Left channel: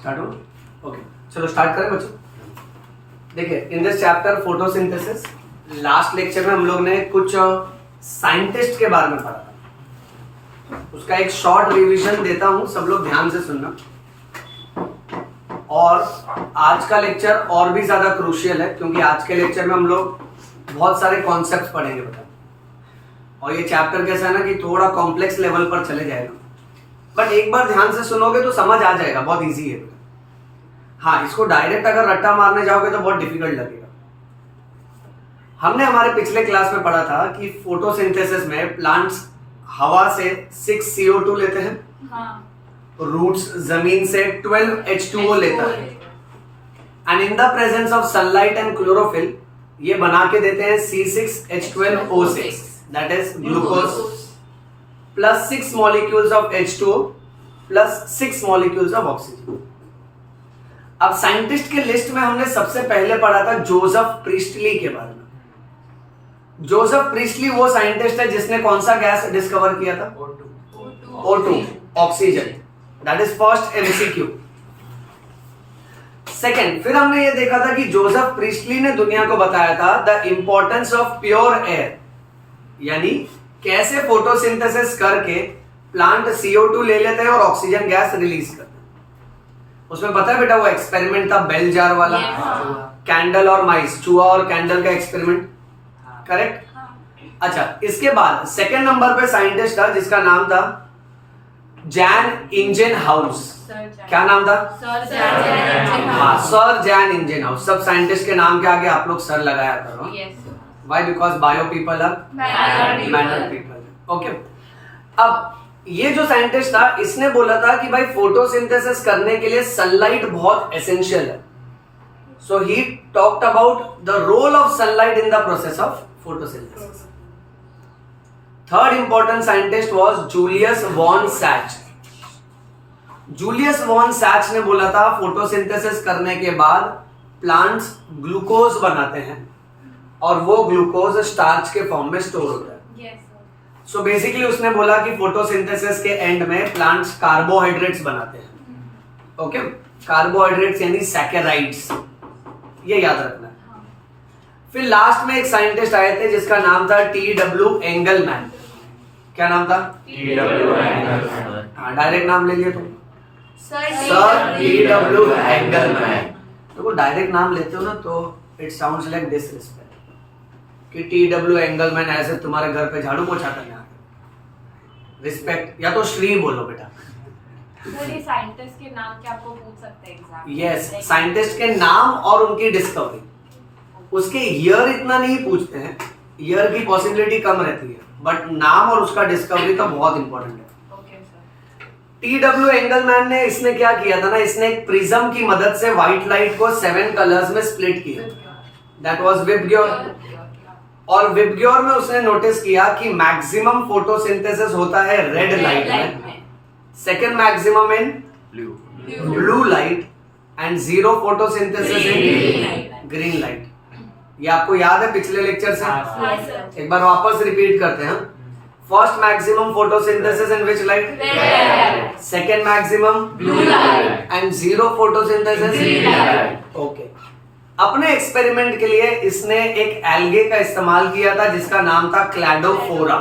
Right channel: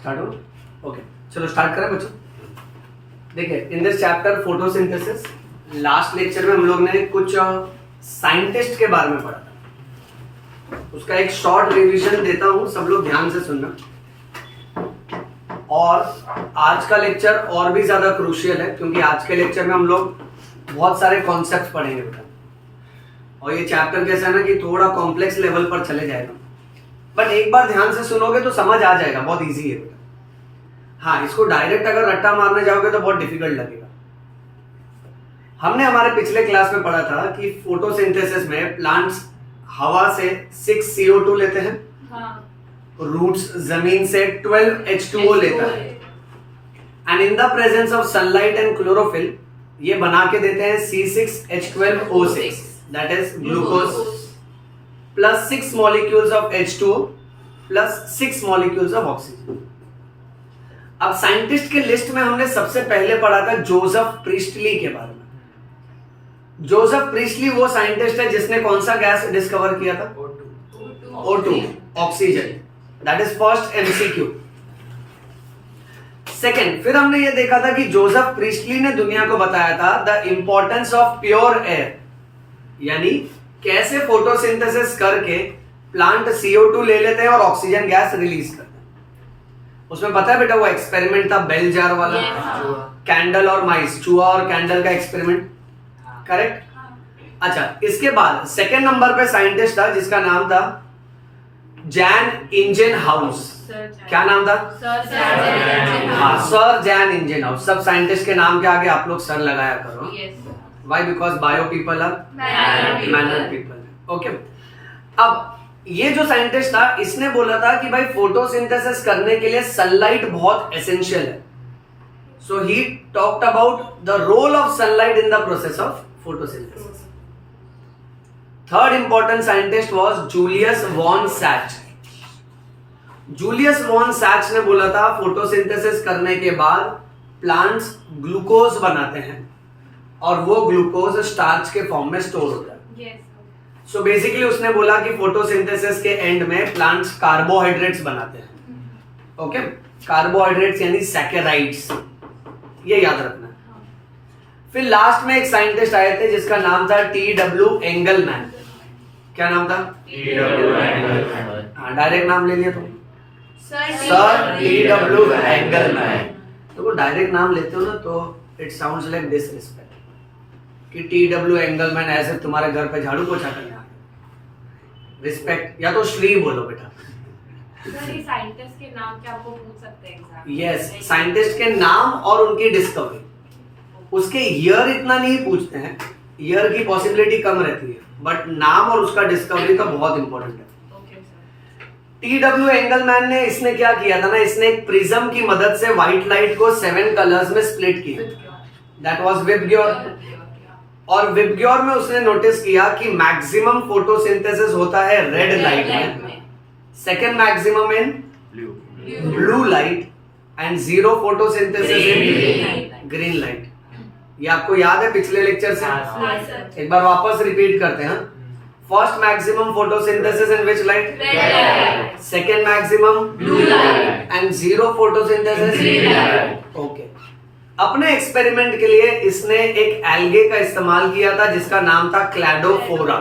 Start हो? Okay, चलो start करें बच्चों। देखिए, in this chapter photosynthesis, last lecture में हम लोग ने कुछ साइंटिस्ट के बारे में पढ़ा था। उसका एक शॉर्ट रिवीजन देता हूं, सब लोग ध्यान से सुनना। और आज का लेक्चर और भी ज्यादा क्रूशियल है, क्योंकि आज के लेक्चर में हम लोग बहुत सारे कॉन्सेप्ट पढ़ेंगे बेटा। और ये चैप्टर कैसा है ना कि थोड़ा कॉम्प्लेक्स लेवल पर चले जाएगा, बट एक बार ध्यान से सुनोगे तो समझ आ जाएगा, बहुत इजी है बेटा। हाँ, इसको डायरेक्ट अगर रट्टा मारने जाओगे तो बहुत डिफिकल्ट लगेगा। हमने हमारे पिछले क्लास में पढ़ा था कि फोटोसिंथेसिस में प्लांट्स हवा से 6 CO2 लेते हैं, रूट्स जमीन से 12 H2O लेता है, and in the presence of sunlight and chlorophyll ये बना के देते हैं C6H12O6, that is glucose, plus 6 molecules of H2O plus 6 molecules of oxygen. अब साइंटिस्ट के लिस्ट में हमने सबसे पहले पढ़ा था जोसेफ प्रीस्टली के बारे में। जोसेफ प्रीस्टली वो साइंटिस्ट है जिसने कौन सा गैस डिस्कवर किया था? O2, oxygen. That is first MCQ। Second, फिर हमने ये देखा था कि जोसेफ प्रीस्टली ने दुनिया को बताया था the importance of pure air, यानी कैसे फोटोसिंथेसिस करके प्लांट CO2 ले लेते हैं और ऑक्सीजन गैस रिलीज करते हैं। उसमें पता है बेटा वो एक्सपेरिमेंट था बेल जार वाला, कैंडल और माइस, चूहा और कैंडल का एक्सपेरिमेंट, करेक्ट? अच्छा, इसके बाद सेकेंड नंबर पे साइंटिस्ट था जिसका नाम था जैन इंजनहाउस। क्या नाम था? हाँ, सर जैन इंजनहाउस। सब साइंटिस्ट के नाम के आगे आप लोग सर लगाया करो। Why? Because bio people are manner people. Okay. अब ये जो साइंटिस्ट था इसने बोला था कि भाई फोटोसिंथेसिस करने के लिए सनलाइट बहुत एसेंशियल है। So he talked about the role of sunlight in the process of photosynthesis. Third important scientist was Julius von Sachs. Julius von Sachs ने बोला था फोटोसिंथेसिस करने के बाद प्लांट्स ग्लूकोज बनाते हैं और वो ग्लूकोज स्टार्च के फॉर्म में स्टोर होता है। सो बेसिकली उसने बोला कि फोटोसिंथेसिस के एंड में प्लांट्स कार्बोहाइड्रेट्स बनाते हैं। ओके, कार्बोहाइड्रेट्स यानी सैकेराइड्स, ये याद रखना है। फिर लास्ट में एक साइंटिस्ट आए थे जिसका नाम था T.W. एंगलमैन। क्या नाम था? T.W. एंगलमैन। हाँ, डायरेक्ट नाम ले लिया तुम, सर T.W. एंगलमैन। तो डायरेक्ट नाम लेते हो ना तो इट साउंड्स लाइक डिसरिस्पेक्ट कि T.W. एंगलमैन ऐसे तुम्हारे घर पे झाड़ू पोछा करने आ गए। रिस्पेक्ट, या तो श्री बोलो बेटा। सर, ये साइंटिस्ट के नाम क्या आपको पूछ सकते हैं एग्जाम? यस, साइंटिस्ट के नाम और उनकी डिस्कवरी। उसके ईयर इतना नहीं पूछते हैं, ईयर की पॉसिबिलिटी कम रहती है, बट नाम और उसका डिस्कवरी तो बहुत इंपॉर्टेंट है। T.W. एंगलमैन ने इसने क्या किया था ना, इसने एक प्रिज्म की मदद से व्हाइट लाइट को 7 कलर्स में स्प्लिट किया। That was VIBGYOR. और विबग्योर में उसने नोटिस किया कि मैक्सिमम फोटोसिंथेसिस होता है रेड लाइट में, second maximum in blue light, and zero photosynthesis in green light. ये आपको याद है पिछले लेक्चर से? एक बार वापस रिपीट करते हैं। First maximum photosynthesis in which light? Second maximum blue light, and zero photosynthesis green light. Okay, अपने एक्सपेरिमेंट के लिए इसने एक एल्गे का इस्तेमाल किया था जिसका नाम था क्लैडोफोरा।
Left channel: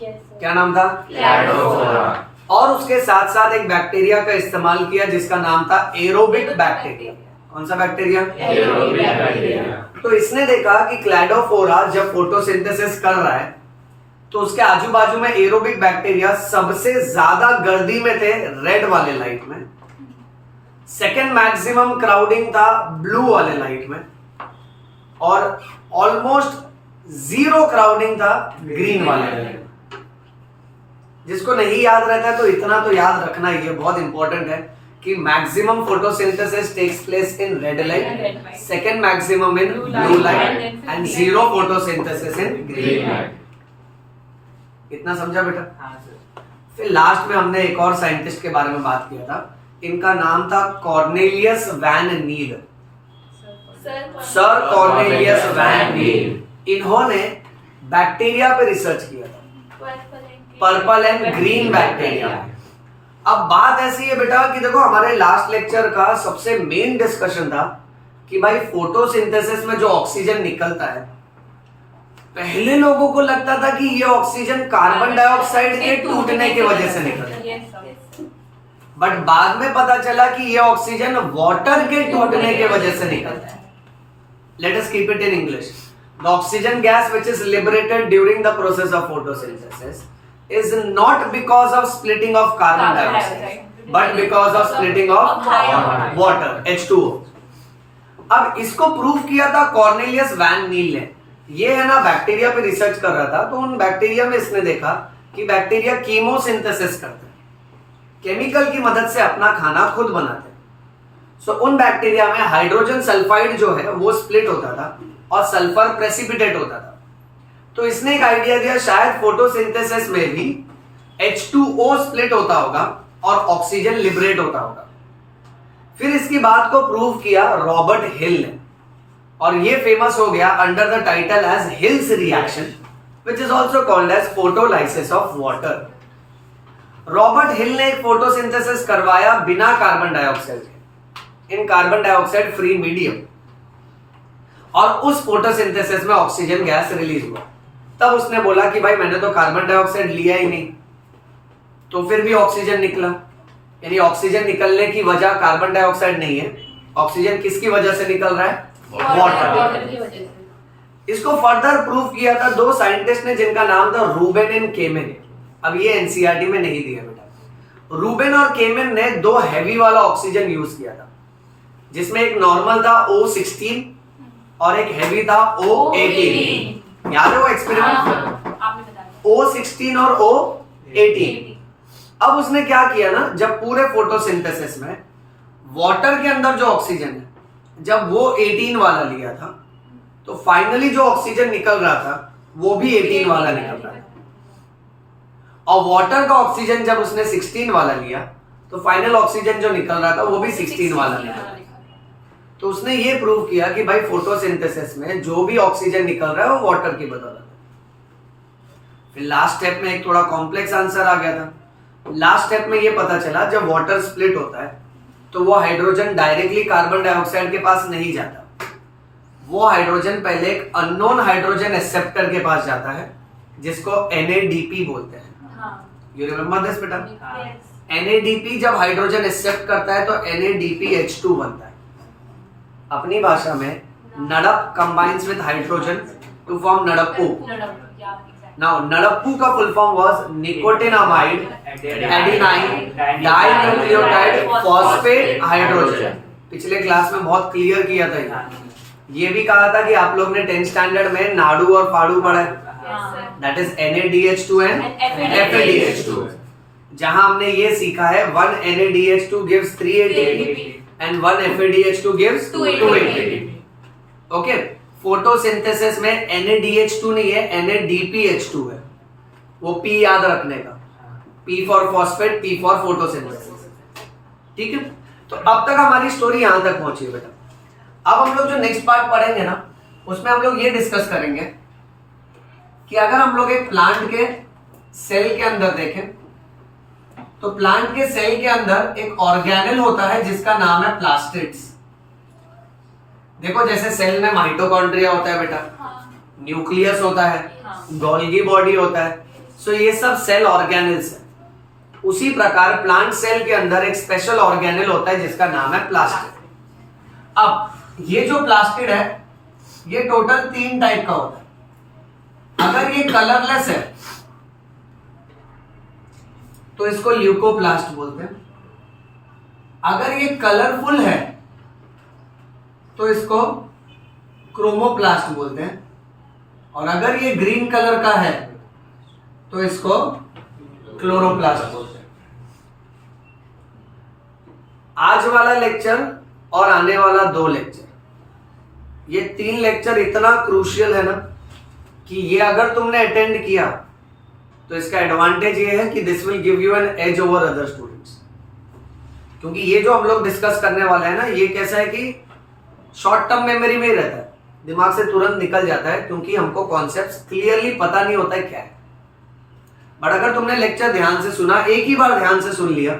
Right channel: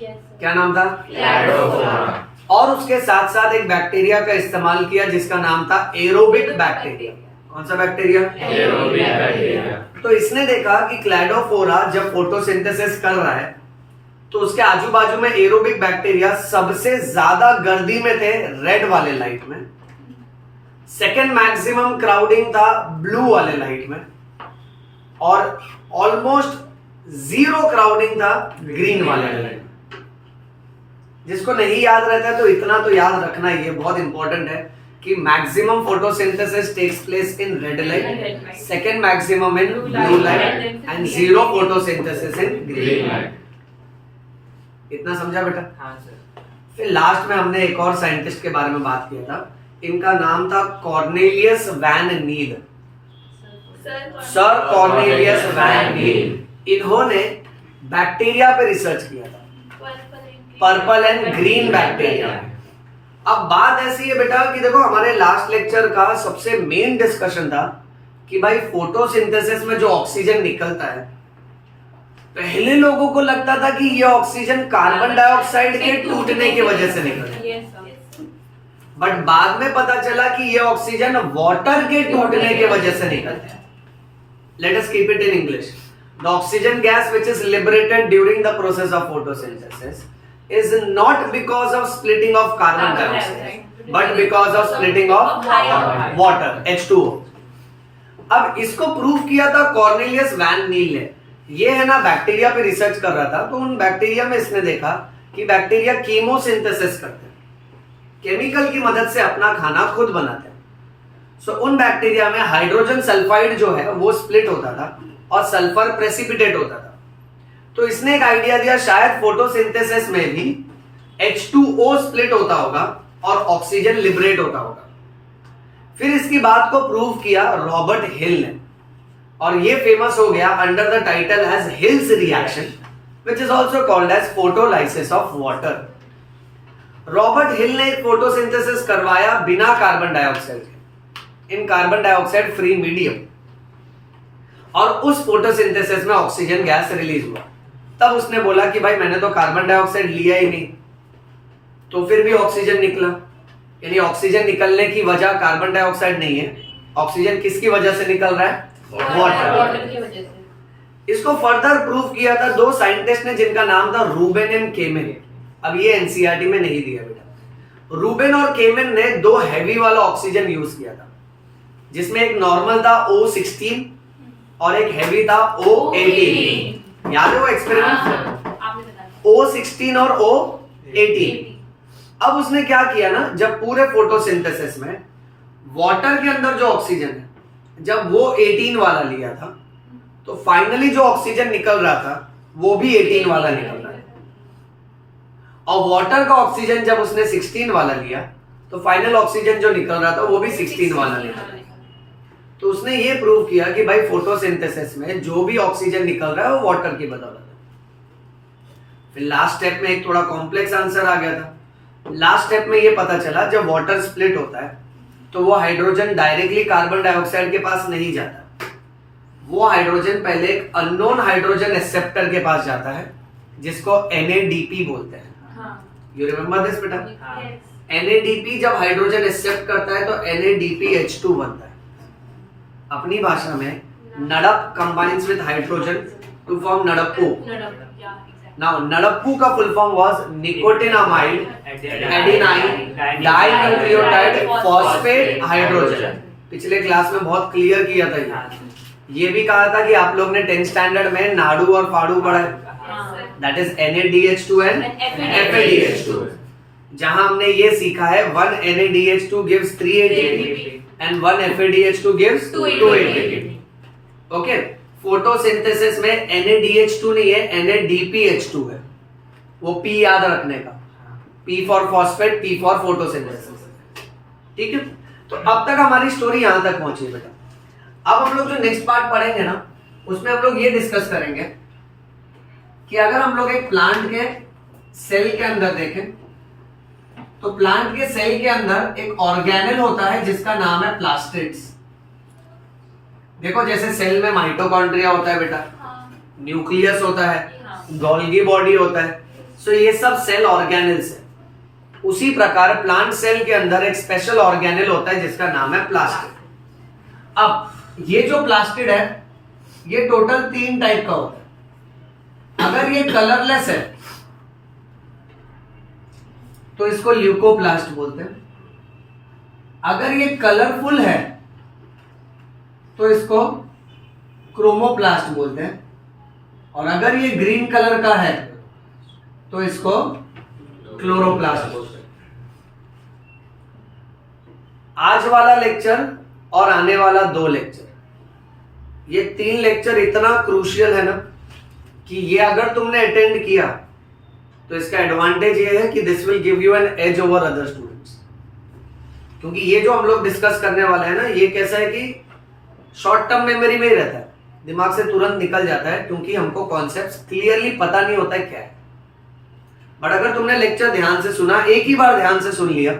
क्या नाम था? क्लैडोफोरा। और उसके साथ साथ एक बैक्टीरिया का इस्तेमाल किया जिसका नाम था एरोबिक बैक्टीरिया। कौन सा बैक्टीरिया? Aerobic bacteria. तो इसने देखा कि क्लैडोफोरा जब फोटोसिंथेसिस कर रहा है तो उसके आजू बाजू में एरोबिक बैक्टीरिया सबसे ज्यादा गर्दी में थे रेड वाले लाइट में, सेकेंड मैक्सिमम क्राउडिंग था ब्लू वाले लाइट में, और ऑलमोस्ट जीरो क्राउडिंग था ग्रीन वाले लाइट में। जिसको नहीं याद रहता है तो इतना तो याद रखना ही है, बहुत इंपॉर्टेंट है कि maximum photosynthesis takes place in red light, second maximum in blue light, and zero photosynthesis in green light. इतना समझा बेटा? हाँ सर। फिर लास्ट में हमने एक और साइंटिस्ट के बारे में बात किया था, इनका नाम था कॉर्नेलियस वैन नील। सर कॉर्नेलियस वैन नील। इन्होंने बैक्टीरिया पे रिसर्च किया था, पर्पल एंड ग्रीन बैक्टीरिया। अब बात ऐसी है बेटा कि देखो हमारे लास्ट लेक्चर का सबसे मेन डिस्कशन था कि भाई फोटोसिंथेसिस में जो ऑक्सीजन निकलता है, पहले लोगों को लगता था कि ये ऑक्सीजन कार्बन डाइऑक्साइड के टूटने की वजह से निकलता है, बट बाद में पता चला कि ये ऑक्सीजन वाटर के टूटने की वजह से निकलता है। Let us keep it in English. The oxygen gas which is liberated during the process of photosynthesis is not because of splitting of carbon dioxide but because of splitting of water H2O। अब इसको prove किया था Cornelius van नील ने। ये है ना bacteria पे research कर रहा था, तो उन बैक्टीरिया में इसने देखा कि बैक्टीरिया कीमोसिंथेसिस करते हैं, केमिकल की मदद से अपना खाना खुद बनाते हैं। सो उन बैक्टीरिया में हाइड्रोजन सल्फाइड जो है वो स्प्लिट होता था और सल्फर प्रेसिपिटेट होता था। तो इसने एक आइडिया दिया, शायद फोटोसिंथेसिस में भी H2O स्प्लिट होता होगा और ऑक्सीजन लिबरेट होता होगा। फिर इसकी बात को प्रूव किया रॉबर्ट हिल ने, और ये फेमस हो गया under the title as Hill's reaction which is also called as photolysis of water. Robert Hill ने एक फोटोसिंथेसिस करवाया बिना कार्बन डाइऑक्साइड के, in carbon dioxide free medium, और उस फोटोसिंथेसिस में ऑक्सीजन गैस रिलीज हुआ। तब उसने बोला कि भाई मैंने तो कार्बन डाइऑक्साइड लिया ही नहीं, तो फिर भी ऑक्सीजन निकला। यानी ऑक्सीजन निकलने की वजह कार्बन डाइऑक्साइड नहीं है, ऑक्सीजन किसकी वजह से निकल रहा है? वाटर की वजह से। इसको फर्दर प्रूव किया था दो साइंटिस्ट ने जिनका नाम था रूबेन एंड केमेन। अब ये एनसीईआरटी में नहीं दिया बेटा। रूबेन और केमेन ने दो हैवी वाला ऑक्सीजन यूज किया था, जिसमें एक नॉर्मल था O16 और एक हैवी था O18। याद है वो एक्सपेरिमेंट? O16 और O18। अब उसने क्या किया ना, जब पूरे फोटोसिंथेसिस में वाटर के अंदर जो ऑक्सीजन है, जब वो 18 वाला लिया था, तो फाइनली जो ऑक्सीजन निकल रहा था वो भी 18 वाला निकल रहा है। और वाटर का ऑक्सीजन जब उसने 16 वाला लिया, तो फाइनल ऑक्सीजन जो निकल रहा था वो भी 16 वाला निकल रहा है। तो उसने ये प्रूव किया कि भाई फोटोसिंथेसिस में जो भी ऑक्सीजन निकल रहा है वो वाटर की बदौलत है। फिर लास्ट स्टेप में एक थोड़ा कॉम्प्लेक्स आंसर आ गया था। लास्ट स्टेप में ये पता चला जब वाटर स्प्लिट होता है तो वो हाइड्रोजन डायरेक्टली कार्बन डाइऑक्साइड के पास नहीं जाता, वो हाइड्रोजन पहले एक अननोन हाइड्रोजन एक्सेप्टर के पास जाता है जिसको NADP बोलते हैं। यू रिमेम्बर दिस बेटा? NADP जब हाइड्रोजन एक्सेप्ट करता है तो NADPH2 बनता है। अपनी भाषा में नड़प combines with hydrogen to form नड़प्पू। नाउ नड़प्पू का full form was nicotinamide adenine dinucleotide phosphate hydrogen. पिछले क्लास में बहुत क्लियर किया था ये भी कहा था कि आप लोग ने 10th स्टैंडर्ड में नाडू और फाड़ू पढ़ा है, that is NaDH2 and FADH2, जहां हमने ये सीखा है 1 NaDH2 gives 3 ATP and 1 FADH2 gives 2 ATP। Okay, photosynthesis में NaDH2 नहीं है, NADPH2 है। वो P याद रखने का, P for phosphate, P for photosynthesis. ठीक है, तो अब तक हमारी स्टोरी यहां तक पहुंची है बेटा। अब हम लोग जो नेक्स्ट पार्ट पढ़ेंगे ना, उसमें हम लोग ये डिस्कस करेंगे कि अगर हम लोग एक प्लांट के सेल के अंदर देखें, तो प्लांट के सेल के अंदर एक ऑर्गेनेल होता है जिसका नाम है प्लास्टिड्स। देखो जैसे सेल में माइटोकॉन्ड्रिया होता है बेटा, न्यूक्लियस होता है, गोल्गी बॉडी होता है, सो ये सब सेल ऑर्गेनेल्स है। उसी प्रकार प्लांट सेल के अंदर एक स्पेशल ऑर्गेनेल होता है जिसका नाम है प्लास्टिड। अब ये जो प्लास्टिड है ये टोटल 3 टाइप का होता है। अगर ये कलरलेस है तो इसको ल्यूकोप्लास्ट बोलते हैं। अगर ये कलरफुल है तो इसको क्रोमोप्लास्ट बोलते हैं, और अगर ये ग्रीन कलर का है तो इसको क्लोरोप्लास्ट बोलते हैं। आज वाला लेक्चर और आने वाला 2 लेक्चर, ये 3 लेक्चर इतना क्रूशियल है ना कि ये अगर तुमने अटेंड किया तो इसका एडवांटेज ये है कि this will give you an edge over other students. क्योंकि ये जो हम लोग डिस्कस करने वाले हैं ना, ये कैसा है कि शॉर्ट टर्म मेमोरी में ही रहता है, दिमाग से तुरंत निकल जाता है, क्योंकि हमको कॉन्सेप्ट्स क्लियरली पता नहीं होता है क्या है। बट अगर तुमने लेक्चर ध्यान से सुना, एक ही बार ध्यान से सुन लिया,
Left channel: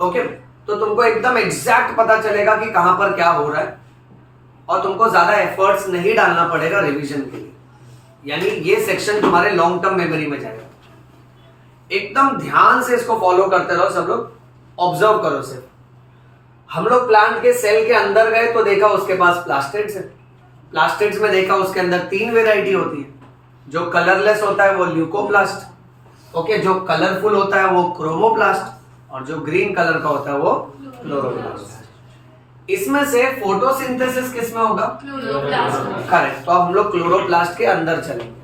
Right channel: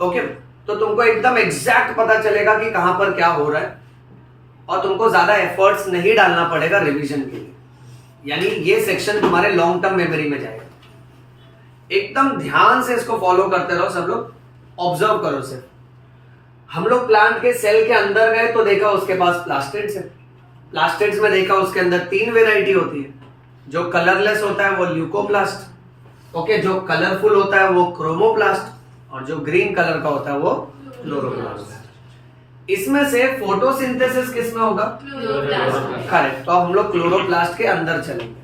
ओके, तो तुमको एकदम एग्जैक्ट पता चलेगा कि कहां पर क्या हो रहा है और तुमको ज्यादा एफर्ट्स नहीं डालना पड़ेगा रिवीजन के लिए। यानी ये सेक्शन तुम्हारे लॉन्ग टर्म मेमोरी में जाएगा। एकदम ध्यान से इसको फॉलो करते रहो सब लोग, ऑब्जर्व करो सिर्फ। हम लोग प्लांट के सेल के अंदर गए तो देखा उसके पास प्लास्टिड्स है। प्लास्टिड्स में देखा उसके अंदर 3 वेराइटी होती है। जो कलरलेस होता है वो ल्यूकोप्लास्ट, ओके, जो कलरफुल होता है वो क्रोमोप्लास्ट, और जो ग्रीन कलर का होता है वो क्लोरोप्लास्ट। इसमें से फोटोसिंथेसिस किसमें होगा? करेक्ट। तो अब हम लोग क्लोरोप्लास्ट के अंदर चलेंगे।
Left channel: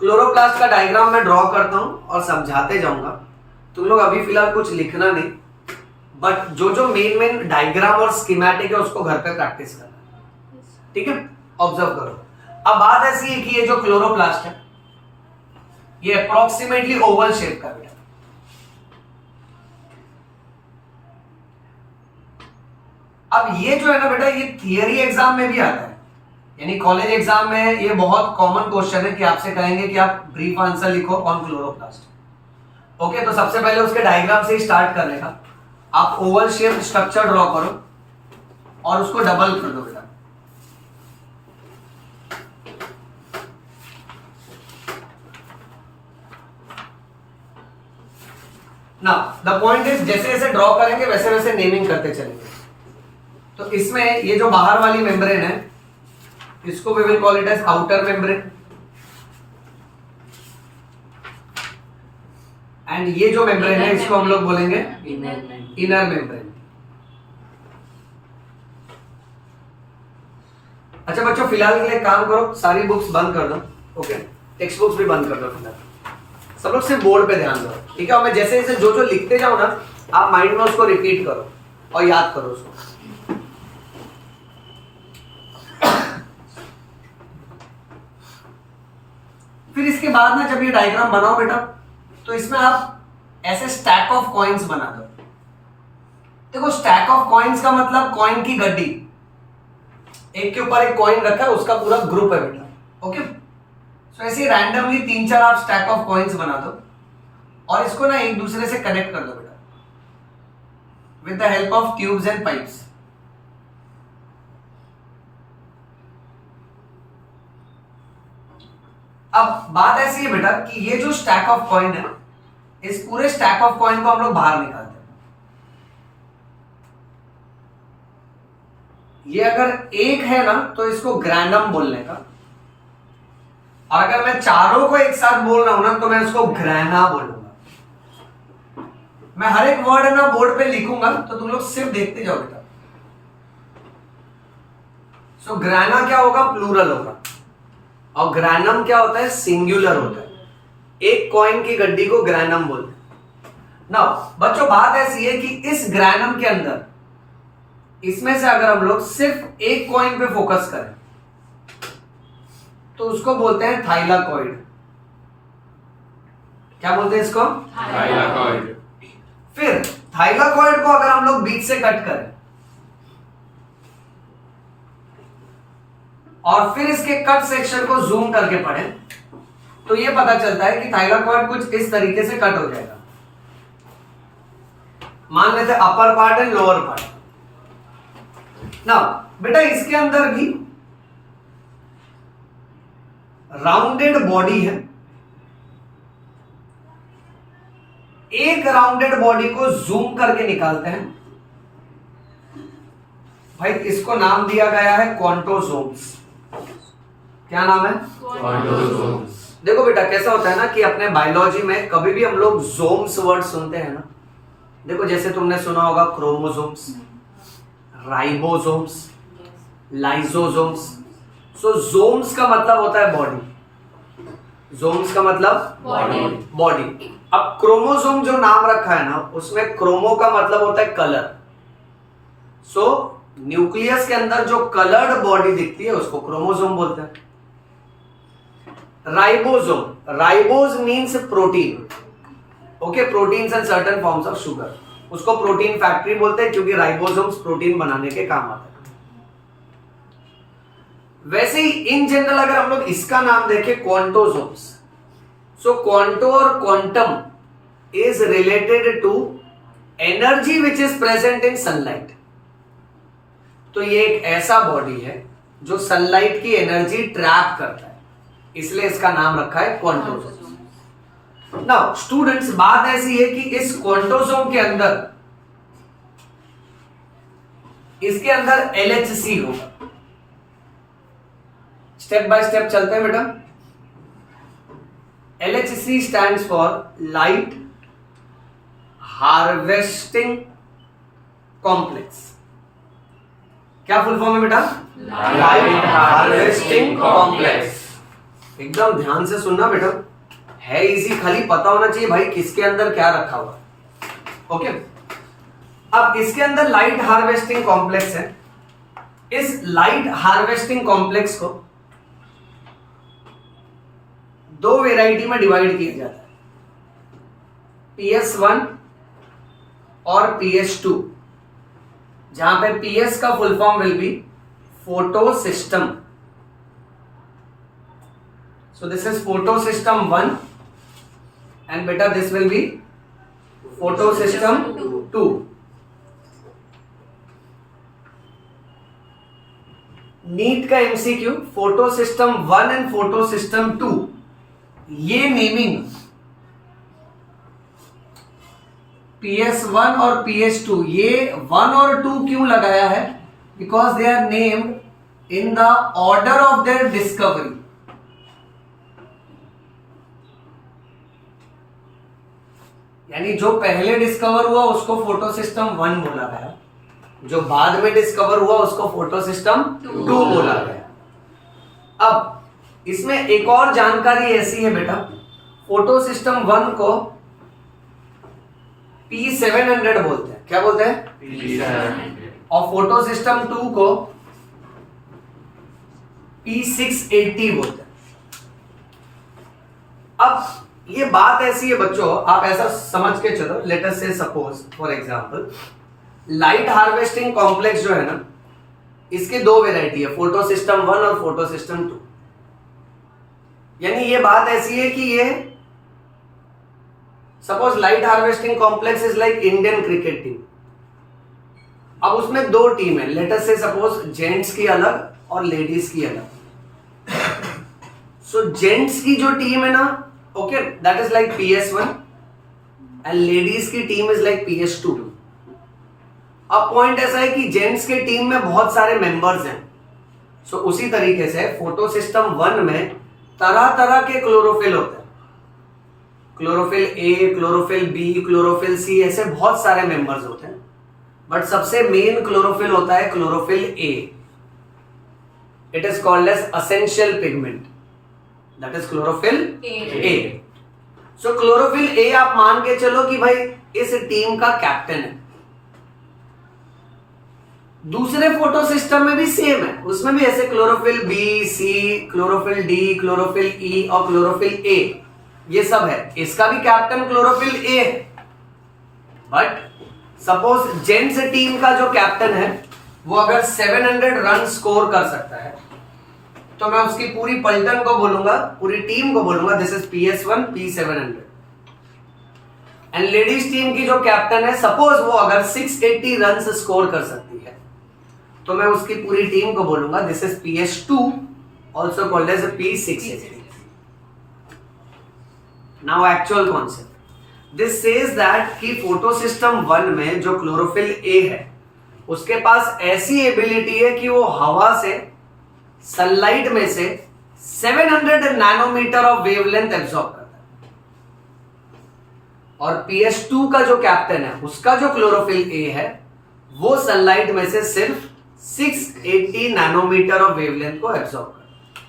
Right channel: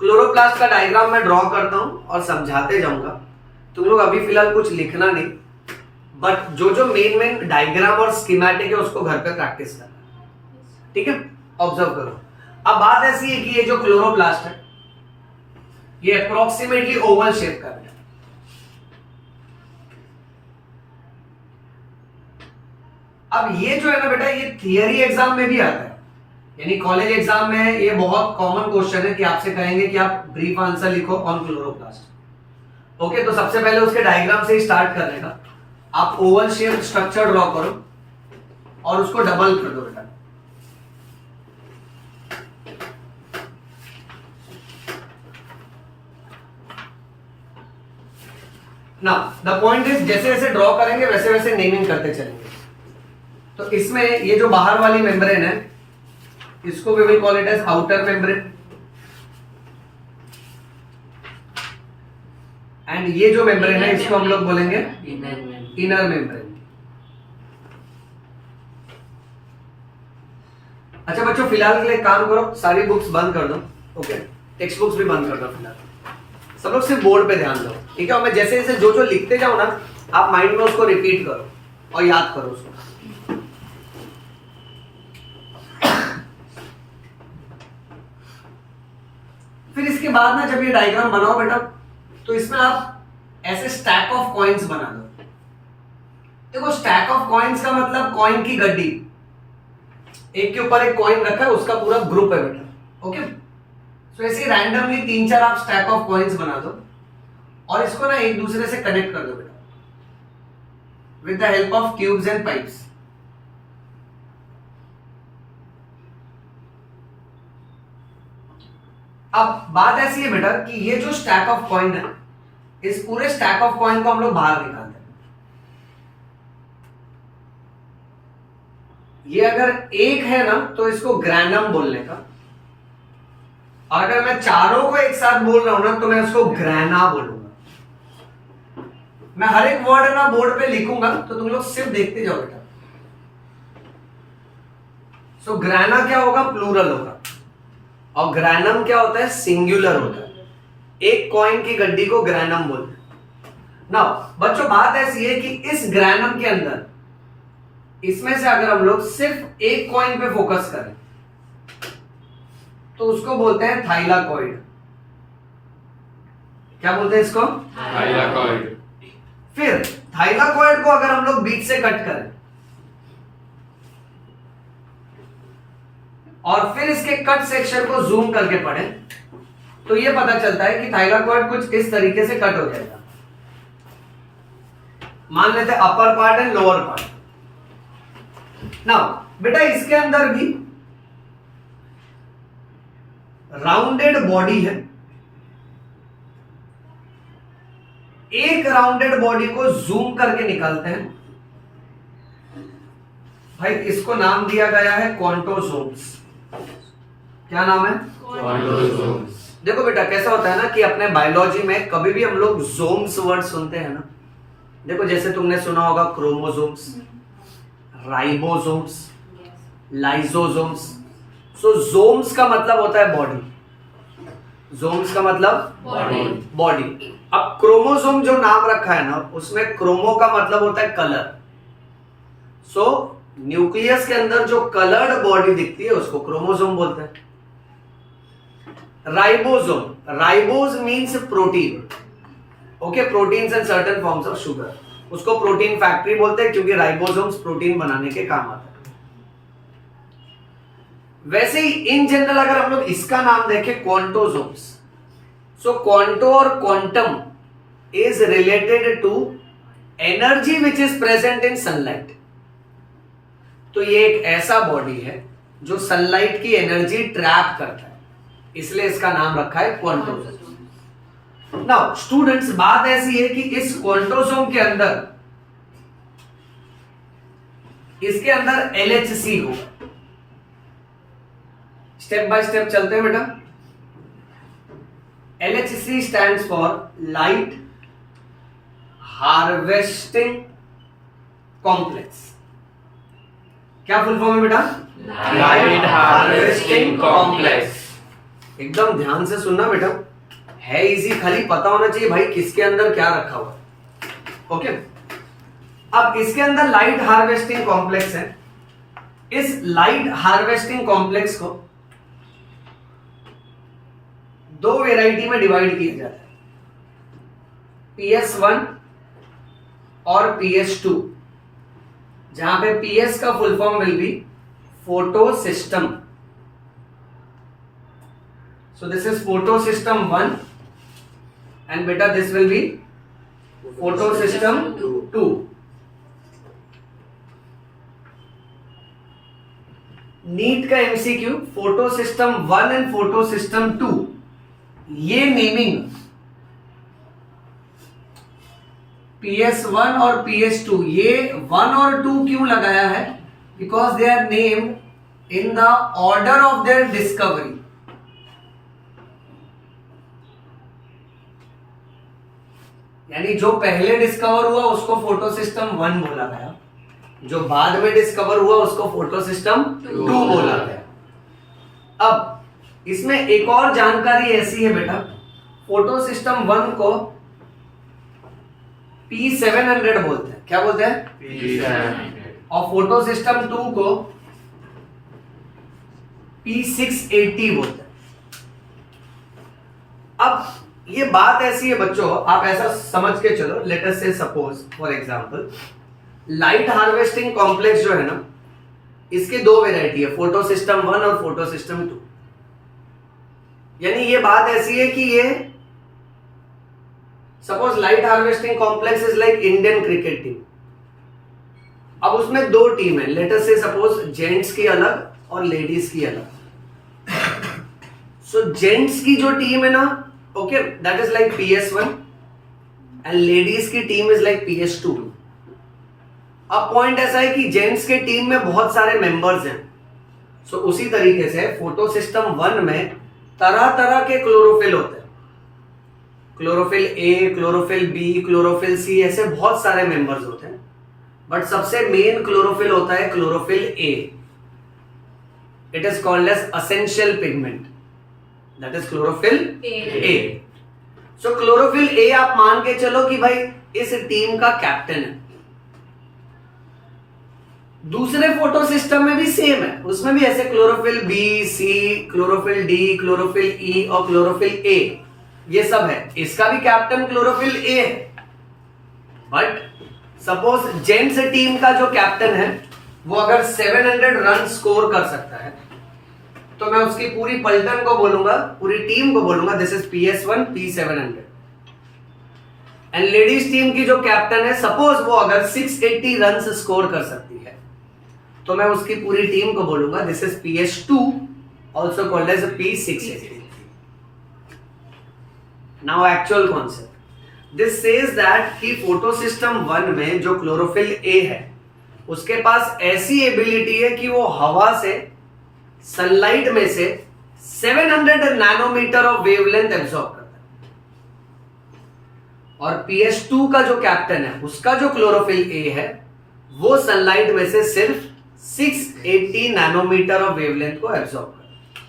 क्लोरोप्लास्ट का डायग्राम मैं ड्रॉ करता हूं और समझाते जाऊंगा। तुम लोग अभी फिलहाल कुछ लिखना नहीं, बट जो जो मेन डायग्राम और स्कीमेटिक है उसको घर पे प्रैक्टिस करना, ठीक है? ऑब्जर्व करो। अब बात ऐसी है कि ये जो क्लोरोप्लास्ट है ये अप्रोक्सीमेटली ओवल शेप का बेटा। अब ये जो है ना बेटा, ये थियरी एग्जाम में भी आता है, यानी कॉलेज एग्जाम में ये बहुत कॉमन क्वेश्चन है कि आपसे कहेंगे कि आप ब्रीफ आंसर लिखो ऑन क्लोरोप्लास्ट। ओके, तो सबसे पहले उसके डायग्राम से ही स्टार्ट करने का। आप ओवल शेप स्ट्रक्चर ड्रॉ करो और उसको डबल कर दो बेटा। ना द पॉइंट इज, जैसे जैसे ड्रॉ करेंगे वैसे वैसे नेमिंग करते चलेंगे। तो इसमें ये जो बाहर वाली मेम्ब्रेन है इसको we will call it as outer membrane, and ये जो मेम्ब्रेन है इसको हम लोग बोलेंगे इनर मेम्ब्रेन। अच्छा बच्चों, फिलहाल के लिए काम करो, सारी बुक्स बंद कर दो, ओके, टेक्स्ट बुक्स भी बंद कर दो फिलहाल। सब लोग सिर्फ बोर्ड पे ध्यान दो, ठीक है? और मैं जैसे जैसे जो जो लिखते जाऊं ना, आप माइंड में उसको रिपीट करो और याद करो उसको। फिर इसके बाद ना जब ये डायग्राम बनाओ बेटा, तो इसमें आप ऐसे स्टैक ऑफ कॉइन्स बना दो। देखो, स्टैक ऑफ कॉइन्स का मतलब कॉइन की गड्डी, एक के ऊपर एक कॉइन रखा है, उसका पूरा ग्रुप है बेटा। ओके, तो ऐसे ही रैंडमली 3-4 आप स्टैक ऑफ कॉइन्स बना दो और इसको ना एक दूसरे से कनेक्ट कर दो बेटा with the help of tubes and pipes. अब बात ऐसी है बेटा कि ये जो स्टैक ऑफ कॉइन है, इस पूरे स्टैक ऑफ कॉइन को हम लोग बाहर निकालते हैं। ये अगर एक है ना तो इसको ग्रैनम बोलने का, और अगर मैं चारों को एक साथ बोल रहा हूं ना तो मैं उसको ग्रैना बोलूंगा। मैं हर एक वर्ड ना बोर्ड पे लिखूंगा तो तुम लोग सिर्फ देखते जाओ बेटा। सो ग्रैना क्या होगा? प्लूरल होगा, और ग्रैनम क्या होता है? सिंगुलर होता है। एक कॉइन की गड्डी को ग्रैनम बोलते हैं। नाउ बच्चों, बात ऐसी है कि इस ग्रैनम के अंदर, इसमें से अगर हम लोग सिर्फ एक कॉइन पे फोकस करें तो उसको बोलते हैं थाइलाकॉइड। क्या बोलते हैं इसको? थाइलाकॉइड। फिर थाइलाकॉइड को अगर हम लोग बीच से कट करें और फिर इसके कट सेक्शन को जूम करके पढ़ें तो ये पता चलता है कि थाइलाकॉइड कुछ इस तरीके से कट हो जाएगा। मान लेते हैं upper part and lower part. Now बेटा, इसके अंदर भी राउंडेड बॉडी है। एक राउंडेड बॉडी को जूम करके निकालते हैं भाई, इसको नाम दिया गया है क्वांटोसोम्स। क्या नाम है? क्वांटोसोम्स। देखो बेटा, कैसा होता है ना कि अपने बायोलॉजी में कभी भी हम लोग जोम्स वर्ड सुनते हैं ना, देखो जैसे तुमने सुना होगा क्रोमोसोम्स, राइबोसोम्स, लाइसोसोम्स। सो जोम्स का मतलब होता है बॉडी। जोम्स का मतलब बॉडी। अब क्रोमोसोम जो नाम रखा है ना, उसमें क्रोमो का मतलब होता है कलर। सो न्यूक्लियस के अंदर जो कलर्ड बॉडी दिखती है उसको क्रोमोसोम बोलते हैं। Ribosome, ribose means protein, okay, proteins and certain forms of sugar, उसको प्रोटीन फैक्ट्री बोलते हैं क्योंकि राइबोसोम्स प्रोटीन बनाने के काम आता है। वैसे ही इन जनरल अगर हम लोग इसका नाम देखें क्वांटोसोम्स, सो क्वांटो और quantum is related to energy which is present in sunlight. तो ये एक ऐसा बॉडी है जो सनलाइट की एनर्जी ट्रैप करता है, इसलिए इसका नाम रखा है क्वांटोसोम। नाउ स्टूडेंट्स, बात ऐसी है कि इस क्वांटोसोम के अंदर, इसके अंदर LHC होगा। स्टेप बाय स्टेप चलते हैं बेटा। LHC stands for light harvesting complex. क्या फुल फॉर्म है बेटा? Light harvesting complex. एकदम ध्यान से सुनना बेटा, है इजी, खाली पता होना चाहिए भाई किसके अंदर क्या रखा हुआ है। ओके, अब इसके अंदर लाइट हार्वेस्टिंग कॉम्प्लेक्स है। इस लाइट हार्वेस्टिंग कॉम्प्लेक्स को दो वेराइटी में डिवाइड किया जाता है, PS1 और PS2, जहां पे PS का full form will be photo system. So this is photosystem 1 and beta this will be photosystem 2. NEET का MCQ photosystem 1 and photosystem 2, ये नेमिंग PS1 और PS2, ये 1 और 2 क्यों लगाया है? Because they are named in the order of their discovery. यानी जो पहले डिस्कवर हुआ उसको फोटो सिस्टम 1 बोला गया, जो बाद में डिस्कवर हुआ उसको फोटो सिस्टम 2 बोला गया। अब इसमें एक और जानकारी ऐसी है बेटा, फोटो सिस्टम 1 को P700 बोलते हैं। क्या बोलते हैं? और फोटो सिस्टम 2 को P680 बोलते हैं। अब ये बात ऐसी है बच्चों, आप ऐसा समझ के चलो, लेट अस से suppose for example light harvesting complex जो है ना, इसके दो वेराइटी है, फोटो सिस्टम 1 और फोटो सिस्टम 2। यानी ये बात ऐसी है कि ये suppose light harvesting complex is like Indian cricket team. अब उसमें दो टीम है, लेट अस से सपोज जेंट्स की अलग और लेडीज की अलग। सो जेंट्स की जो टीम है ना, okay, that is like PS1 and ladies की टीम इज लाइक PS2। अब पॉइंट ऐसा है कि जेंट्स के टीम में बहुत सारे मेंबर्स हैं। सो उसी तरीके से फोटो सिस्टम 1 में तरह तरह के क्लोरोफिल होते हैं, chlorophyll A, chlorophyll B, chlorophyll C, ऐसे बहुत सारे मेंबर्स होते हैं, बट सबसे मेन क्लोरोफिल होता है chlorophyll A। It is called as essential pigment, that is chlorophyll A। So chlorophyll A आप मान के चलो कि भाई इस टीम का कैप्टन है। दूसरे फोटो सिस्टम में भी सेम है, उसमें भी ऐसे chlorophyll B, C, chlorophyll D, chlorophyll E और क्लोरोफिल A, ये सब है। इसका भी कैप्टन क्लोरोफिल A है। बट सपोज जेंट्स टीम का जो कैप्टन है वो अगर 700 रन स्कोर कर सकता है, तो मैं उसकी पूरी पलटन को बोलूंगा, पूरी टीम को बोलूंगा this is PS1 P700। And ladies team की जो कैप्टन है, सपोज वो अगर 680 रन स्कोर कर सकती है, तो मैं उसकी पूरी टीम को बोलूंगा this is PS2, also called as P680। Now actual concept, this says that कि फोटो सिस्टम 1 में जो क्लोरोफिल A है उसके पास ऐसी एबिलिटी है कि वो हवा से, सनलाइट में से 700 नैनोमीटर ऑफ वेवलेंथ एब्सॉर्ब करता है। और PS2 का जो कैप्टन है, उसका जो क्लोरोफिल A है, वो सनलाइट में से सिर्फ 680 नैनोमीटर ऑफ वेवलेंथ को एब्सॉर्ब करता है।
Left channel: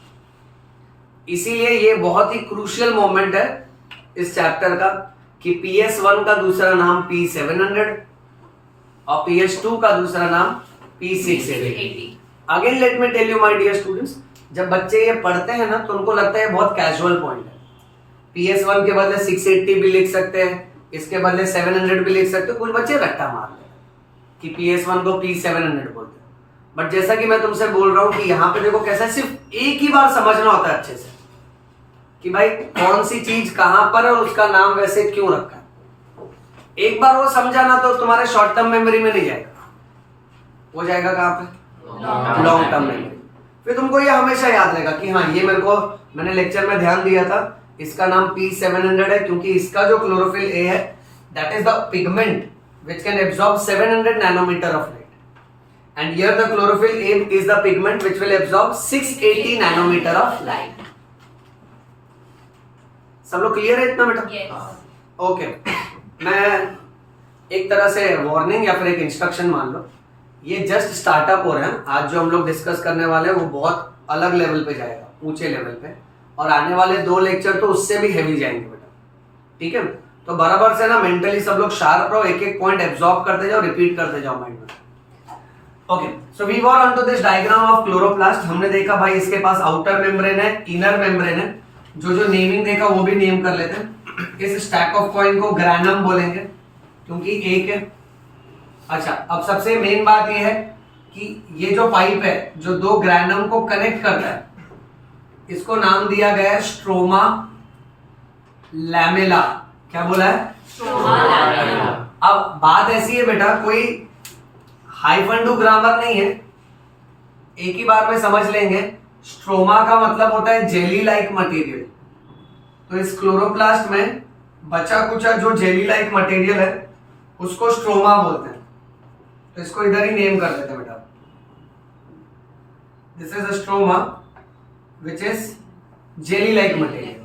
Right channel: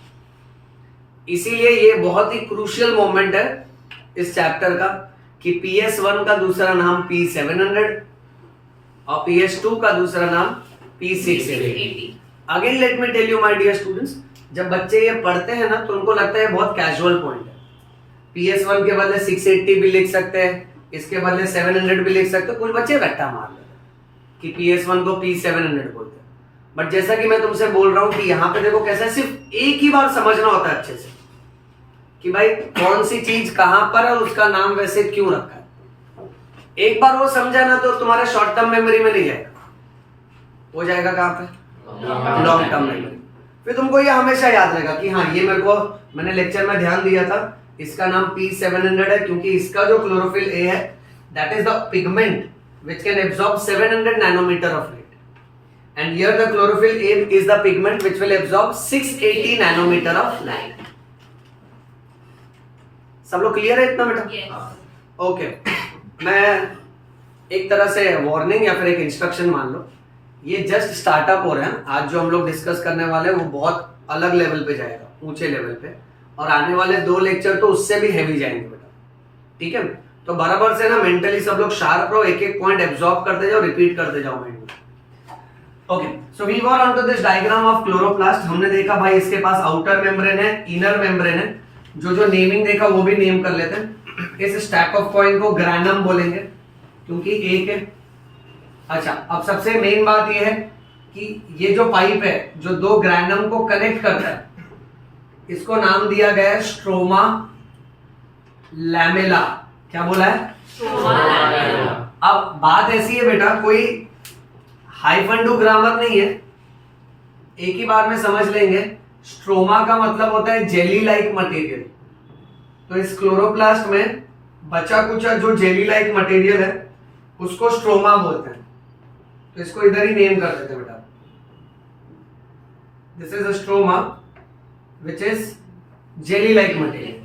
इसीलिए ये बहुत ही क्रूशियल मोमेंट है इस चैप्टर का कि PS1 का दूसरा नाम P700 और PS2 का दूसरा नाम P680। Again let me tell you my dear students, जब बच्चे ये पढ़ते हैं ना तो उनको लगता है बहुत कैजुअल पॉइंट है। PS1 के बदले 680 भी लिख सकते हैं, इसके बदले 700 भी लिख सकते हैं। कुछ बच्चे रट्टा मार रहे हैं कि PS1 को P700 बोलते हैं। बट जैसा कि मैं तुमसे बोल रहा हूं कि यहाँ पे देखो कैसा, सिर्फ एक ही बार समझना होता है अच्छे से कि भाई कौन सी चीज कहां पर है और उसका नाम वैसे क्यों रखा है। एक बार वो समझा ना तो तुम्हारे शॉर्ट टर्म मेमोरी में नहीं जाएगा, वो जाएगा कहाँ पे, लॉन्ग टर्म मेमोरी। फिर तुमको ये हमेशा याद रहेगा कि हाँ ये मैंने लेक्चर में ध्यान दिया था, इसका नाम P700 है क्योंकि इसका जो क्लोरोफिल ए है that is the pigment which can absorb 700 nanometer of light, and here the chlorophyll A is the pigment which will absorb 680 nanometer of light. सब लोग क्लियर है इतना बेटा? ओके मैं एक तरह से वार्निंग या फिर एक इंस्ट्रक्शन मान लो, ये जस्ट स्टार्टअप हो रहे हैं। आज जो हम लोग डिस्कस करने वाले हैं वो बहुत अलग लेवल पे जाएगा, ऊंचे लेवल पे, और आने वाले 2 लेक्चर तो उससे भी हैवी जाएंगे बेटा, ठीक है? तो बराबर से ना मेंटली सब लोग शार्प रहो, एक एक पॉइंट एब्जॉर्ब करते जाओ, रिपीट करते जाओ माइंड में। Okay so we were on to this diagram of chloroplast. हमने देखा भाई इसके पास आउटर मेम्ब्रेन है, इनर मेम्ब्रेन है, जो नेमिंग देखा वो भी नेम कर लेते हैं। इस स्टैक ऑफ कॉइन को ग्रैनम बोलेंगे क्योंकि एक है। अच्छा अब सबसे मेन बात ये है कि ये जो पाइप है जो 2 ग्रैनम को कनेक्ट करता है, इसको नाम दिया गया है स्ट्रोमा लैमेला। क्या बोला है? Stroma lamella. अब बात ऐसी है बेटा, कोई हाइफन टू ग्रामर नहीं है, एक ही बार में समझ लेंगे। स्ट्रोमा का मतलब होता है जेली लाइक मटेरियल, तो इस क्लोरोप्लास्ट में बचा कुचा जो जेली लाइक मटेरियल है उसको स्ट्रोमा बोलते हैं, तो इसको इधर ही नेम कर देते हैं बेटा। This is a stroma which is jelly like material.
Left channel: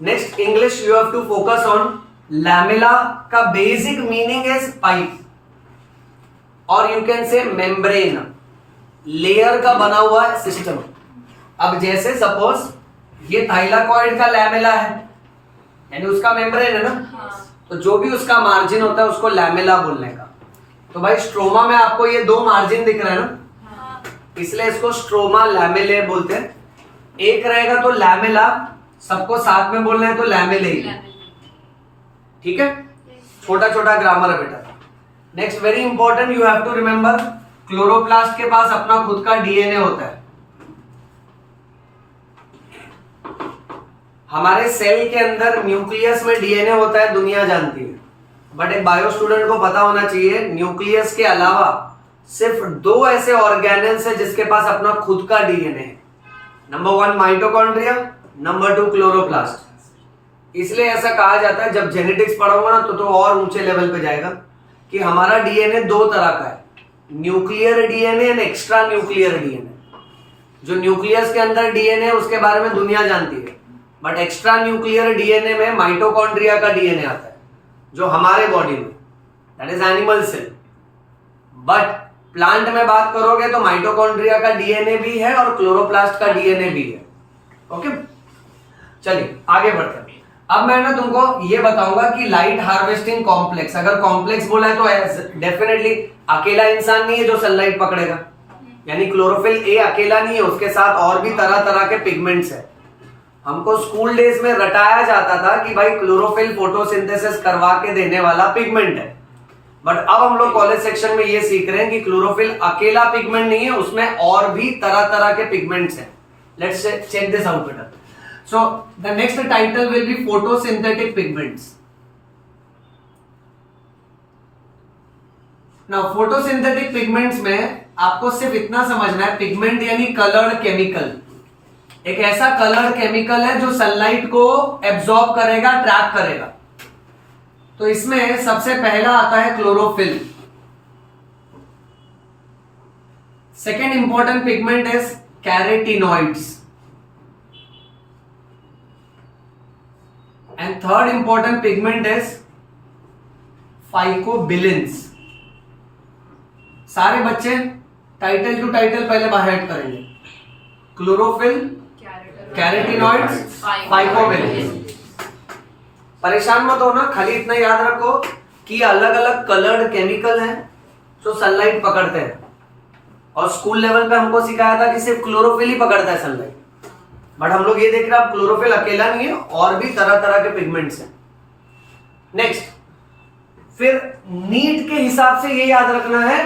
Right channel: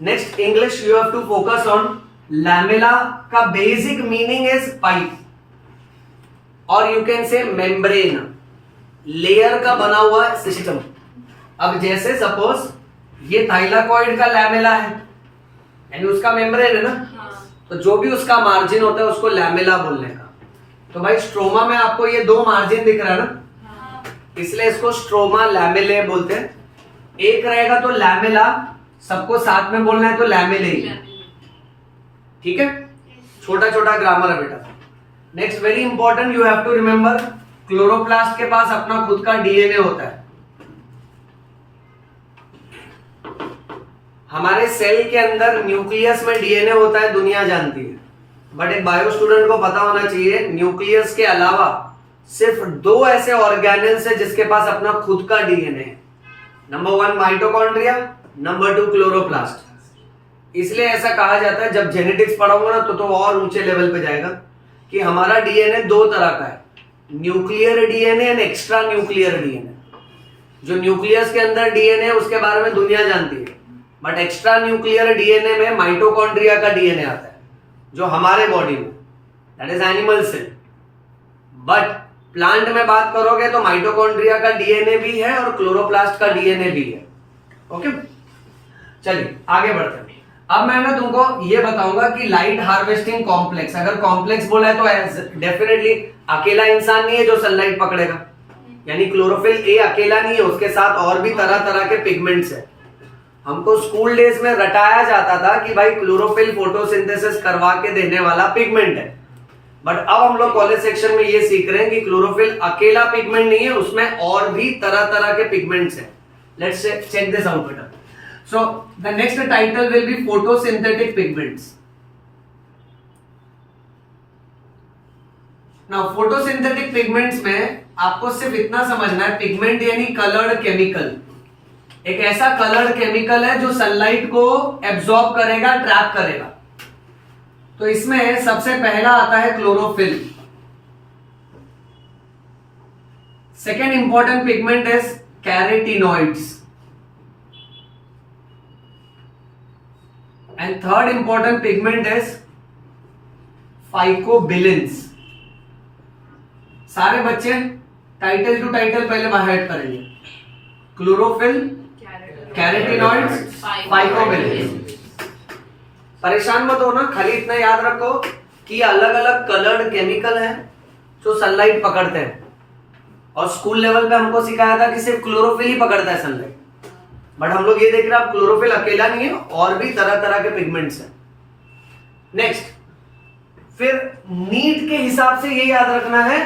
Next English you have to focus on lamella का basic meaning is pipe और you can say membrane, layer का बना हुआ सिस्टम। अब जैसे सपोज ये थाइलाकॉइड का लैमेला है यानी उसका मेम्ब्रेन है ना, तो जो भी उसका मार्जिन होता है उसको लैमेला बोलने का। तो भाई स्ट्रोमा में आपको ये 2 मार्जिन दिख रहा है ना, इसलिए इसको स्ट्रोमा लैमेले बोलते हैं। एक रहेगा तो लैमेला, सबको साथ में बोलना है तो लैमेले ही, ठीक है? छोटा छोटा ग्रामर है बेटा। Next very important you have to remember, chloroplast के पास अपना खुद का डीएनए होता है। हमारे सेल के अंदर न्यूक्लियस में डीएनए होता है, दुनिया जानती है, बट एक बायो स्टूडेंट को पता होना चाहिए न्यूक्लियस के अलावा सिर्फ 2 ऐसे ऑर्गेनेल्स है जिसके पास अपना खुद का डीएनए है। Number 1 mitochondria, number 2 chloroplast. इसलिए ऐसा कहा जाता है, जब जेनेटिक्स पढ़ोगे ना तो और ऊंचे लेवल पे जाएगा, कि हमारा डीएनए 2 तरह का है, nuclear DNA and extra nuclear DNA. जो न्यूक्लियस के अंदर डीएनए उसके बारे में दुनिया जानती है, बट एक्स्ट्रा न्यूक्लियर डीएनए में माइटोकॉन्ड्रिया का डीएनए आता है जो हमारे बॉडी में, that is animal cell. But plant में बात करोगे तो माइटोकॉन्ड्रिया का डीएनए भी है और क्लोरोप्लास्ट का डीएनए भी है। ओके चलिए आगे बढ़ते हैं। अब मैं ना तुमको ये बताऊंगा कि लाइट हार्वेस्टिंग कॉम्प्लेक्स, अगर कॉम्प्लेक्स बोला है तो डेफिनेटली अकेला इंसान नहीं है जो सनलाइट पकड़ेगा, यानी क्लोरोफिल ए अकेला नहीं है, उसके साथ और भी तरह तरह के पिगमेंट्स है। हमको स्कूल डेज में रटाया जाता था कि भाई क्लोरोफिल फोटोसिंथेसिस करवा के देने वाला पिगमेंट है, बट अब हम लोग कॉलेज सेक्शन में ये सीख रहे हैं कि क्लोरोफिल अकेला पिगमेंट नहीं है, उसमें और भी तरह तरह के पिगमेंट्स हैं। लेट्स चेक दिस आउट बेटा। So the next title will be photosynthetic pigments. Now photosynthetic pigments में आपको सिर्फ इतना समझना है, पिगमेंट यानी कलर्ड केमिकल, एक ऐसा कलर्ड केमिकल है जो सनलाइट को एब्जॉर्ब करेगा, ट्रैप करेगा। तो इसमें सबसे पहला आता है chlorophyll. Second important pigment is carotenoids and third important pigment is phycobilins. सारे बच्चे टाइटल टू टाइटल पहले बाहर करेंगे, क्लोरोफिल, कैरेटिनॉइड्स, फाइकोबिलिन्स। परेशान मत हो ना, खाली इतना याद रखो कि अलग अलग कलर्ड केमिकल हैं जो सनलाइट पकड़ते हैं, और स्कूल लेवल पे हमको सिखाया था कि सिर्फ क्लोरोफिल ही पकड़ता है सनलाइट, बट हम लोग ये देख रहे हैं क्लोरोफिल अकेला नहीं है, और भी तरह तरह के पिगमेंट्स हैं। नेक्स्ट फिर नीट के हिसाब से ये याद रखना है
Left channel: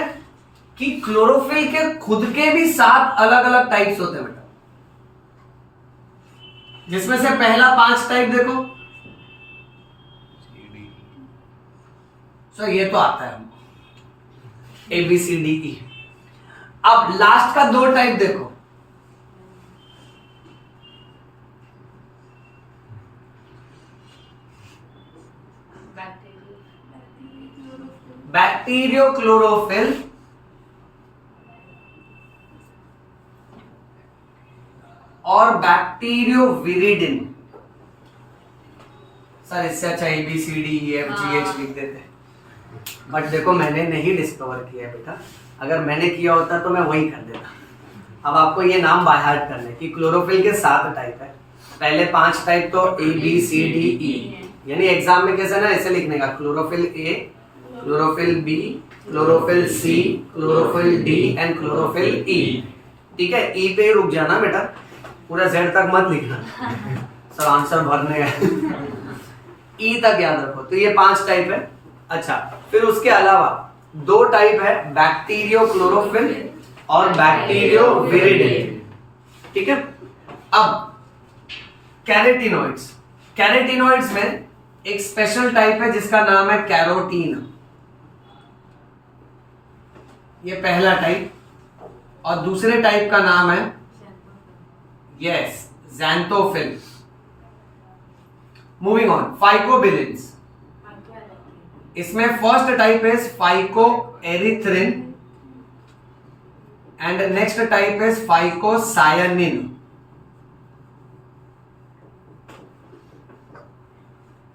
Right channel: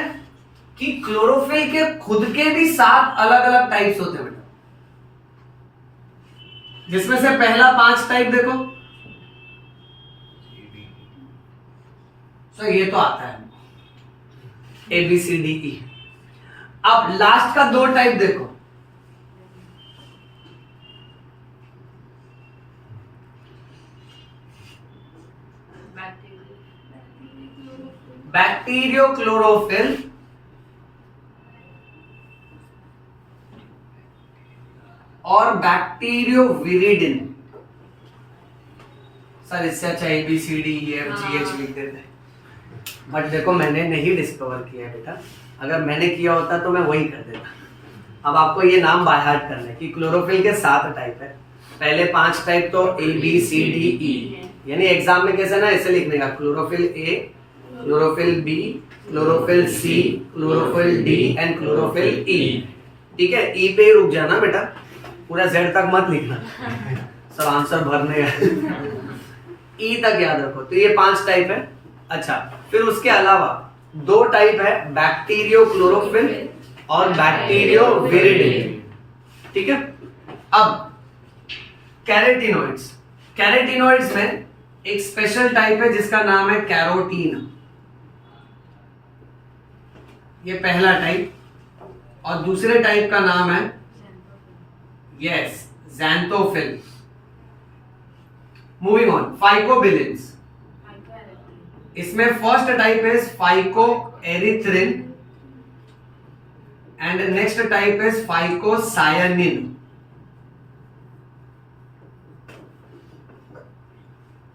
कि क्लोरोफिल के खुद के भी 7 अलग अलग टाइप्स होते हैं बेटा, जिसमें से पहला 5 टाइप देखो, सो ये तो आता है हमको, ABCDE। अब लास्ट का 2 टाइप देखो, बैक्टीरियोक्लोरोफिल और बैक्टीरियोविरिडिन। सर इससे अच्छा ABCDEFGH लिख देते, बट देखो मैंने नहीं डिस्कवर किया बेटा, अगर मैंने किया होता तो मैं वही कर देता। अब आपको ये नाम बाय हार्ट करने कि क्लोरोफिल के 7 टाइप है, पहले 5 टाइप तो ABCDE, यानी एग्जाम में कैसे ना ऐसे लिखने का, chlorophyll A, chlorophyll B, chlorophyll C, chlorophyll D and chlorophyll E। ठीक है, E पे रुक जाना बेटा, पूरा Z तक मत लिखना, सब आंसर भरने हैं। E तक याद रखो। तो ये 5 टाइप है। अच्छा, फिर उसके अलावा 2 टाइप है, बैक्टीरियोक्लोरोफिल और बैक्टीरियोविरिडिन। ठीक है, अब कैरोटीनॉइड्स, कैरोटीनॉइड्स में एक स्पेशल टाइप है जिसका नाम है कैरोटीन, ये पहला टाइप, और दूसरे टाइप का नाम है yes xanthophyll. Moving on, phycobilins, इसमें first type is phycoerythrin and next type is phycocyanin.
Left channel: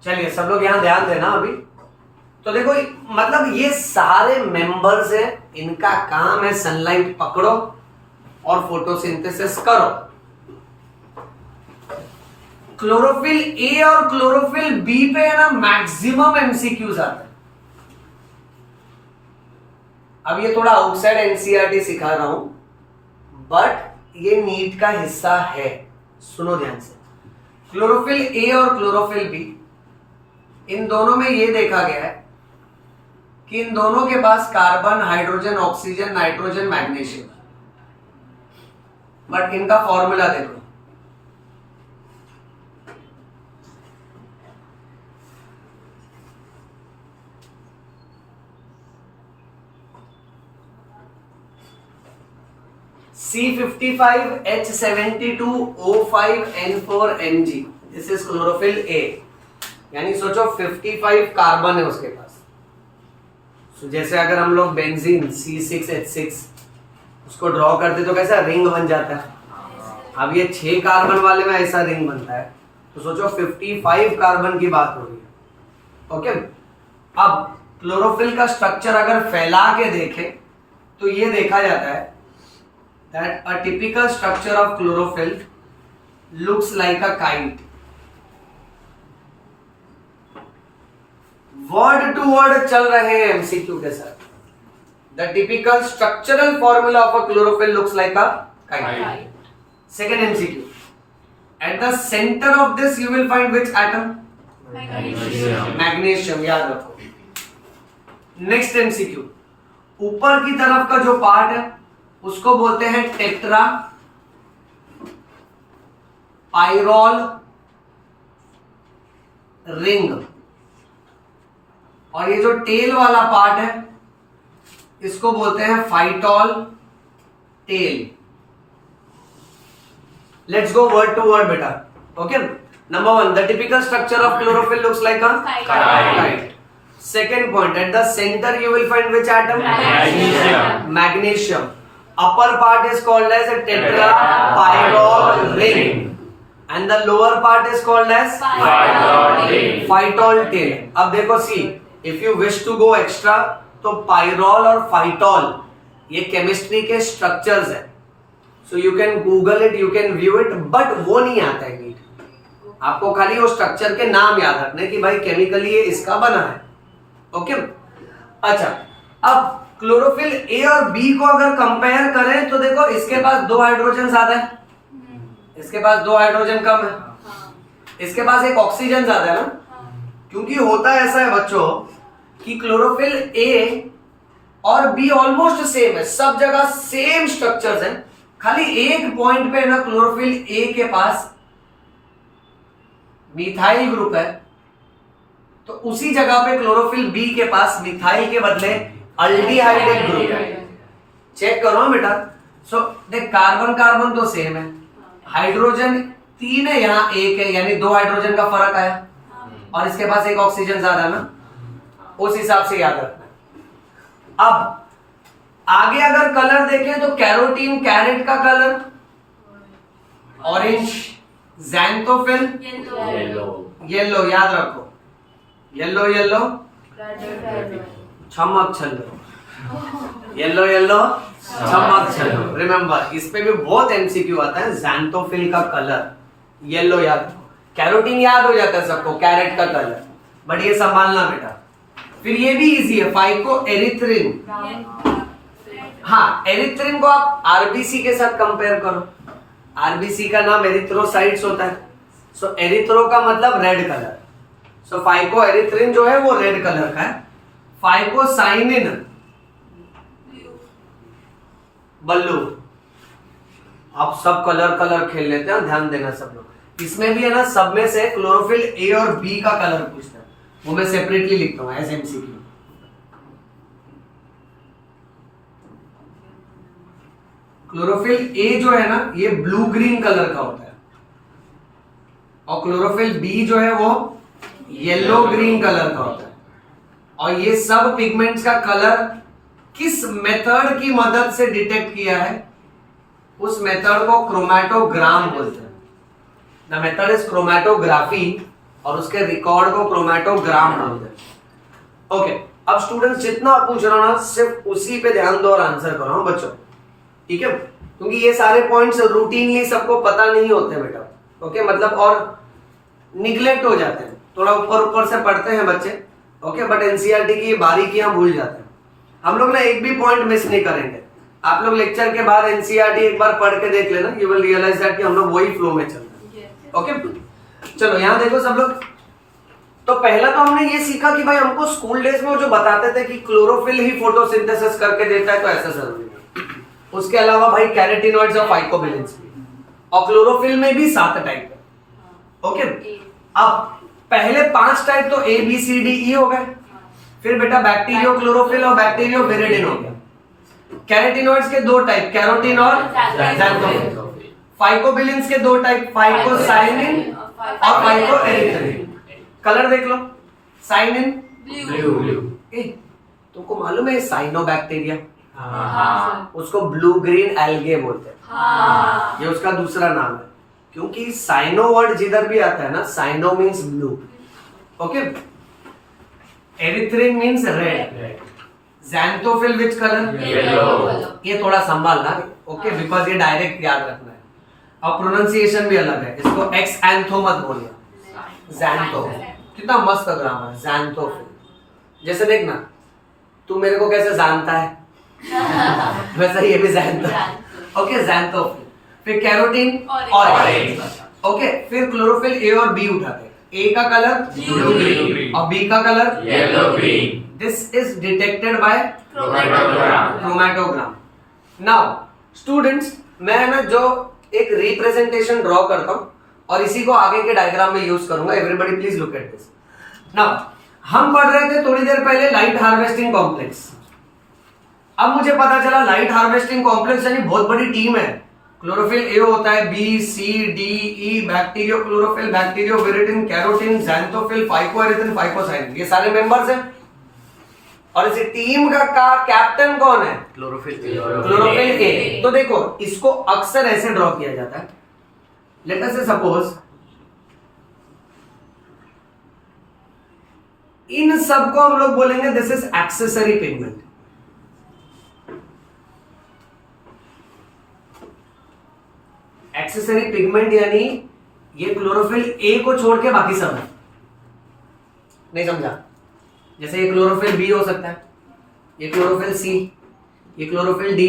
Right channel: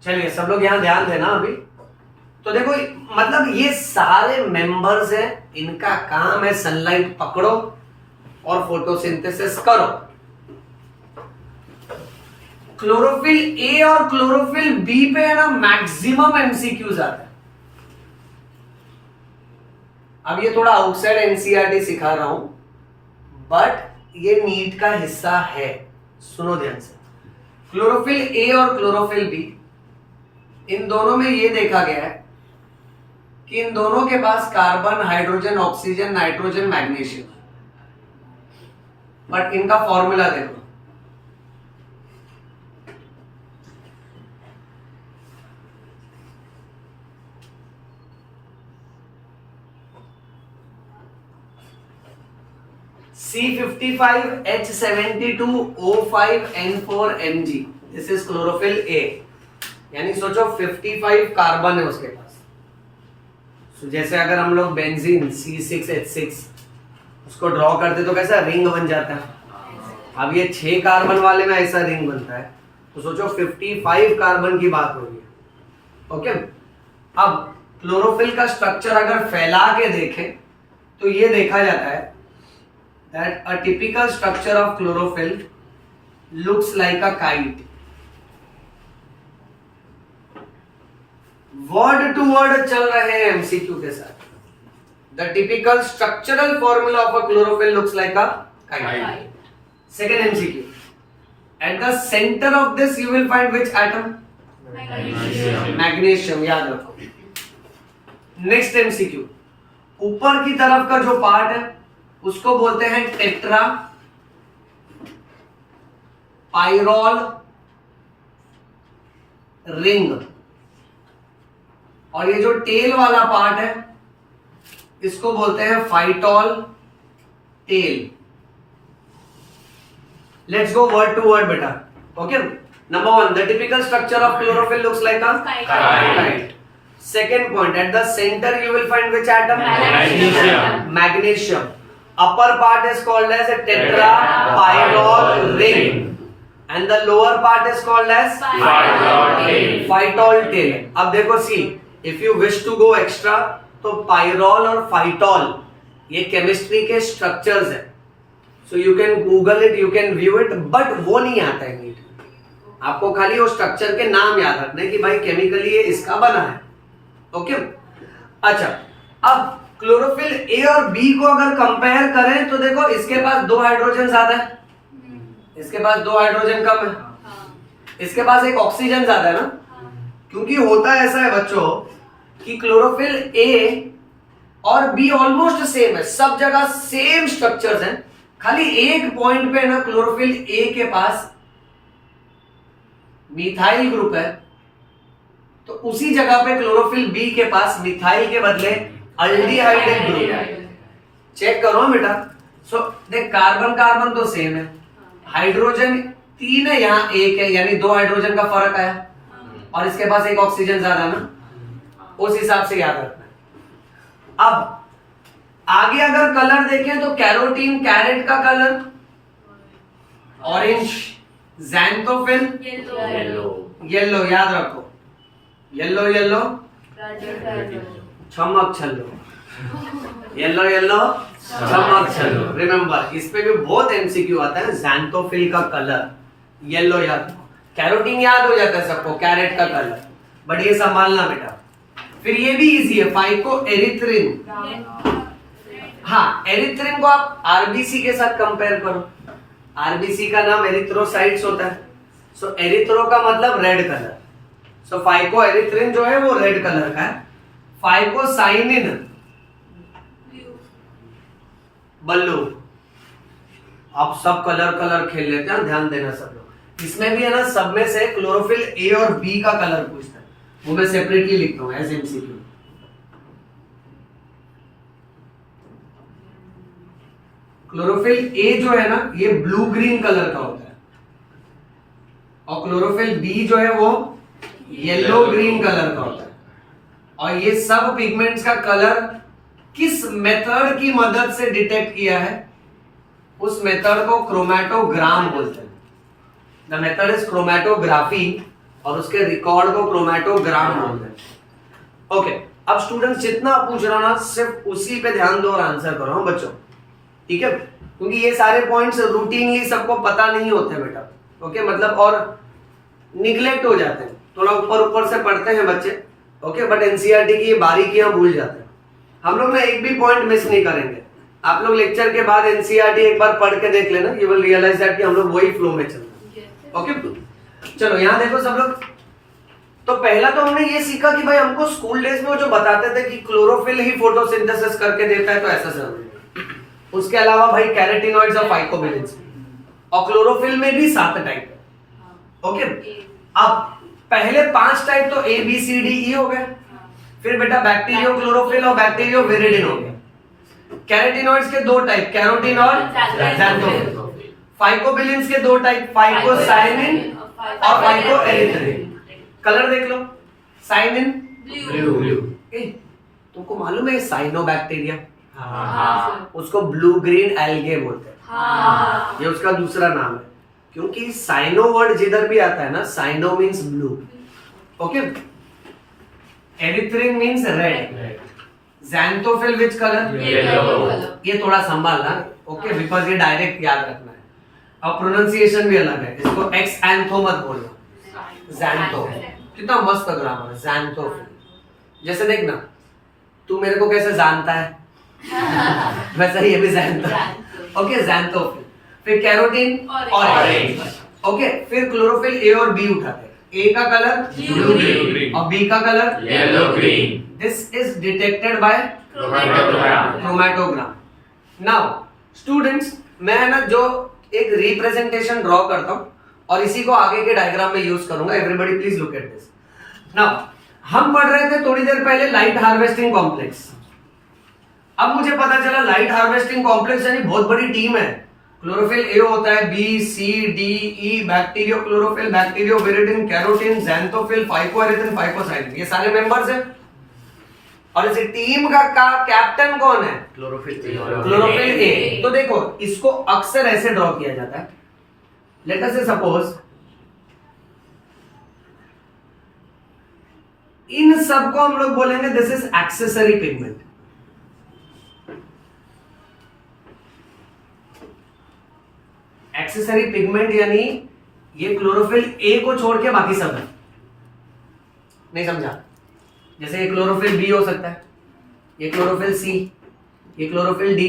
चलिए सब लोग यहां ध्यान देना अभी। तो देखो मतलब ये सारे मेंबर्स हैं, इनका काम है सनलाइट पकड़ो और फोटोसिंथेसिस करो। क्लोरोफिल ए और क्लोरोफिल बी पे है ना मैक्सिमम एमसीक्यूज आते हैं। अब ये थोड़ा आउटसाइड एनसीईआरटी सिखा रहा हूं, बट ये नीट का हिस्सा है, सुनो ध्यान से। क्लोरोफिल ए और क्लोरोफिल बी, इन दोनों में ये देखा गया है कि इन दोनों के पास carbon, hydrogen, oxygen, nitrogen, magnesium, but इनका फॉर्मूला देखो। C55H72O5N4Mg, this is chlorophyll A, यानी सोचो 55 कार्बन है उसके पास। जैसे अगर हम लोग बेंजीन C6H6 उसको ड्रॉ करते तो कैसा रिंग बन जाता है। अब ये 6 कार्बन वाले में ऐसा रिंग बनता है, तो सोचो 55 कार्बन की बात हो रही है। ओके, अब क्लोरोफिल का स्ट्रक्चर अगर फैला के देखें तो ये देखा जाता है that a typical structure of chlorophyll looks like a kite. Word to word चल रहे हैं एमसीक्यू के साथ। The typical structural formula of a chlorophyll looks like a kite. Second MCQ. At the center of this you will find which atom? Magnesium, याद रखो। Next MCQ. ऊपर की तरफ का जो पार्ट है उसको बोलते हैं टेट्रा पाइरोल रिंग, और ये जो टेल वाला पार्ट है इसको बोलते हैं phytol tail. Let's go word to word बेटा। Okay, number 1, the typical structure of chlorophyll looks like a kite. Second point, at the center you will find which atom? Magnesium. Upper part is called as a tetrapyrrole ring, and the lower part is called as phytol tail. अब देखो सी, if you wish to go extra, तो pyrrole और phytol ये chemistry के structures है, so you can Google it, you can view it, but वो नहीं आता है नीट। आपको खाली वो स्ट्रक्चर के नाम याद रखने कि भाई केमिकली ये इसका बना है। ओके, अच्छा, अब क्लोरोफिल ए और बी को अगर कंपेयर करें तो देखो इसके पास 2 हाइड्रोजन ज्यादा है, इसके पास 2 हाइड्रोजन कम है, इसके पास एक ऑक्सीजन ज्यादा है ना। क्योंकि होता ऐसा है बच्चों कि क्लोरोफिल ए और बी ऑलमोस्ट सेम है, सब जगह सेम स्ट्रक्चर्स हैं, खाली एक पॉइंट पे ना क्लोरोफिल ए के पास मिथाइल ग्रुप है, तो उसी जगह पे क्लोरोफिल बी के पास मिथाइल के बदले अल्डिहाइड ग्रुप। चेक करो बेटा। सो देख कार्बन कार्बन तो सेम है, हाइड्रोजन 3 है, यहाँ 1 है, यानी 2 हाइड्रोजन का फर्क आया और इसके पास एक ऑक्सीजन ज्यादा ना, उस हिसाब से याद रखना है। अब आगे अगर कलर देखें तो कैरोटीन कैरेट का कलर ऑरेंज, ज़ैंथोफिल येलो, याद रखो येलो येलो चमक छल्लो, येलो येलो चमक छल्लो। रिमेंबर इस पे भी बहुत एमसीक्यू आता है। ज़ैंथोफिल का कलर येलो याद रखो, कैरोटीन याद हो जाता है सबको, कैरेट का कलर, बट ये संभालना बेटा। फिर ये भी इजी है, फाइको एरिथ्रिन। हाँ, एरिथ्रिन को आप आरबीसी के साथ कंपेयर करो। आरबीसी का नाम एरिथ्रोसाइट्स होता है। सो एरिथ्रो का मतलब रेड कलर, सो फाइको एरिथ्रिन जो है वो रेड कलर का है। फाइकोसाइनिन बल्लू। आप सब कलर खेल लेते हैं, ध्यान देना सब लोग। इसमें भी है ना, सब में से क्लोरोफिल ए और बी का कलर पूछता है, वो मैं सेपरेटली लिखता हूं एज एमसीक्यू। क्लोरोफिल ए जो है ना, ये ब्लू ग्रीन कलर का होता है, और क्लोरोफिल बी जो है वो येलो ग्रीन कलर का होता है। और ये सब पिगमेंट्स का कलर किस मेथड की मदद से डिटेक्ट किया है, उस मेथड को क्रोमैटोग्राम बोलते हैं। द मेथड इज क्रोमैटोग्राफी, और उसके रिकॉर्ड को क्रोमैटोग्राम बोलते हैं। ओके, अब स्टूडेंट्स जितना पूछ रहा ना, सिर्फ उसी पे ध्यान दो और आंसर करो बच्चों, ठीक है? क्योंकि ये सारे पॉइंट्स रूटीनली सबको पता नहीं होते बेटा। ओके, मतलब और निगलेक्ट हो जाते हैं, थोड़ा ऊपर से पढ़ते हैं बच्चे। ओके, बट एनसीईआरटी की बारीकियां भूल जाते हैं। हम लोग ना एक भी पॉइंट मिस नहीं करेंगे। आप लोग लेक्चर के बाद एनसीईआरटी एक बार पढ़ के देख लेना, यू विल रियलाइज दैट कि हम लोग वही फ्लो में चल रहे हैं। ओके, चलो यहाँ देखो सब लोग। तो पहला तो हमने ये सीखा कि भाई हमको स्कूल डेज में जो बताते थे कि क्लोरोफिल ही फोटोसिंथेसिस करके देता है, तो ऐसा जरूरी नहीं। उसके अलावा भाई कैरोटीनॉइड्स और फाइकोबिलिन्स भी, और क्लोरोफिल में भी 7 टाइप है। ओके, अब पहले 5 टाइप तो ए बी सी डी ई हो गए। फिर बेटा बैक्टीरियो क्लोरोफिल और बैक्टीरियो विरिडिन हो गया। कैरोटीनॉइड्स के 2 टाइप, कैरोटीन और ज़ैंथोफिल। फाइकोबिलिन्स के 2 टाइप, फाइकोसाइनिन और फाइकोएरिथ्रिन। कलर देख लो, साइनिन ब्लू। तुमको मालूम है साइनोबैक्टीरिया, उसको ब्लू ग्रीन एल्गे बोलते हैं, ये उसका दूसरा नाम है। क्योंकि साइनो वर्ड जिधर भी आता है ना, cyano means blue. Okay, erythrin means red, xanthophyll which colour yellow. ये थोड़ा संभालना, ओके, बिकॉज ये डायरेक्ट याद रखना है। और प्रोनाउंसिएशन भी अलग है, इसको एक्सएंथो मत बोलना, ज़ैंथो। कितना मस्त ग्रामर है, ज़ैंथोफिल। जैसे देखना, तू मेरे को कैसे जानता है वैसा ये भी ज़ैंथो। Okay, xanthophyll. फिर कैरोटीन ऑरेंज। ओके, फिर क्लोरोफिल ए और बी उठाते हैं। ए का कलर ब्लू ग्रीन और बी का colour yellow green. This is detected by chromatogram. Now students, मैं ना जो एक रिप्रेजेंटेशन ड्रॉ करता हूं और इसी को आगे के डायग्राम में यूज करूंगा। Everybody please look at this. Now हम पढ़ रहे थे थोड़ी देर पहले लाइट हार्वेस्टिंग कॉम्प्लेक्स। अब मुझे पता चला लाइट हार्वेस्टिंग कॉम्प्लेक्स यानी बहुत बड़ी टीम है। क्लोरोफिल ए होता है, B C D E, bacteriochlorophyll, bacterioviridin, carotene, xanthophyll, phycoerythrin, phycocyanin, ये सारे मेंबर्स हैं। और इस टीम का कैप्टन कौन है? Chlorophyll A. तो देखो, इसको अक्सर ऐसे ड्रॉ किया जाता है। लेट अस से सपोज इन सबको हम लोग बोलेंगे this is accessory pigment. Accessory pigment यानी ये क्लोरोफिल ए को छोड़ के बाकी सब है। नहीं समझा? जैसे ये क्लोरोफिल बी हो सकता है, ये क्लोरोफिल सी, ये chlorophyll D,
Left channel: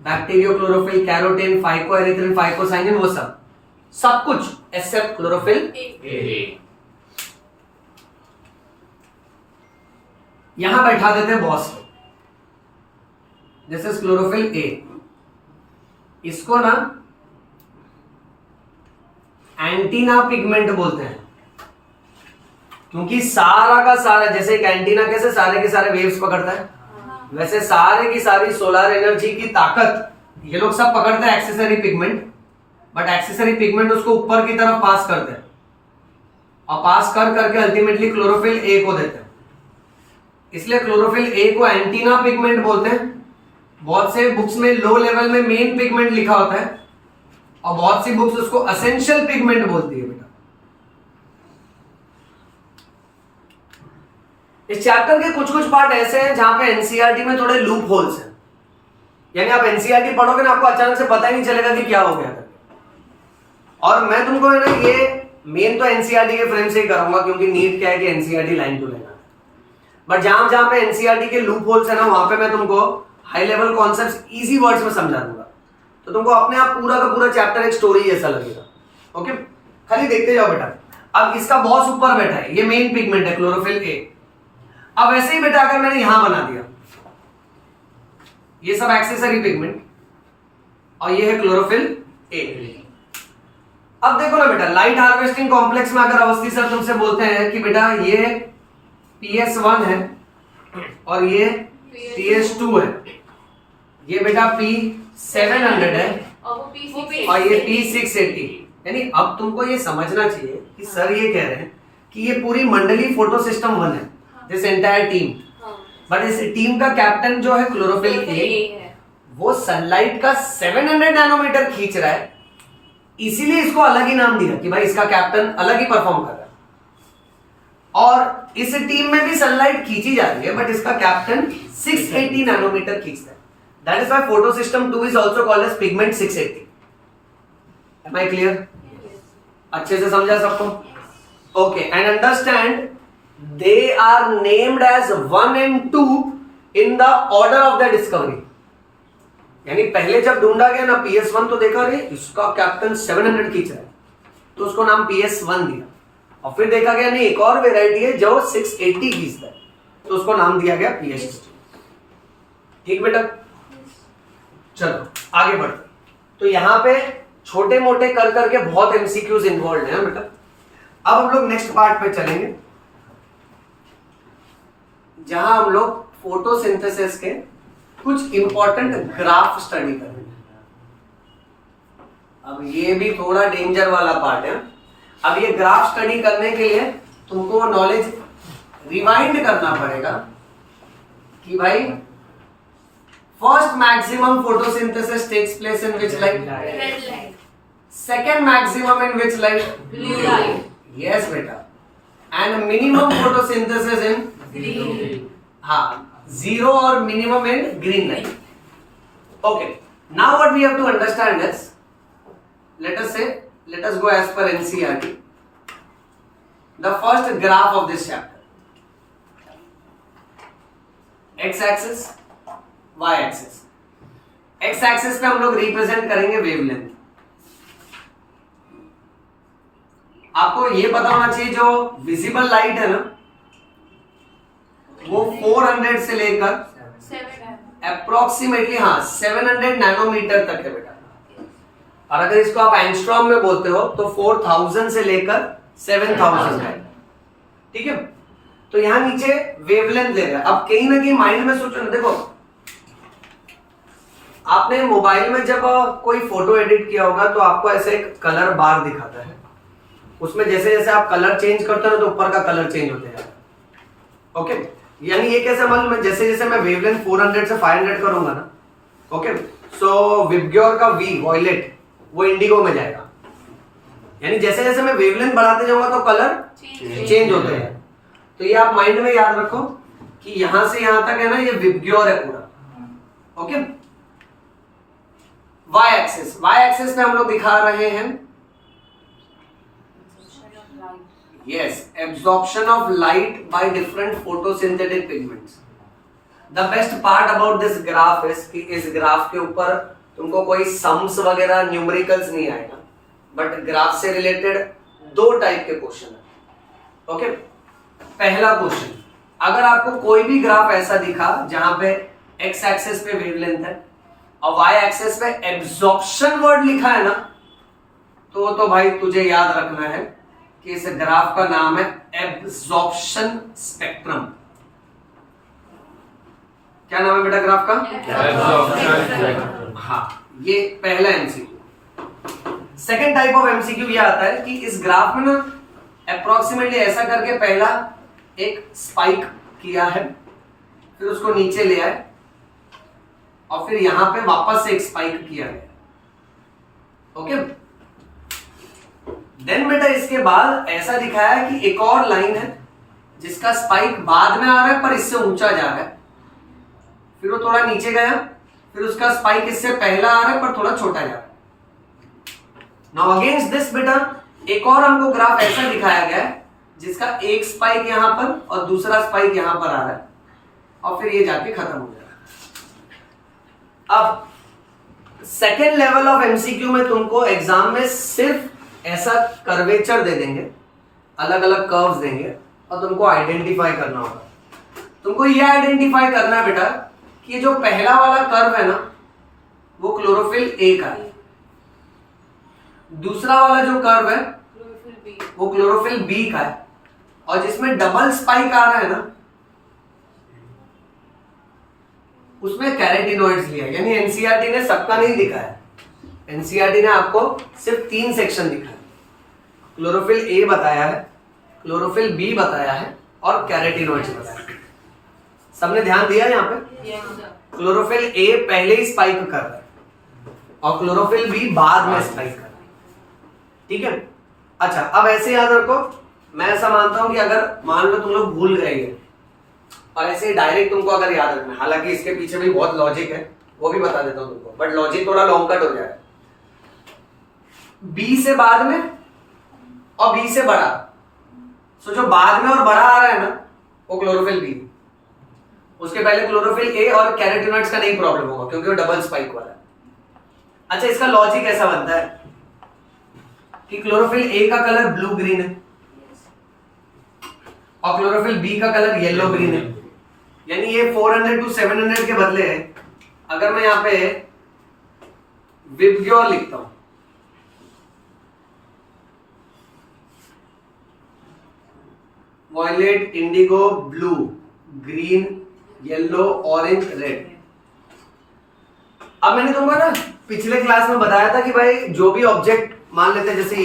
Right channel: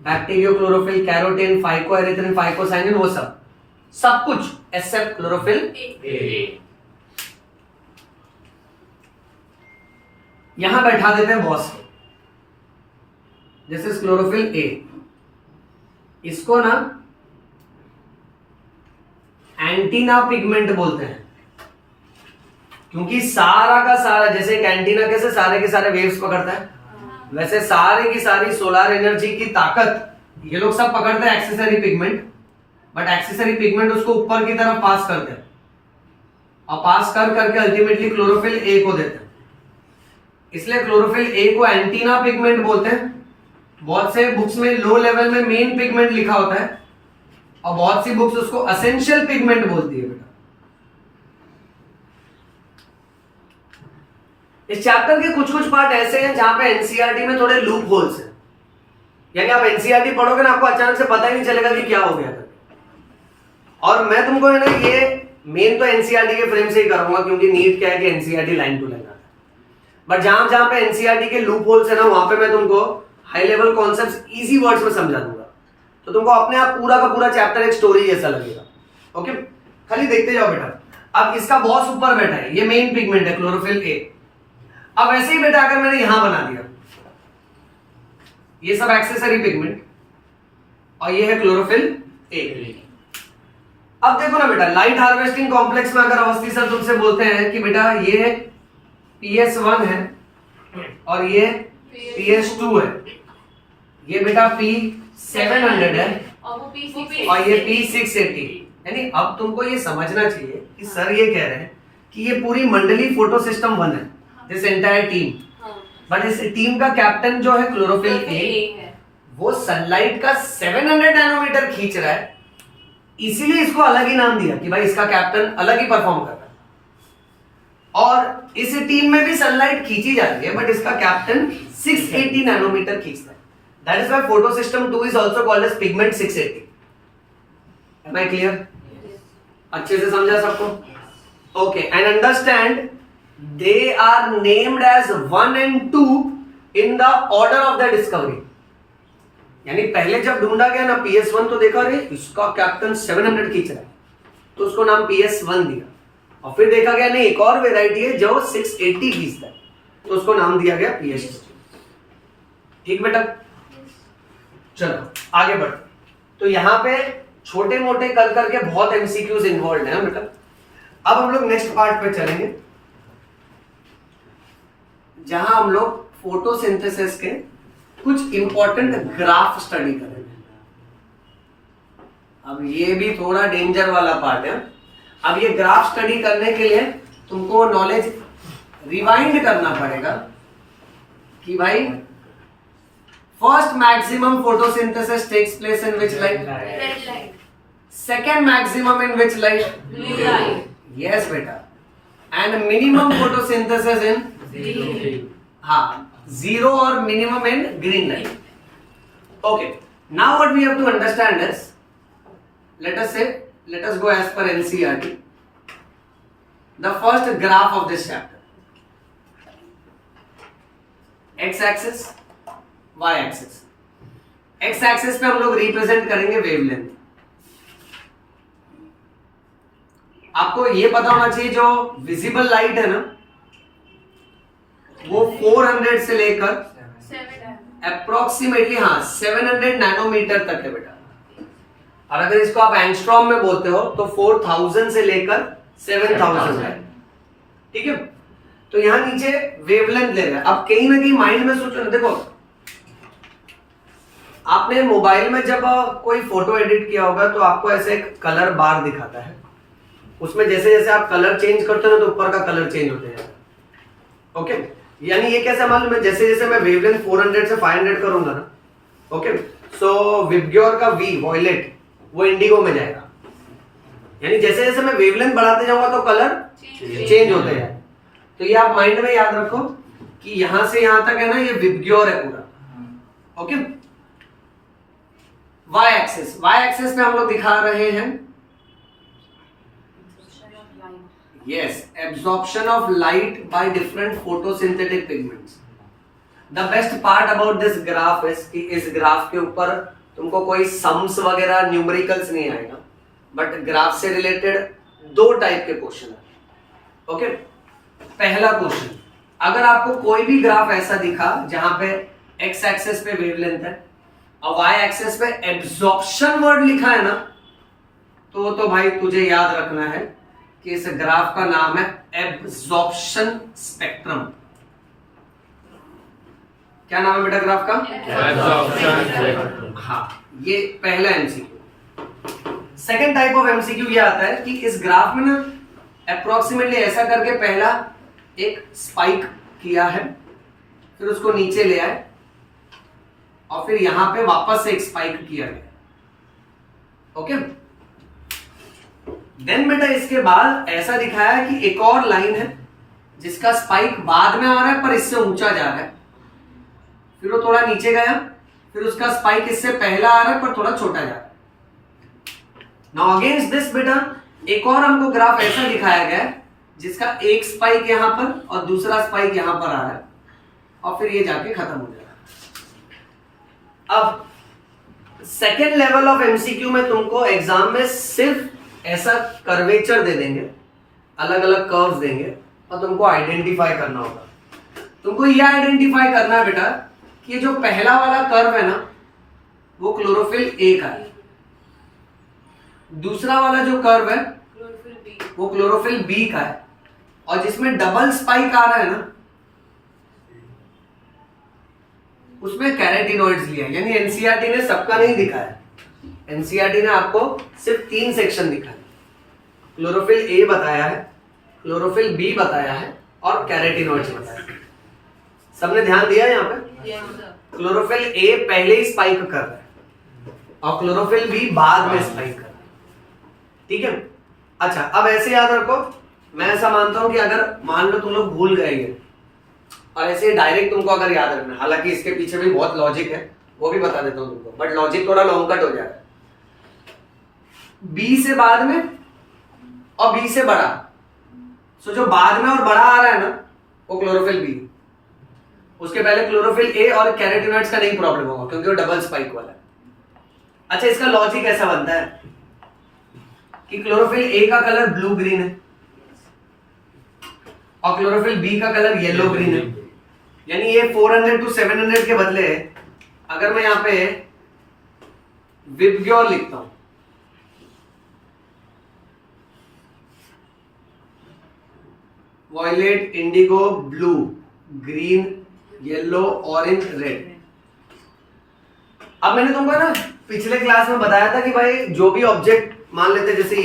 bacteriochlorophyll, carotene, phycoerythrin, phycocyanin, वो सब कुछ एक्सेप्ट क्लोरोफिल ए। यहां बैठा देते हैं बॉस को। This is chlorophyll A. इसको ना एंटीना पिगमेंट बोलते हैं। क्योंकि सारा का सारा, जैसे एक एंटीना कैसे सारे के सारे वेव्स पकड़ता है, वैसे सारे की सारी सोलर एनर्जी की ताकत ये लोग सब पकड़ते हैं accessory pigment, but accessory pigment उसको ऊपर की तरफ पास करते हैं और पास कर करके अल्टीमेटली क्लोरोफिल ए को देते हैं। इसलिए क्लोरोफिल ए को एंटीना पिगमेंट बोलते हैं। बहुत से बुक्स में लो लेवल में मेन पिगमेंट लिखा होता है और बहुत सी बुक्स उसको असेंशियल पिगमेंट बोलती है बेटा। इस चैप्टर के कुछ कुछ पार्ट ऐसे हैं जहां पे एनसीईआरटी में थोड़े लूप होल्स हैं, यानी आप एनसीईआरटी पढ़ोगे ना आपको अचानक से पता ही नहीं चलेगा कि क्या हो गया था। और मैं तुमको है ना ये मेन तो एनसीईआरटी के फ्रेम से ही करूंगा, क्योंकि नीट क्या है कि एनसीईआरटी लाइन टू लाइन आता है, बट जहां जहां पे एनसीईआरटी के लूप होल्स है ना वहां पे मैं तुमको high level concepts easy words में समझा दूंगा, तो तुमको अपने आप पूरा का पूरा चैप्टर एक स्टोरी जैसा लगेगा। ओके, खाली देखते जाओ बेटा। अब इसका बॉस ऊपर बैठा है, ये मेन पिगमेंट है क्लोरोफिल ए। अब ऐसे ही बेटा अगर मैंने यहां बना दिया, ये सब एक्सेसरी पिगमेंट और ये है क्लोरोफिल ए। अब देखो ना बेटा, लाइट हार्वेस्टिंग कॉम्प्लेक्स में अगर अवस्थी सर तुमसे बोलते हैं कि बेटा ये PS1 है और ये PS2 है, ये बेटा P700 है और वो P6 और ये P680, यानी अब तुमको ये समझना चाहिए कि सर ये कह रहे हैं कि ये पूरी मंडली फोटो सिस्टम 1 है, दिस एंटायर टीम, बट इस टीम का कैप्टन जो है क्लोरोफिल ए, वो सनलाइट का 700 नैनोमीटर खींच रहा है, इसीलिए इसको अलग ही नाम दिया कि भाई इसका कैप्टन अलग ही परफॉर्म कर रहा है। और इस टीम में भी सनलाइट खींची जाती है, बट इसका कैप्टन 680 नैनोमीटर खींचता है। That is why photo system 2 is also called as pigment 680। Am I clear? अच्छे से समझा सबको? Okay, and understand they are named as 1 and 2 in the order of the discovery. यानी पहले जब ढूंढा गया ना PS1 तो देखा रे इसका कैप्टन 700 खींच रहा है, तो उसको नाम PS1 दिया। और फिर देखा गया नहीं एक और वेराइटी है जो 680 खींचता है, तो उसको नाम दिया गया PS2। ठीक बेटा? चलो आगे बढ़ते। तो यहां पे छोटे मोटे कर करके बहुत एमसीक्यूज इन्वॉल्व है बेटा। अब हम लोग नेक्स्ट पार्ट पे चलेंगे जहां हम लोग फोटोसिंथेसिस के कुछ इंपॉर्टेंट ग्राफ स्टडी करेंगे। अब ये भी थोड़ा डेंजर वाला पार्ट है। अब ये ग्राफ स्टडी करने के लिए तुमको नॉलेज रिवाइंड करना पड़ेगा कि भाई first maximum photosynthesis takes place in which light? Red light. Second maximum in which light? Blue light. Yes बेटा। And minimum photosynthesis in? Green. हाँ, zero or minimum in green light. Okay, now what we have to understand is, let us go as per NCERT. The first graph of this chapter, x axis, y axis. x axis पे हम लोग represent करेंगे wavelength. आपको ये पता होना चाहिए जो विजिबल लाइट है ना वो 400 से लेकर अप्रोक्सीमेटली 700 नैनोमीटर तक है बेटा। और अगर इसको आप एंगस्ट्रॉम में बोलते हो तो 4000 से लेकर 7000 है। ठीक है, तो यहां नीचे वेवलेंथ ले रहा है। अब कहीं ना कहीं माइंड में सोचो ना, देखो आपने मोबाइल में जब कोई फोटो एडिट किया होगा तो आपको ऐसे एक कलर बार दिखाता है, उसमें जैसे जैसे आप कलर चेंज करते हो ना तो ऊपर का कलर चेंज होते जाता है। ओके, यानी ये कैसे मान लो मैं जैसे जैसे मैं वेवलेंथ 400 से 500 करूंगा ना, ओके, सो विबग्योर का वी वॉयलेट वो इंडिगो में जाएगा। यानी जैसे जैसे मैं वेवलेंथ बढ़ाते जाऊंगा तो कलर चेंज होते हैं। तो ये आप माइंड में याद रखो कि यहां से यहां तक है ना ये विबग्योर है पूरा। Okay, Y axis, Y axis पे हम लोग दिखा रहे हैं yes, absorption of light by different photosynthetic pigments. The best part about this graph is कि इस ग्राफ के ऊपर तुमको कोई सम्स वगैरह न्यूमेरिकल्स नहीं आएगा, बट ग्राफ से रिलेटेड 2 टाइप के क्वेश्चन है। ओके, पहला क्वेश्चन, अगर आपको कोई भी ग्राफ ऐसा दिखा जहां पे x एक्सिस पे वेवलेंथ है और y एक्सिस पे एब्जॉर्प्शन वर्ड लिखा है ना, तो भाई तुझे याद रखना है कि इस ग्राफ का नाम है एब्जॉर्प्शन स्पेक्ट्रम। क्या नाम है बेटा ग्राफ का? हाँ, ये पहला MCQ. Second type of MCQ ये आता है कि इस ग्राफ में ना अप्रोक्सीमेटली ऐसा करके पहला एक स्पाइक किया है, फिर उसको नीचे ले आए और फिर यहां पे वापस से एक स्पाइक किया गया। ओके, देन बेटा इसके बाद ऐसा दिखाया है कि एक और लाइन है जिसका स्पाइक बाद में आ रहा है पर इससे ऊंचा जा रहा है, फिर वो थोड़ा नीचे गया, फिर उसका स्पाइक इससे पहला आ रहा है पर थोड़ा छोटा जा रहा है। नाउ अगेंस्ट दिस बेटा एक और हमको ग्राफ ऐसा दिखाया गया है जिसका एक स्पाइक यहां पर और दूसरा स्पाइक यहां पर आ रहा है और फिर ये जाके खत्म हो जाएगा। अब सेकेंड लेवल ऑफ एमसीक्यू में तुमको एग्जाम में सिर्फ ऐसा कर्वेचर दे देंगे, अलग अलग कर्व्स देंगे और तुमको आइडेंटिफाई करना होगा। तुमको यह आइडेंटिफाई करना है बेटा कि ये जो पहला वाला कर्व है ना वो क्लोरोफिल ए का है, दूसरा वाला जो कर्व है वो क्लोरोफिल बी का है, और जिसमें डबल स्पाइक आ रहा है ना उसमें कैरेटिनॉइड्स लिया है। यानी एनसीईआरटी ने सबका नहीं दिखाया, एनसीईआरटी ने आपको सिर्फ 3 सेक्शन दिखाया, क्लोरोफिल ए बताया है, क्लोरोफिल बी बताया है और कैरेटिनॉइड्स बताया है। सबने ध्यान दिया यहां पे? क्लोरोफिल ए पहले ही स्पाइक कर रहा है और क्लोरोफिल बी बाद में स्पाइक कर रहा है। ठीक है, अच्छा अब ऐसे याद रखो, मैं ऐसा मानता हूं कि अगर मान लो तुम लोग भूल गए और ऐसे डायरेक्ट तुमको अगर याद रखना, हालांकि इसके पीछे भी बहुत लॉजिक है, वो भी बता देता हूं तुमको, बट लॉजिक थोड़ा लॉन्ग कट हो जाएगा। बी से बाद में और बी से बड़ा, सो जो बाद में और बड़ा आ रहा है ना वो क्लोरोफिल बी, उसके पहले क्लोरोफिल ए और कैरोटीनॉइड्स का नहीं प्रॉब्लम होगा क्योंकि वो डबल स्पाइक वाला है। अच्छा इसका लॉजिक ऐसा बनता है कि क्लोरोफिल ए का कलर ब्लू ग्रीन है और क्लोरोफिल बी का कलर येलो ग्रीन है, यानी ये 400 to 700 के बदले अगर मैं यहां पे विबग्योर लिखता हूं, violet, indigo, blue, green, yellow, orange, red. अब मैंने तुमको ना पिछले क्लास में बताया था कि भाई जो भी ऑब्जेक्ट मान लेते हैं, जैसे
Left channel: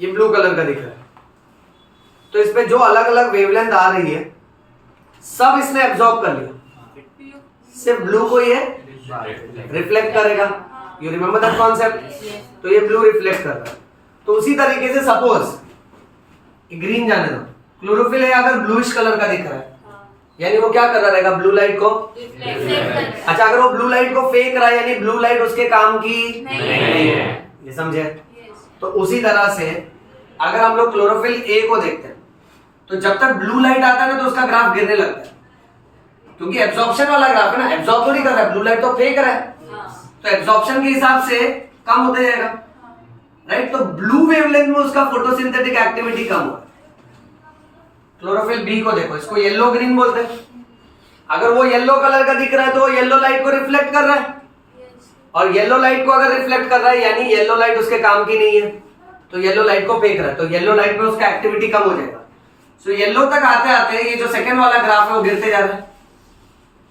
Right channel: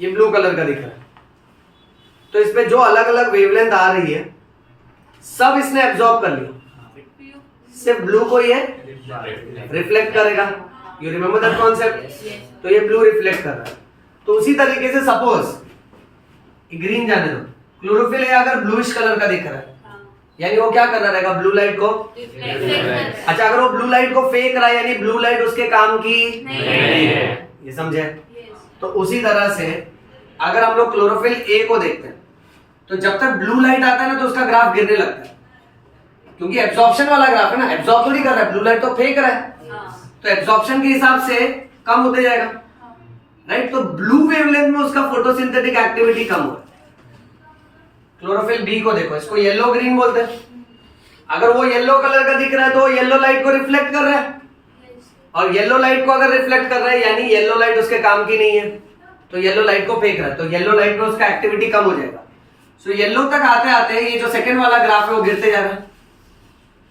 ये ब्लू कलर का दिख रहा है, तो इस पे जो अलग अलग वेवलेंथ आ रही है सब इसने एब्जॉर्ब कर लिया, सिर्फ ब्लू को ये रिफ्लेक्ट करेगा। You remember that concept? तो ये ब्लू रिफ्लेक्ट कर रहा है, तो उसी तरीके से सपोज ग्रीन जाने दो, क्लोरोफिल ए अगर ब्लूइश कलर का दिख रहा है यानी वो क्या कर रहा रहेगा, ब्लू लाइट को। अच्छा अगर वो ब्लू लाइट को फेंक रहा है यानी ब्लू लाइट उसके काम की नहीं है, ये समझे? तो उसी तरह से अगर हम लोग क्लोरोफिल ए को देखते हैं तो जब तक ब्लू लाइट आता है ना तो उसका ग्राफ गिरने लगता है, क्योंकि एब्जॉर्प्शन वाला ग्राफ है ना, एब्जॉर्ब तो नहीं कर रहा है, ब्लू लाइट तो फेंक रहा है, तो एब्जॉर्प्शन के हिसाब से कम होते जाएगा, राइट? तो ब्लू वेवलेंथ में उसका फोटोसिंथेटिक एक्टिविटी कम हो। क्लोरोफिल बी को देखो, इसको येलो ग्रीन बोलते हैं। अगर वो येलो कलर का दिख रहा है तो वो येलो लाइट को रिफ्लेक्ट कर रहा है, और येलो लाइट को अगर रिफ्लेक्ट कर रहा है यानी येलो लाइट उसके काम की नहीं है, तो येलो लाइट को फेंक रहा है, तो येलो लाइट में उसका एक्टिविटी कम हो जाएगा। सो येलो तक आते आते ये जो सेकंड वाला ग्राफ है वो गिरते जा रहा है,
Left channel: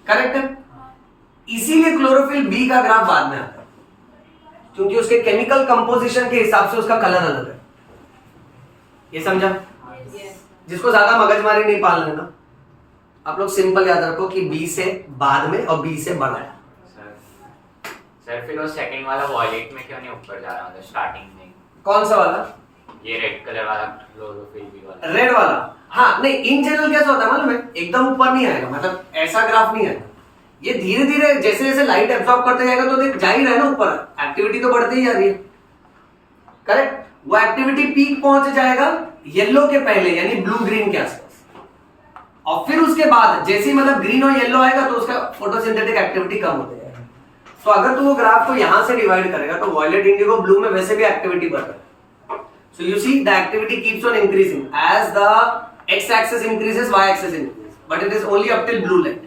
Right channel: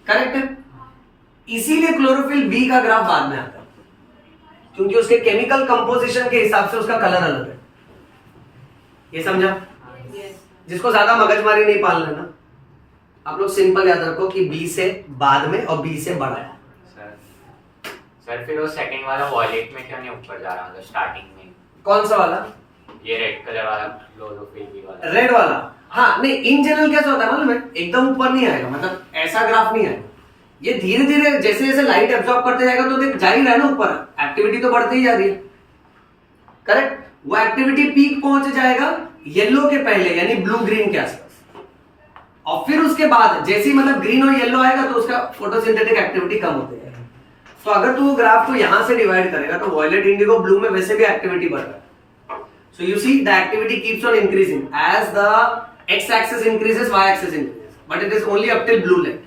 करेक्ट है? इसीलिए क्लोरोफिल बी का ग्राफ बाद में आता है, क्योंकि उसके केमिकल कंपोजिशन के हिसाब से उसका कलर अलग है। ये समझा? जिसको ज्यादा मगजमारी नहीं पालना है ना, आप लोग सिंपल याद रखो कि बी से बाद में और बी से बड़ा है। सर फिर वो सेकंड वाला वॉयलेट में क्यों नहीं ऊपर जा रहा था स्टार्टिंग में? कौन सा वाला? ये रेड कलर वाला क्लोरोफिल बी वाला। रेड वाला? हाँ नहीं, इन जनरल कैसा होता है मालूम है, एकदम ऊपर नहीं आएगा, मतलब ऐसा ग्राफ नहीं आएगा, ये धीरे धीरे जैसे जैसे लाइट एब्जॉर्ब करते जाएगा तो देख जा ही रहा है ना ऊपर, एक्टिविटी तो बढ़ती ही जा रही है, करेक्ट? वो एक्टिविटी पीक पहुंच जाएगा येलो के पहले यानी ब्लू ग्रीन के आसपास, और फिर उसके बाद जैसे ही मतलब ग्रीन और येलो आएगा तो उसका फोटोसिंथेटिक एक्टिविटी कम होती जाएगा। तो अगर तू वो ग्राफ को यहां से डिवाइड करेगा तो वॉयलेट, इंडिगो, ब्लू में वैसे भी एक्टिविटी बढ़ रहा है। So you see the activity keeps on increasing as the X axis increases, Y axis increases, but it is only up till blue light,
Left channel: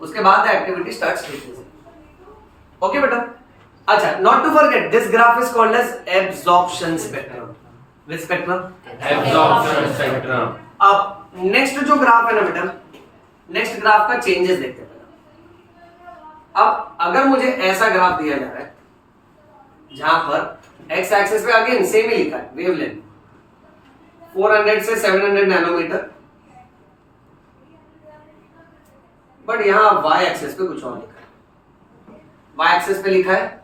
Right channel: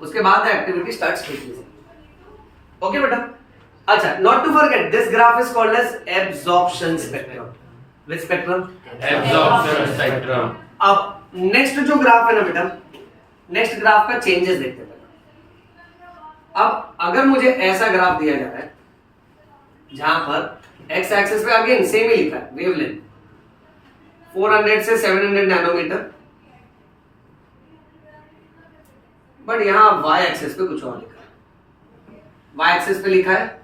उसके बाद the activity starts decreasing. Okay बेटा? अच्छा, not to forget this graph is called as absorption spectrum, which spectrum? Absorption spectrum. अब next जो graph है ना बेटा, next graph का चेंजेस देखते हैं। अब अगर मुझे ऐसा ग्राफ दिया जा रहा है जहां पर एक्स एक्सिस पे अगेन सेम ही लिखा है वेवलेंथ 400 से 700 नैनोमीटर, बट यहां वाई एक्सिस पे कुछ और लिखा है। वाई एक्सिस पे लिखा है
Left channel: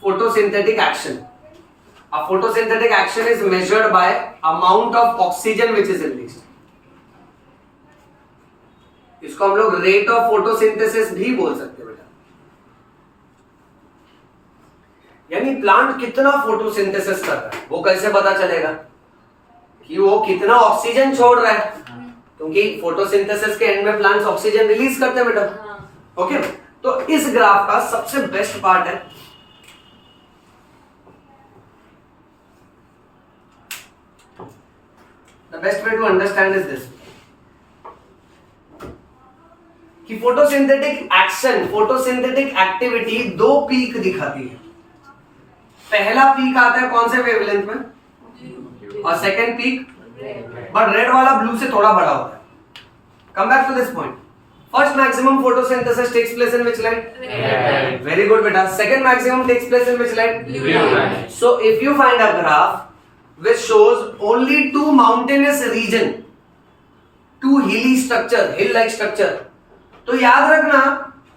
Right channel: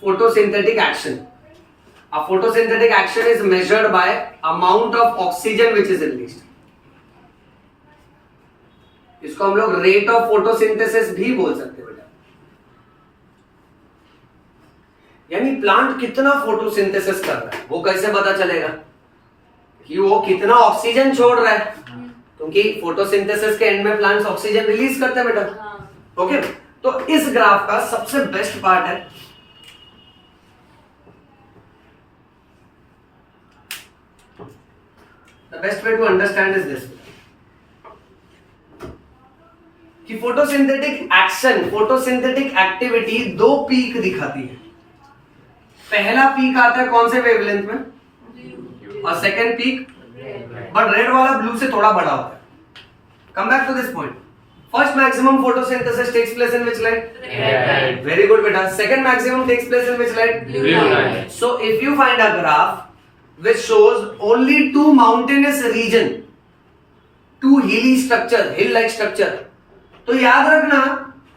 photosynthetic action. A photosynthetic action is measured by amount of oxygen which is released. इसको हम लोग रेट ऑफ फोटोसिंथेसिस भी बोल सकते हैं बेटा। यानी प्लांट कितना फोटोसिंथेसिस कर रहा है वो कैसे पता चलेगा कि वो कितना ऑक्सीजन छोड़ रहा है, क्योंकि फोटोसिंथेसिस के एंड में प्लांट्स ऑक्सीजन रिलीज करते हैं बेटा। ओके, तो इस ग्राफ का सबसे बेस्ट पार्ट है the best way to understand is this कि फोटोसिंथेटिक एक्शन, फोटोसिंथेटिक एक्टिविटी दो पीक दिखाती है। पहला पीक आता है कौन से वेवलेंथ में, और सेकंड पीक, बट रेड वाला ब्लू से थोड़ा बड़ा होता है। Come back to this point. First maximum photosynthesis takes place in which light? Red. Very good बेटा। सेकंड मैक्सिमम टेक्स प्लेस इन व्हिच लाइट? Blue light. So if you find a graph which shows only two mountainous region, two hilly structure, hill-like structure, तो याद रखना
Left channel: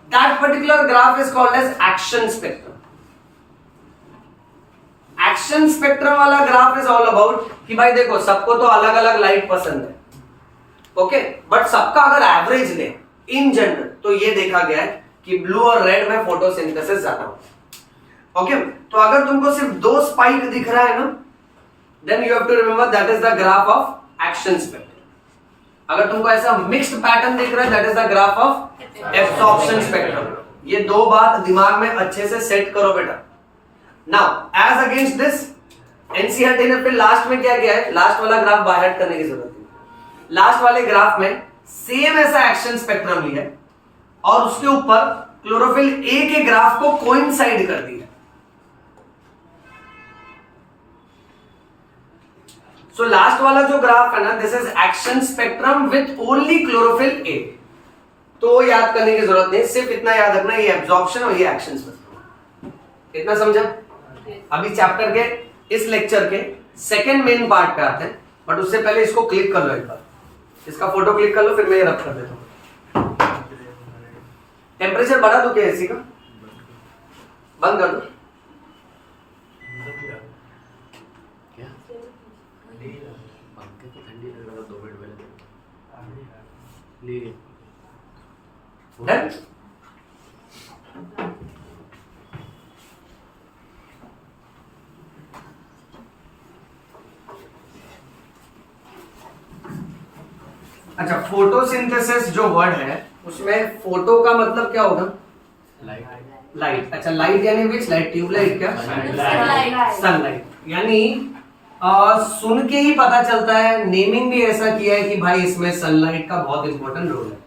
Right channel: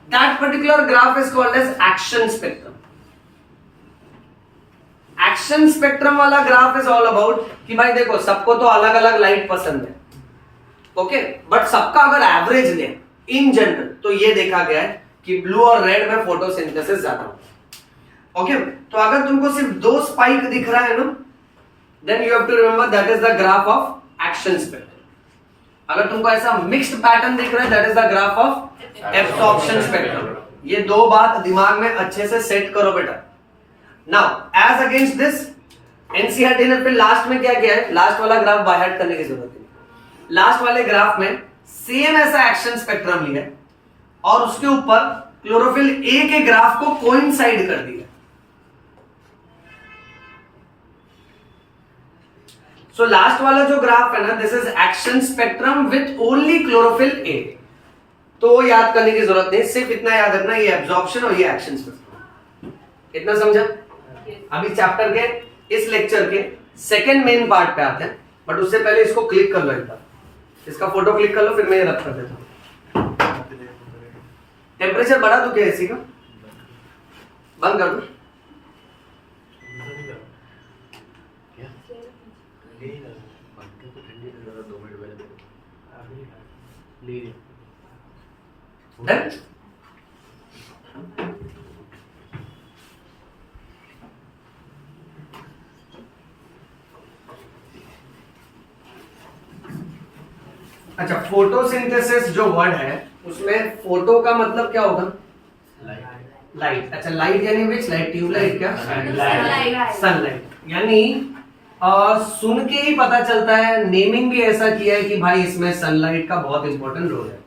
that particular graph is called as action spectrum. Action spectrum वाला graph is all about कि भाई देखो सबको तो अलग अलग लाइट पसंद है, ओके, बट सबका अगर एवरेज ले इन जनरल तो ये देखा गया है कि ब्लू और रेड में फोटोसिंथेसिस ज्यादा होता है। ओके, तो अगर तुमको सिर्फ दो स्पाइक दिख रहा है ना, then you have to remember that is the graph of action spectrum. अगर तुमको ऐसा मिक्स्ड पैटर्न दिख रहा है that is the graph of absorption spectrum. ये दो बात दिमाग में अच्छे से सेट करो बेटा। Now as against this NCERT ने फिर लास्ट में क्या किया है, लास्ट वाला ग्राफ बाय हार्ट करने की जरूरत नहीं। लास्ट वाले ग्राफ में सेम ऐसा एक्शन स्पेक्ट्रम लिया है और उसके ऊपर क्लोरोफिल ए के ग्राफ को कोइंसाइड कर दिया। सो लास्ट वाला जो ग्राफ है ना, this is action spectrum with only chlorophyll A. तो याद करने की जरूरत नहीं, सिर्फ इतना याद रखना ये एब्जॉर्प्शन और ये एक्शन स्पेक्ट्रम। इतना समझा? अभी चैप्टर के इस लेक्चर के सेकंड मेन पार्ट पे आते हैं, बट उससे पहले इसको क्लिक कर लो एक बार, इसका फोटो क्लिक कर लो, फिर मैं ये रब कर देता हूं। टेम्परेचर बढ़ा दो क्या एसी का? बंद कर दो। Done? अच्छा, फोटोसिंथेसिस जो वर्ड है उसमें फोटो का मतलब क्या होगा? लाइट। अच्छा, लाइट यानी विच लाइट? ट्यूबलाइट क्या? सनलाइट। यानी सुन के ही पता चलता है, नेमिंग भी ऐसा किया है कि भाई इसमें सनलाइट का बहुत इंपॉर्टेंट रोल है।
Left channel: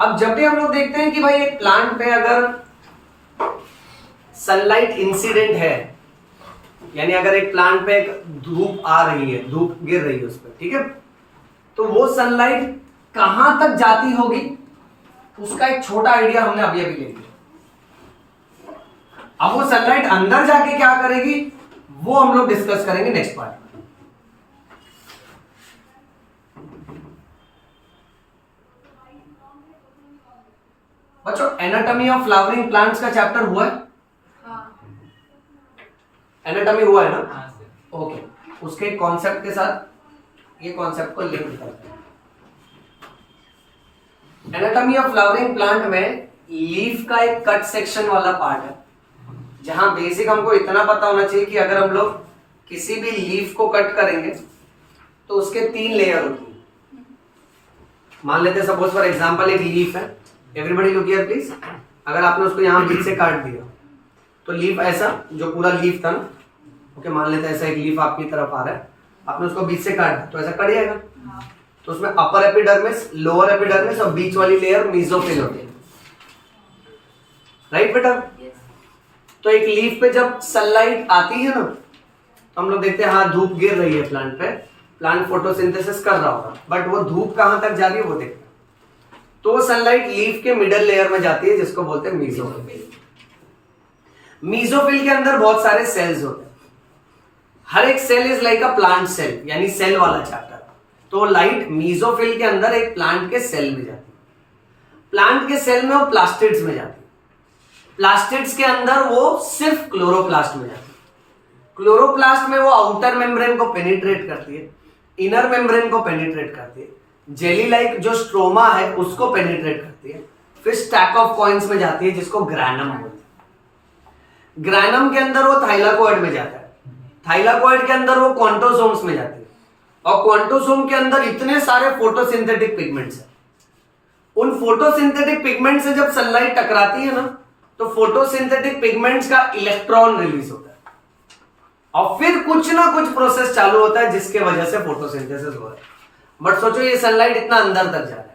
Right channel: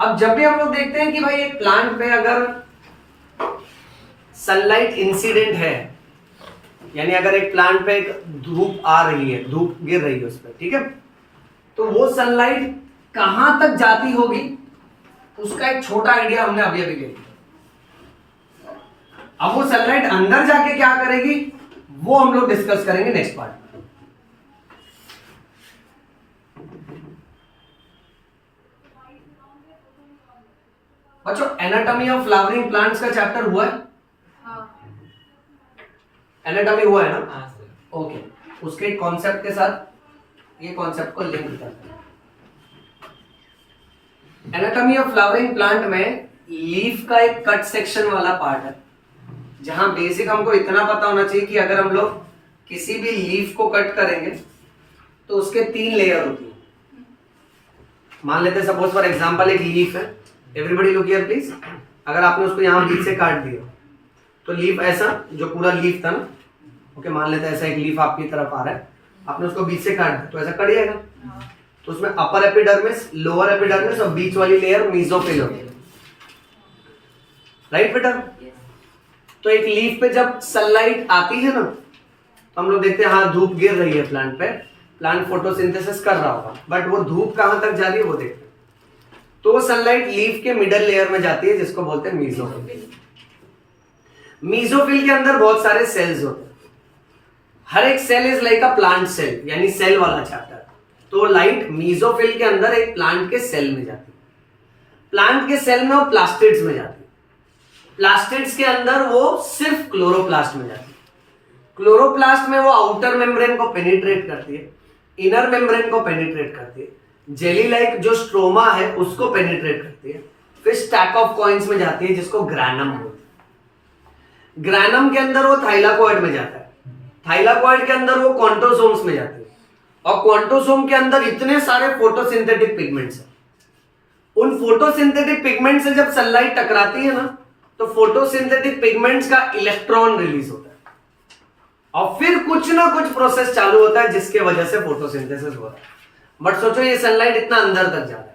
अब जब भी हम लोग देखते हैं कि भाई एक प्लांट पे अगर सनलाइट इंसिडेंट है, यानी अगर एक प्लांट पे एक धूप आ रही है, धूप गिर रही है उस पर, ठीक है, तो वो सनलाइट कहां तक जाती होगी उसका एक छोटा आइडिया हमने अभी अभी ले लिया। अब वो सनलाइट अंदर जाके क्या करेगी वो हम लोग डिस्कस करेंगे नेक्स्ट पार्ट में। बच्चों, एनाटॉमी ऑफ फ्लावरिंग प्लांट्स का चैप्टर हुआ है? एनाटॉमी हुआ है ना? ओके, उसके कॉन्सेप्ट के साथ ये कॉन्सेप्ट को लिंक करते हैं। एनाटॉमी ऑफ फ्लावरिंग प्लांट में लीफ का एक कट सेक्शन वाला पार्ट है, जहां बेसिक हमको इतना पता होना चाहिए कि अगर हम लोग किसी भी लीफ को कट करेंगे तो उसके 3 लेयर होती है। मान लेते हैं सपोज फॉर एग्जांपल एक लीफ है, एवरीबॉडी लुक हियर प्लीज। अगर आपने उसको यहां बीच से काट दिया तो लीफ ऐसा, जो पूरा लीफ था ना, ओके, मान लेते हैं ऐसा एक लीफ आपकी तरफ आ रहा है, आपने उसको बीच से काट दिया तो ऐसा कट जाएगा। तो उसमें अपर एपिडर्मिस, लोअर एपिडर्मिस और बीच वाली लेयर मेसोफिल होती है, राइट बेटा? तो एक लीफ पे जब सनलाइट आती है ना, तो हम लोग देखते हैं हाँ धूप गिर रही है प्लांट पे, प्लांट फोटोसिंथेसिस कर रहा होगा, बट वो धूप कहां तक जा रही है वो देखते हैं। तो वो सनलाइट लीफ के मिडल लेयर में जाती है जिसको बोलते हैं मीजोफिल। मीजोफिल के अंदर बहुत सारे सेल्स होते हैं, हर एक cell is like a plant cell, यानी सेल वाला चैप्टर। तो लाइट मीजोफिल के अंदर एक प्लांट के सेल में जाती है, प्लांट के सेल में वो प्लास्टिड्स में जाती है, प्लास्टिड्स के अंदर वो सिर्फ क्लोरोप्लास्ट में जाती है, क्लोरोप्लास्ट में वो आउटर मेम्ब्रेन को पेनिट्रेट करती है, इनर मेम्ब्रेन को पेनिट्रेट करती है, जेली लाइक जो स्ट्रोमा है उसको पेनिट्रेट करती है, फिर स्टैक ऑफ कॉइन्स में जाती है जिसको ग्रैनम बोलते हैं। ग्रैनम के अंदर वो थाइलाकोइड में जाता है, थाइलाकोइड के अंदर वो क्वांटोसोम्स में जाती है, और क्वांटोसोम के अंदर इतने सारे फोटोसिंथेटिक पिगमेंट्स हैं। उन फोटोसिंथेटिक पिगमेंट से जब सनलाइट टकराती है ना, तो फोटोसिंथेटिक पिगमेंट्स का इलेक्ट्रॉन रिलीज होता है, और फिर कुछ ना कुछ प्रोसेस चालू होता है जिसके वजह से फोटोसिंथेसिस हो रहा है। बट सोचो ये सनलाइट इतना अंदर तक जा रहा है,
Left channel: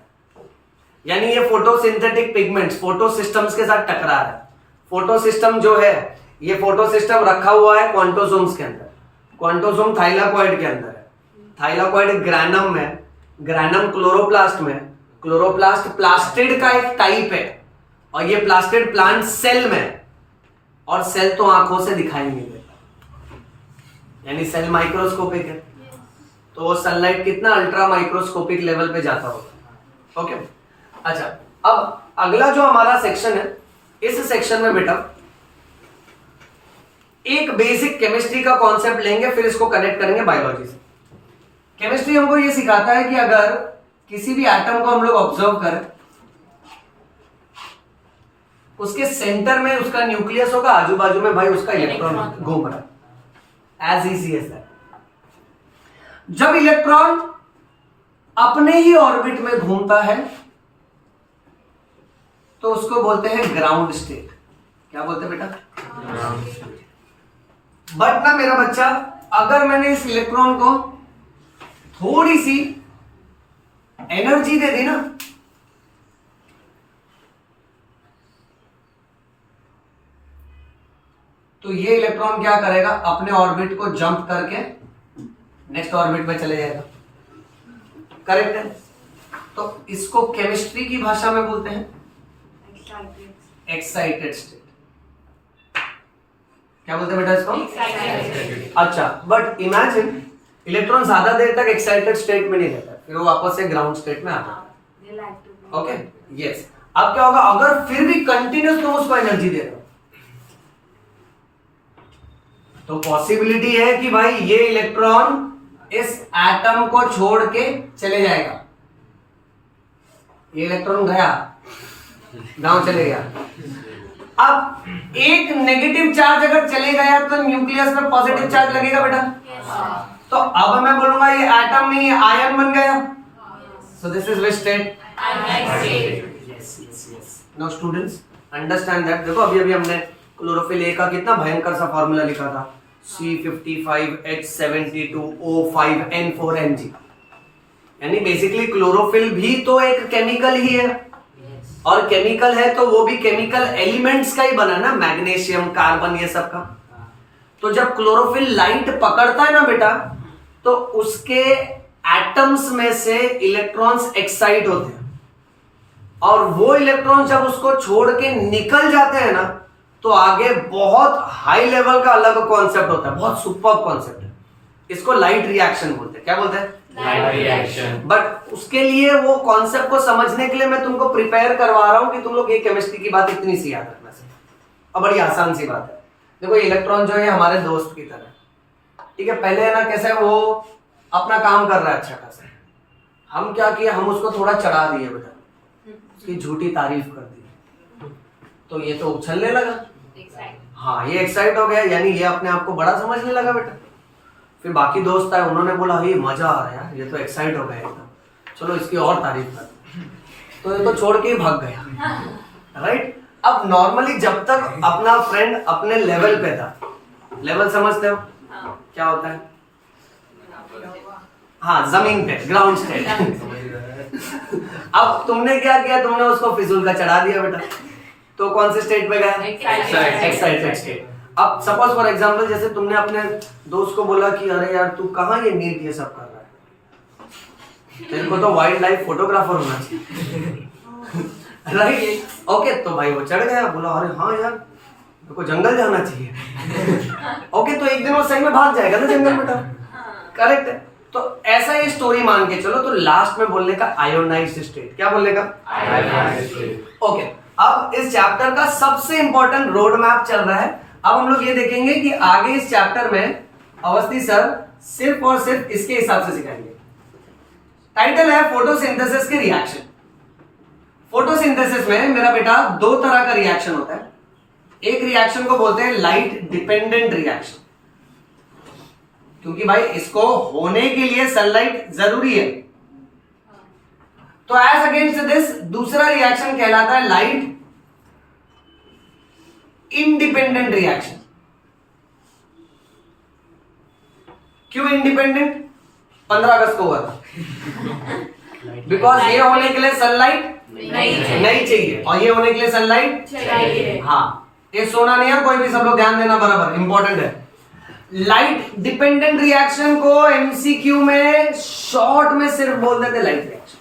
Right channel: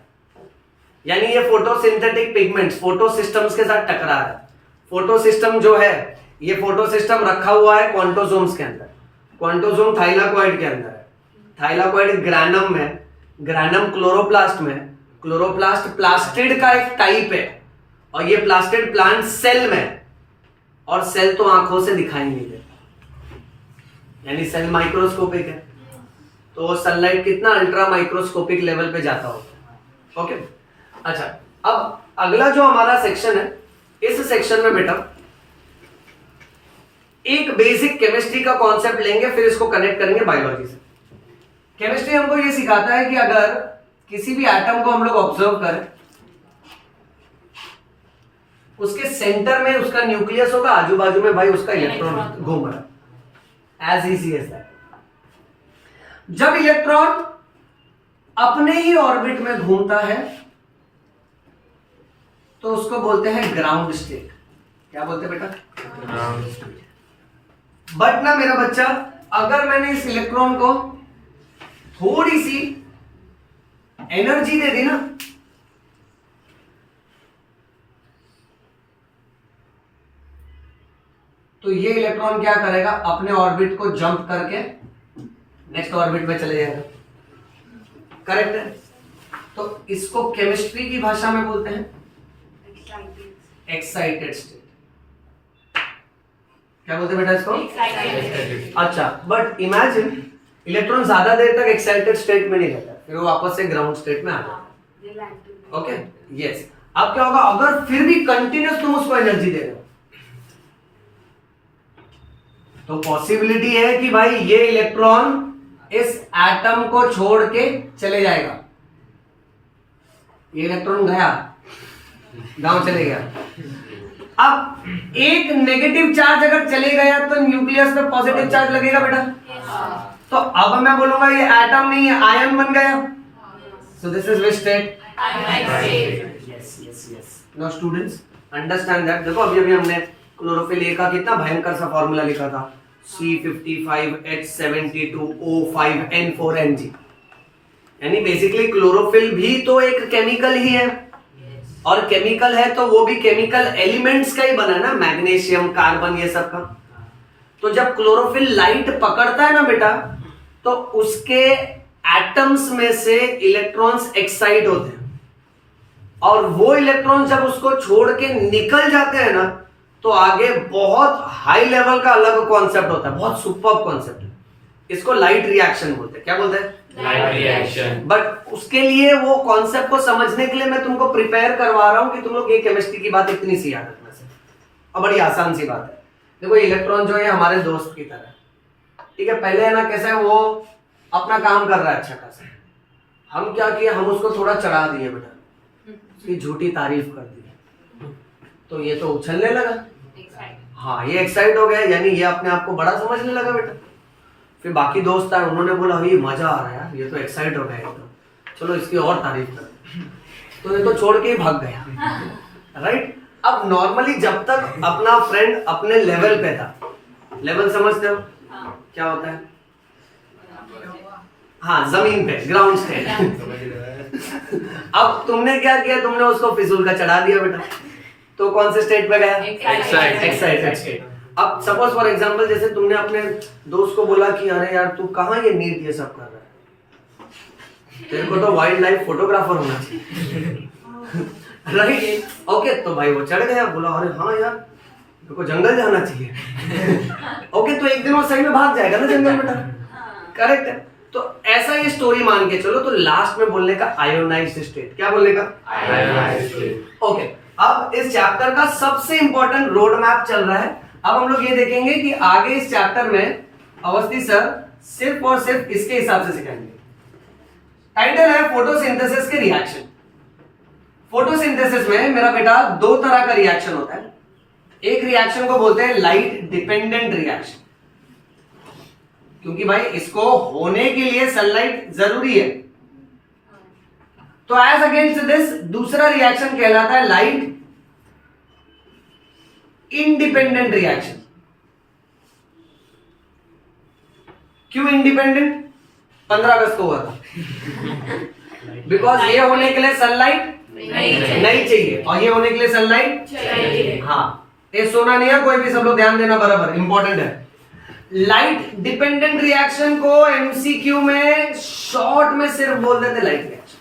यानी ये फोटोसिंथेटिक पिगमेंट्स फोटो सिस्टम्स के साथ टकरा रहा है। फोटो सिस्टम जो है, ये फोटो सिस्टम रखा हुआ है क्वांटोसोम्स के अंदर, क्वांटोसोम थाइलाकोइड के अंदर है, थाइलाकोइड ग्रैनम में, ग्रैनम क्लोरोप्लास्ट में, क्लोरोप्लास्ट प्लास्टिड का एक टाइप है, और ये प्लास्टिड प्लांट सेल में, और सेल तो आंखों से दिखाई नहीं देता, यानी सेल माइक्रोस्कोपिक है। तो सनलाइट कितना अल्ट्रा माइक्रोस्कोपिक लेवल पे जाता होगा। ओके, अच्छा, अब अगला जो हमारा सेक्शन है, इस सेक्शन में बेटा एक बेसिक केमिस्ट्री का कॉन्सेप्ट लेंगे, फिर इसको कनेक्ट करेंगे बायोलॉजी से। केमिस्ट्री हमको ये सिखाता है कि अगर किसी भी एटम को हम लोग ऑब्जर्व करें, उसके सेंटर में उसका न्यूक्लियस होगा, आजू बाजू में भाई उसका इलेक्ट्रॉन घूम रहा है, एज इजी एज दैट। जब इलेक्ट्रॉन अपने ही ऑर्बिट में घूमता है तो उसको बोलते हैं ग्राउंड स्टेट। क्या बोलते हैं बेटा? बट ना मेरा बच्चा, अगर मैंने इस इलेक्ट्रॉन को थोड़ी सी एनर्जी दे दी ना, तो ये इलेक्ट्रॉन क्या करेगा, अपने ऑर्बिट को जंप करके नेक्स्ट ऑर्बिट पे चले जाएगा। करेक्ट है? तो इसको केमिस्ट्री की भाषा में बोलते हैं एक्साइटेड स्टेट। क्या बोलते हैं बेटा इसको? एक्साइटेड। अच्छा, बट इमेजिन इलेक्ट्रॉन ज्यादा देर तक एक्साइटेड स्टेट में नहीं रहता, फिर वो वापस से ग्राउंड स्टेट में आ जाता है। Okay, yes. अब क्या होगा, अगर फिर भी कंटिन्यूस तुम उसको एनर्जी दे रहे हो, तो पॉसिबिलिटी है कि भाई ये इलेक्ट्रॉन इस एटम को छोड़ के चले जाएगा। ये इलेक्ट्रॉन गया, गांव चले गया। अब एक नेगेटिव चार्ज अगर चले गया तो न्यूक्लियस पे पॉजिटिव चार्ज लगेगा बेटा। तो अब मैं बोलूंगा ये एटम नहीं है, आयन बन गया। So this is which state? Yes yes yes. Now students understand that. देखो अभी अभी हमने क्लोरोफिल ए का कितना भयंकर सा फॉर्मूला लिखा था, C55H72O5N4Mg, यानी बेसिकली क्लोरोफिल भी तो एक केमिकल ही है, और केमिकल है तो वो भी केमिकल एलिमेंट्स का ही बना है ना, मैग्नीशियम, कार्बन, ये सब का। तो जब क्लोरोफिल लाइट पकड़ता है ना बेटा, तो उसके एटम्स में से इलेक्ट्रॉन्स एक्साइट होते हैं, और वो इलेक्ट्रॉन जब उसको छोड़ के निकल जाते हैं ना, तो आगे बहुत हाई लेवल का अलग कॉन्सेप्ट होता है, बहुत सुपर्ब कॉन्सेप्ट है। इसको लाइट रिएक्शन बोलते हैं। क्या बोलते हैं? Light reaction. बट उसके लिए वो कॉन्सेप्ट को समझने के लिए मैं तुमको प्रिपेयर करवा रहा हूं कि तुम लोग ये केमिस्ट्री की बात इतनी सी याद रखना से, और बड़ी आसान सी बात है। देखो इलेक्ट्रॉन जो है हमारे दोस्त की तरह, ठीक है। पहले है ना कैसा है, वो अपना काम कर रहा है अच्छा खासा, हम क्या किया, हम उसको थोड़ा चढ़ा दिए बेटा, उसकी झूठी तारीफ कर दी, तो ये तो उछलने लगा। हाँ, ये एक्साइट हो गया, यानी ये अपने आप को बड़ा समझने लगा बेटा। फिर बाकी दोस्त आए, उन्होंने बोला ये मजा आ रहा है यार, ये तो एक्साइट हो गया एकदम, चलो इसकी और तारीफ कर, तो ये तो छोड़ के ही भाग गया। राइट? अब नॉर्मली जब तक अपना फ्रेंड अपने लेवल पे था, लेवल समझते हो क्या होता है? हाँ, जमीन पे, ग्राउंड स्टेट। अब तुमने क्या किया, तुमने उसको फिजूल का चढ़ा दिया बेटा, तो कौन से स्टेट पे गया? Excited. Excited state. अब सपोज फॉर एग्जांपल जैसे तुमने अपने दोस्त को बोला कि अरे यार तू कहाँ ये नीट ये सब कर रहा है, तेरे को तो वाइल्ड लाइफ फोटोग्राफर होना चाहिए, राइट? ओके, तो भाई वो चढ़ गया, बोला अरे हाँ यार मेरे को जंगल जाना चाहिए। ओके, तो एक दिन वो सही में भाग जाएगा ना जंगल बेटा, करेक्ट है? तो ऐसा ये स्टोरी मान के चलो, तो लास्ट में बोलने का आयोनाइज्ड स्टेट, क्या बोलने का? Ionized state. ओके, अब इस चैप्टर का सबसे इंपॉर्टेंट रोड मैप चल रहा है। अब हम लोग ये देखेंगे कि आगे इस चैप्टर में अवस्थी सर सिर्फ और सिर्फ इसके हिसाब से सिखाएंगे। टाइटल है फोटोसिंथेसिस के रिएक्शन। फोटोसिंथेसिस में मेरा बेटा दो तरह का रिएक्शन होता है। एक रिएक्शन को बोलते हैं लाइट डिपेंडेंट रिएक्शन, क्योंकि भाई इसको होने के लिए सनलाइट जरूरी है। तो एज अगेंस्ट दिस दूसरा रिएक्शन कहलाता है लाइट इंडिपेंडेंट रिएक्शन। क्यों इंडिपेंडेंट? 15 अगस्त को हुआ था, बिकॉज ये होने के लिए सनलाइट नहीं चाहिए और ये होने के लिए सनलाइट चाहिए। हाँ, ये सोना नहीं है कोई भी, सब लोग ध्यान देना, बराबर इंपॉर्टेंट है। लाइट डिपेंडेंट रिएक्शन को एमसीक्यू में शॉर्ट में सिर्फ बोल देते लाइट रिएक्शन,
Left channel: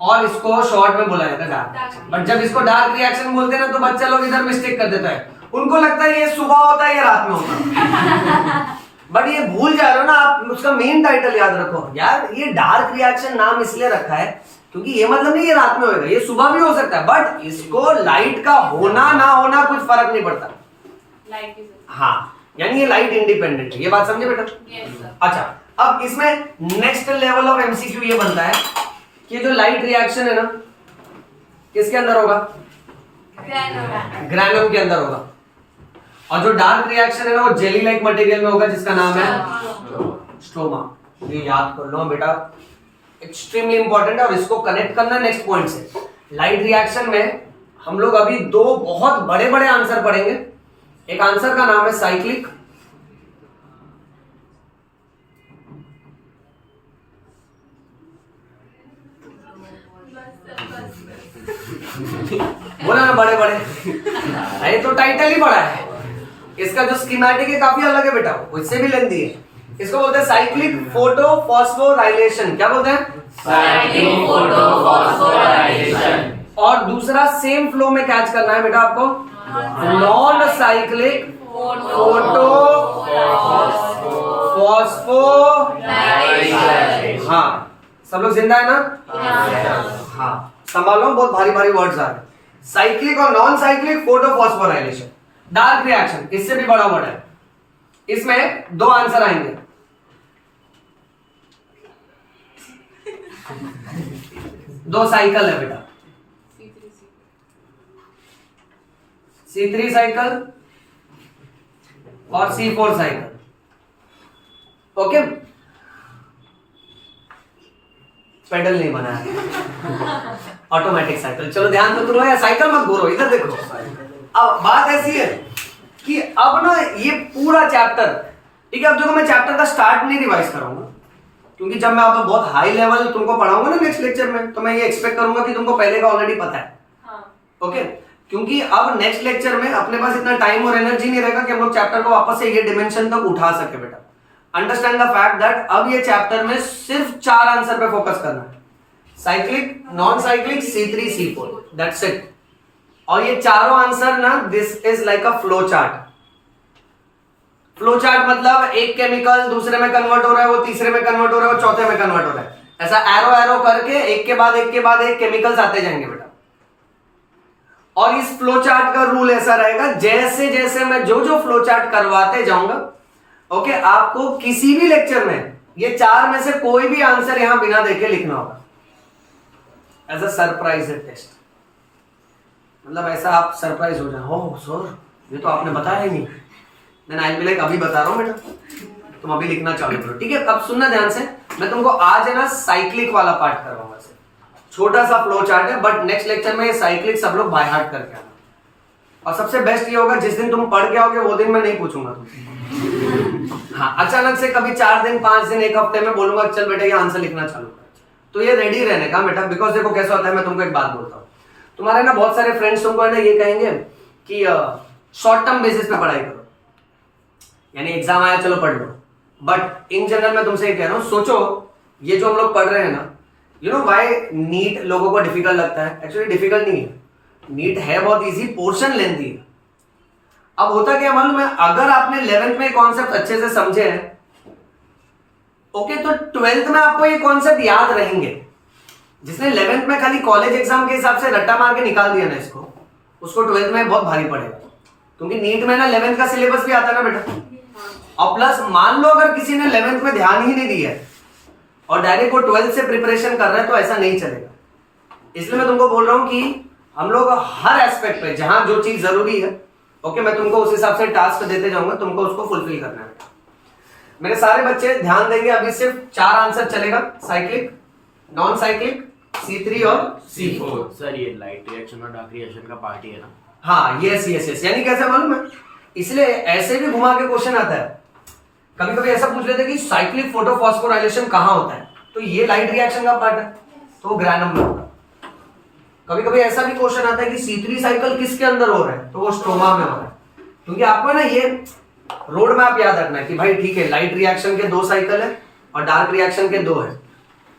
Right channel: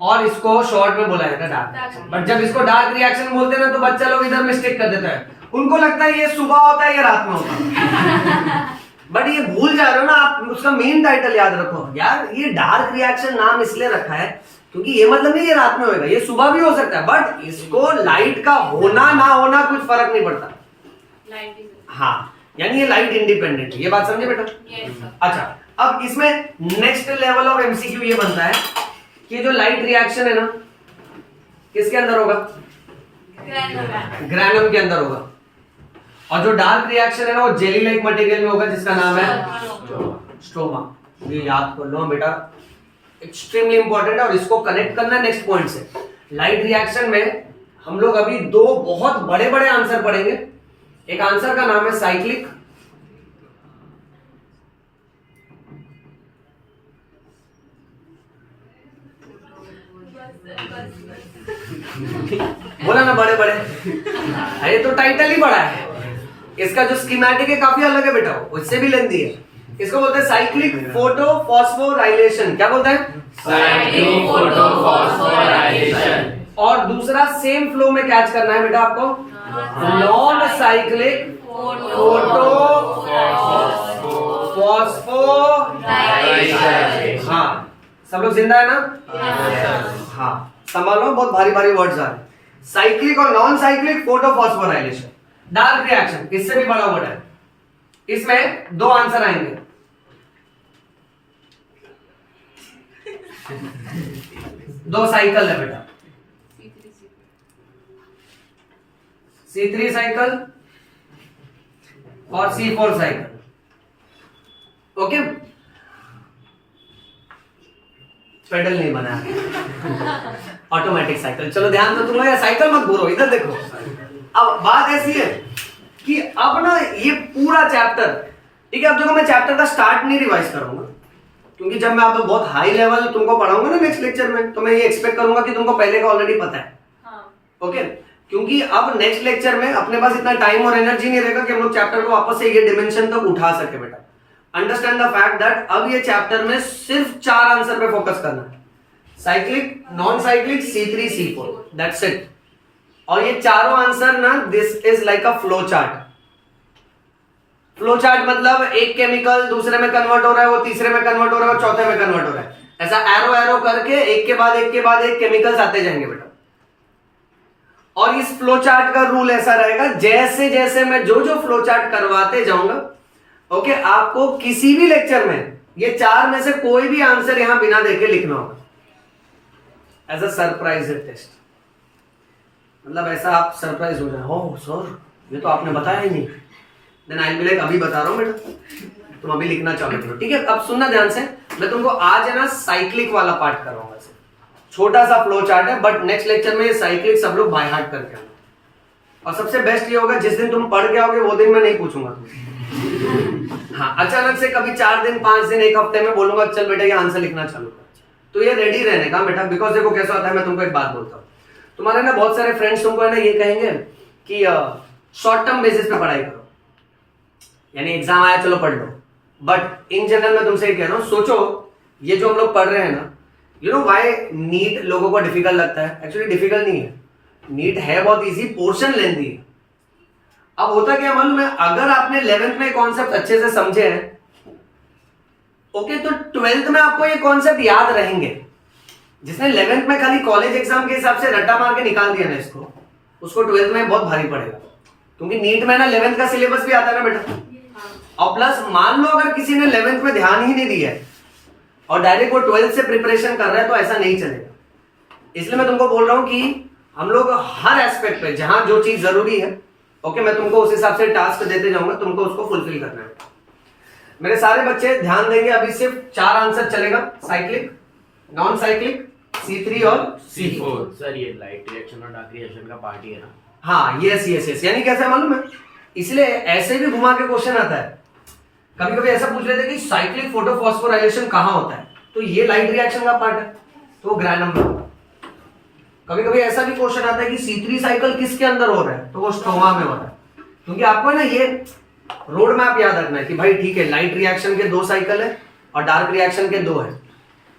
और इसको शॉर्ट में बोला जाता है डार्क रिएक्शन। बट जब इसको डार्क रिएक्शन बोलते हैं ना, तो बच्चा लोग इधर मिस्टेक कर देता है, उनको लगता है ये सुबह होता है या रात में होता है। बट ये भूल जा रहे हो ना आप, उसका मेन टाइटल याद रखो यार। ये डार्क रिएक्शन नाम इसलिए रखा है क्योंकि ये मतलब नहीं ये रात में होएगा, ये सुबह भी हो सकता है, बट इसको लाइट का होना ना होना कुछ फर्क नहीं पड़ता। लाइट इज हाँ, यानी ये लाइट इंडिपेंडेंट है, ये बात समझे बेटा? Yes sir. अच्छा, अब इसमें नेक्स्ट लेवल ऑफ एमसीक्यू ये बनता है कि जो लाइट रिएक्शन है ना, किसके अंदर होगा? ग्रैनम के अंदर होगा। और जो डार्क रिएक्शन है ना, वो जेली लाइक मटेरियल में होगा, जिसका नाम है स्ट्रोमा। ये याद कर लो बेटा, एक्सट्रीमली इंपॉर्टेंट है, और इसको कनेक्ट करना है नेक्स्ट पॉइंट से। लाइट रिएक्शन में हम लोग अभी दो बहुत बड़े बड़े आंसर पढ़ेंगे। एक आंसर का नाम है साइक्लिक, बोला ना बड़े बड़े, ये तो टाइटल ही बड़ा है। इसका जो स्कीमेटिक है काफी अलग है बेटा, वो इससे भी लेंदी है। इसको बोलते हैं साइक्लिक फोटो फॉस्फोराइलेशन। क्या बोलते हैं? Cyclic photophosphorilation. और दूसरा सेम फ्लो में कैच करना है बेटा आपको, नॉन साइक्लिक फोटो फॉस्फोराइलेशन। हाँ, सब लोग जिंदा है ना? हाँ, संभालो, बहुत भारी भारी वर्ड्स आ रहे हैं। साइक्लिक और non cyclic photo phosphorylation, dark reaction, इससे भी बड़ा वर्ड है। इसमें दो आंसर आएंगे। दो साइकिल है बेटा, C3 साइकिल और C4 साइकिल। ओके, पेडल नहीं बनाया, ऑटोमेटिक साइकिल। चलो ध्यान तो तुम लोग, साइकिल मत बोलो, इधर देखो। अब बात ऐसी है कि अब ना ये पूरा चैप्टर, ठीक है, अब देखो मैं चैप्टर का स्टार्ट नहीं रिवाइज कराऊंगा, क्योंकि जब मैं अब बहुत हाई लेवल तुमको पढ़ाऊंगा ना नेक्स्ट लेक्चर में, तो मैं ये एक्सपेक्ट करूंगा कि तुमको पहले का ऑलरेडी पता है। ओके, क्योंकि अब नेक्स्ट लेक्चर में अपने पास इतना टाइम और एनर्जी नहीं रहेगा कि हम लोग चैप्टर को वापस से ये डिमेंशन तक उठा सके बेटा। अंडरस्टैंड द फैक्ट दैट अब ये चैप्टर में सिर्फ 4 आंसर पे फोकस करना है, cyclic, non cyclic, C3, C4, that's it. और ये चारों आंसर ना, this is like a flow chart. Flow chart मतलब एक केमिकल दूसरे में कन्वर्ट हो रहा है, वो तीसरे में कन्वर्ट हो रहा है, वो चौथे में कन्वर्ट हो रहा है, ऐसा एरो एरो करके एक के बाद एक के बाद एक केमिकल्स आते जाएंगे बेटा। और इस फ्लो चार्ट का रूल ऐसा रहेगा, जैसे जैसे मैं जो जो फ्लो चार्ट करवाते जाऊंगा, ओके, आपको किसी भी लेक्चर में ये 4 में से कोई भी आंसर यहां बिना देखे लिखना होगा, एज अ सरप्राइज टेस्ट। मतलब ऐसा आप सरप्राइज हो जाए, ओह सर ये तो आपने बताया ही नहीं, then I will be like अभी बता रहा हूं बेटा, तुम अभी लिखना चालू करो, ठीक है? अब सुनना ध्यान से, मैं तुमको आज है ना साइक्लिक वाला पार्ट करवाऊंगा, सिर्फ छोटा सा फ्लो चार्ट है, बट नेक्स्ट लेक्चर में ये साइक्लिक सब लोग बाय हार्ट करके आना। और सबसे बेस्ट ये होगा, जिस दिन तुम पढ़ के आओगे वो दिन मैं नहीं पूछूंगा तुमसे। हाँ, अचानक से कभी 4 दिन 5 दिन 1 हफ्ते में बोलूंगा चल बेटा ये आंसर लिखना चालू कर, तो ये रेडी रहने का बेटा। बिकॉज देखो कैसा होता है, मैं तुमको एक बात बोलता हूँ, तुम्हारे ना बहुत सारे फ्रेंड्स तुमको है ना ये कहेंगे कि शॉर्ट टर्म बेसिस पे पढ़ाई करो, यानी एग्जाम आया चलो पढ़ लो। बट इन जनरल मैं तुमसे ये कह रहा हूँ, सोचो ये जो हम लोग पढ़ रहे हैं ना, यू नो व्हाई नीट लोगों को डिफिकल्ट लगता है? एक्चुअली डिफिकल्ट नहीं है, नीट है बहुत इजी, पोर्शन लेंथी है। अब होता क्या मालूम है, अगर आपने 11th में कॉन्सेप्ट अच्छे से समझे हैं, ओके, तो 12th में आपको ये कॉन्सेप्ट याद रहेंगे। जिसने 11th में खाली कॉलेज एग्जाम के हिसाब से रट्टा मार के निकाल दिया ना इसको, उसको 12th में बहुत भारी पड़ेगा, क्योंकि नीट में ना 11th का सिलेबस भी आता है ना बेटा। और प्लस मान लो अगर किसी ने 11th में ध्यान ही नहीं दिया है और डायरेक्ट वो 12th से प्रिपरेशन कर रहा है, तो ऐसा नहीं चलेगा। इसलिए मैं तुमको बोल रहा हूं कि हम लोग हर एस्पेक्ट पे जहां जो चीज जरूरी है, ओके, मैं तुमको उस हिसाब से टास्क देते जाऊंगा, तुमको उसको फुलफिल करना है। मेरे सारे बच्चे ध्यान देंगे, अभी सिर्फ 4 आंसर चलेगा, साइक्लिक, नॉन साइक्लिक, C3 और C4। सर ये लाइट रिएक्शन और डार्क रिएक्शन का पार्ट ही है ना? हाँ, यस यस यस, यानी कैसे मालूम है, इसलिए ऐसे भी घुमा के क्वेश्चन आता है। कभी कभी ऐसा पूछ लेते हैं कि साइक्लिक फोटोफॉस्फोराइलेशन कहाँ होता है, तो ये लाइट रिएक्शन का पार्ट है, तो वो ग्रैनम में होता है। कभी कभी ऐसा भी क्वेश्चन आता है कि C3 साइकिल किसके अंदर हो रहा है, तो वो स्ट्रोमा में होता है। क्योंकि आपको ना ये रोड मैप याद रखना है कि भाई ठीक है, लाइट रिएक्शन के 2 साइकिल है और डार्क रिएक्शन के 2 है,